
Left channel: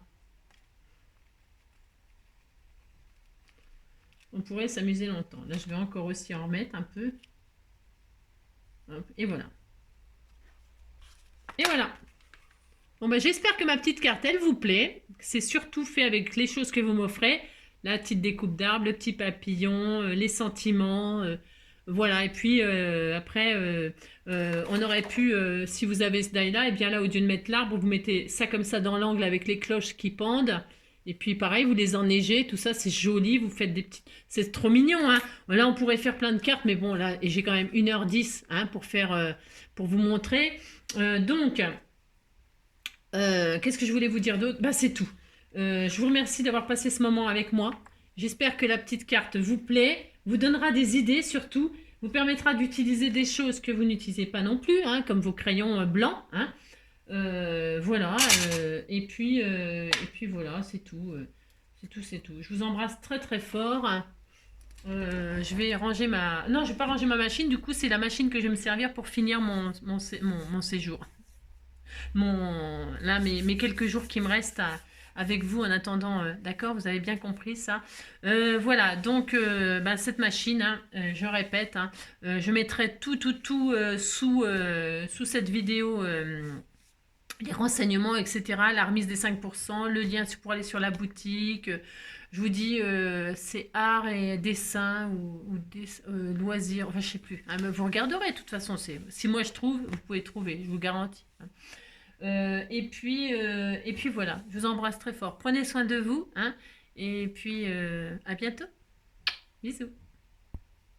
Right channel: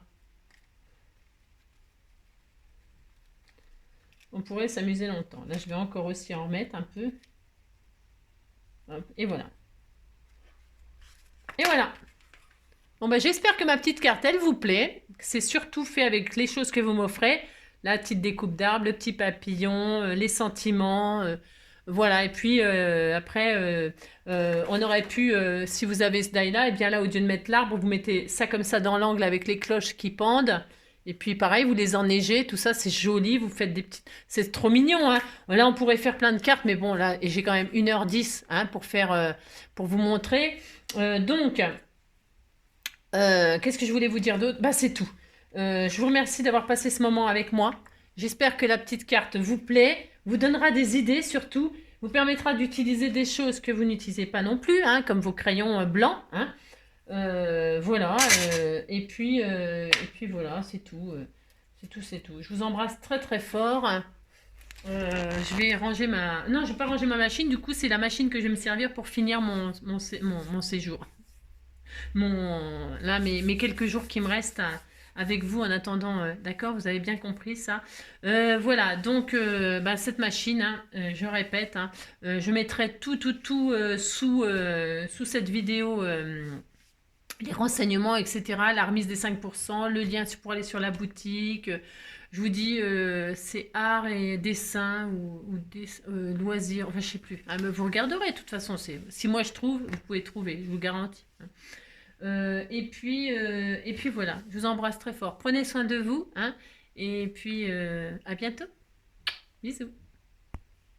On pourrait s'amuser longtemps. Là je vais encore aussi en remettre un peu. Hop, et voilà. Et voilà. Bon bah j'espère que ma petite carte elle vous plaît. C'est surtout fait avec les choses que vous m'offrez. La petite découpe d'arbre, le petit papillon, les sentiments. Voilà, et puis après, on aurait pu, si vous avez ce die-là, et bien là, au lieu de mettre l'arbre, vous mettez ça comme ça dans l'angle avec les cloches qui pendent. Et puis pareil, vous les enneigez, tout ça, c'est joli, vous faites des petites... C'est trop mignon, hein. Là, on pourrait faire plein de cartes, mais bon, là, j'ai quand même 1h10 hein, pour faire, pour vous montrer. Donc, qu'est-ce que je voulais vous dire d'autre? Bah, c'est tout. Je vous remercie d'avoir passé ce moment avec moi. J'espère que la petite carte vous plaît, vous donnera des idées surtout, vous permettra d'utiliser des choses que vous n'utilisez pas non plus, hein, comme vos crayons blancs, hein. Voilà, et puis voilà, c'est tout. C'est tout, c'est tout. Je vous embrasse très très fort. Je vais ranger ma... Non, je ne vais pas ranger ma machine, du coup c'est la machine que je vais me servir pour finir mon séjour. Là, mes quelques jours qui me restent avec vous en attendant, d'accord, vous avez bien compris ça. Voilà, donc bah, cette machine, hein, je répète, hein, je mettrai tout sous cette vidéo, les renseignements, etc., la remise des 5%, le lien pour aller sur la boutique. Je vous dis, c'est art et dessin ou loisirs, enfin je sais plus. Hein, mais vous regarderez, de toute façon, si moi je trouve, vous pouvez trouver, je vous garantis, hein. Et puis voilà, je vous embrasse très fort. Prenez soin de vous, hein, et puis à bientôt. Bisous.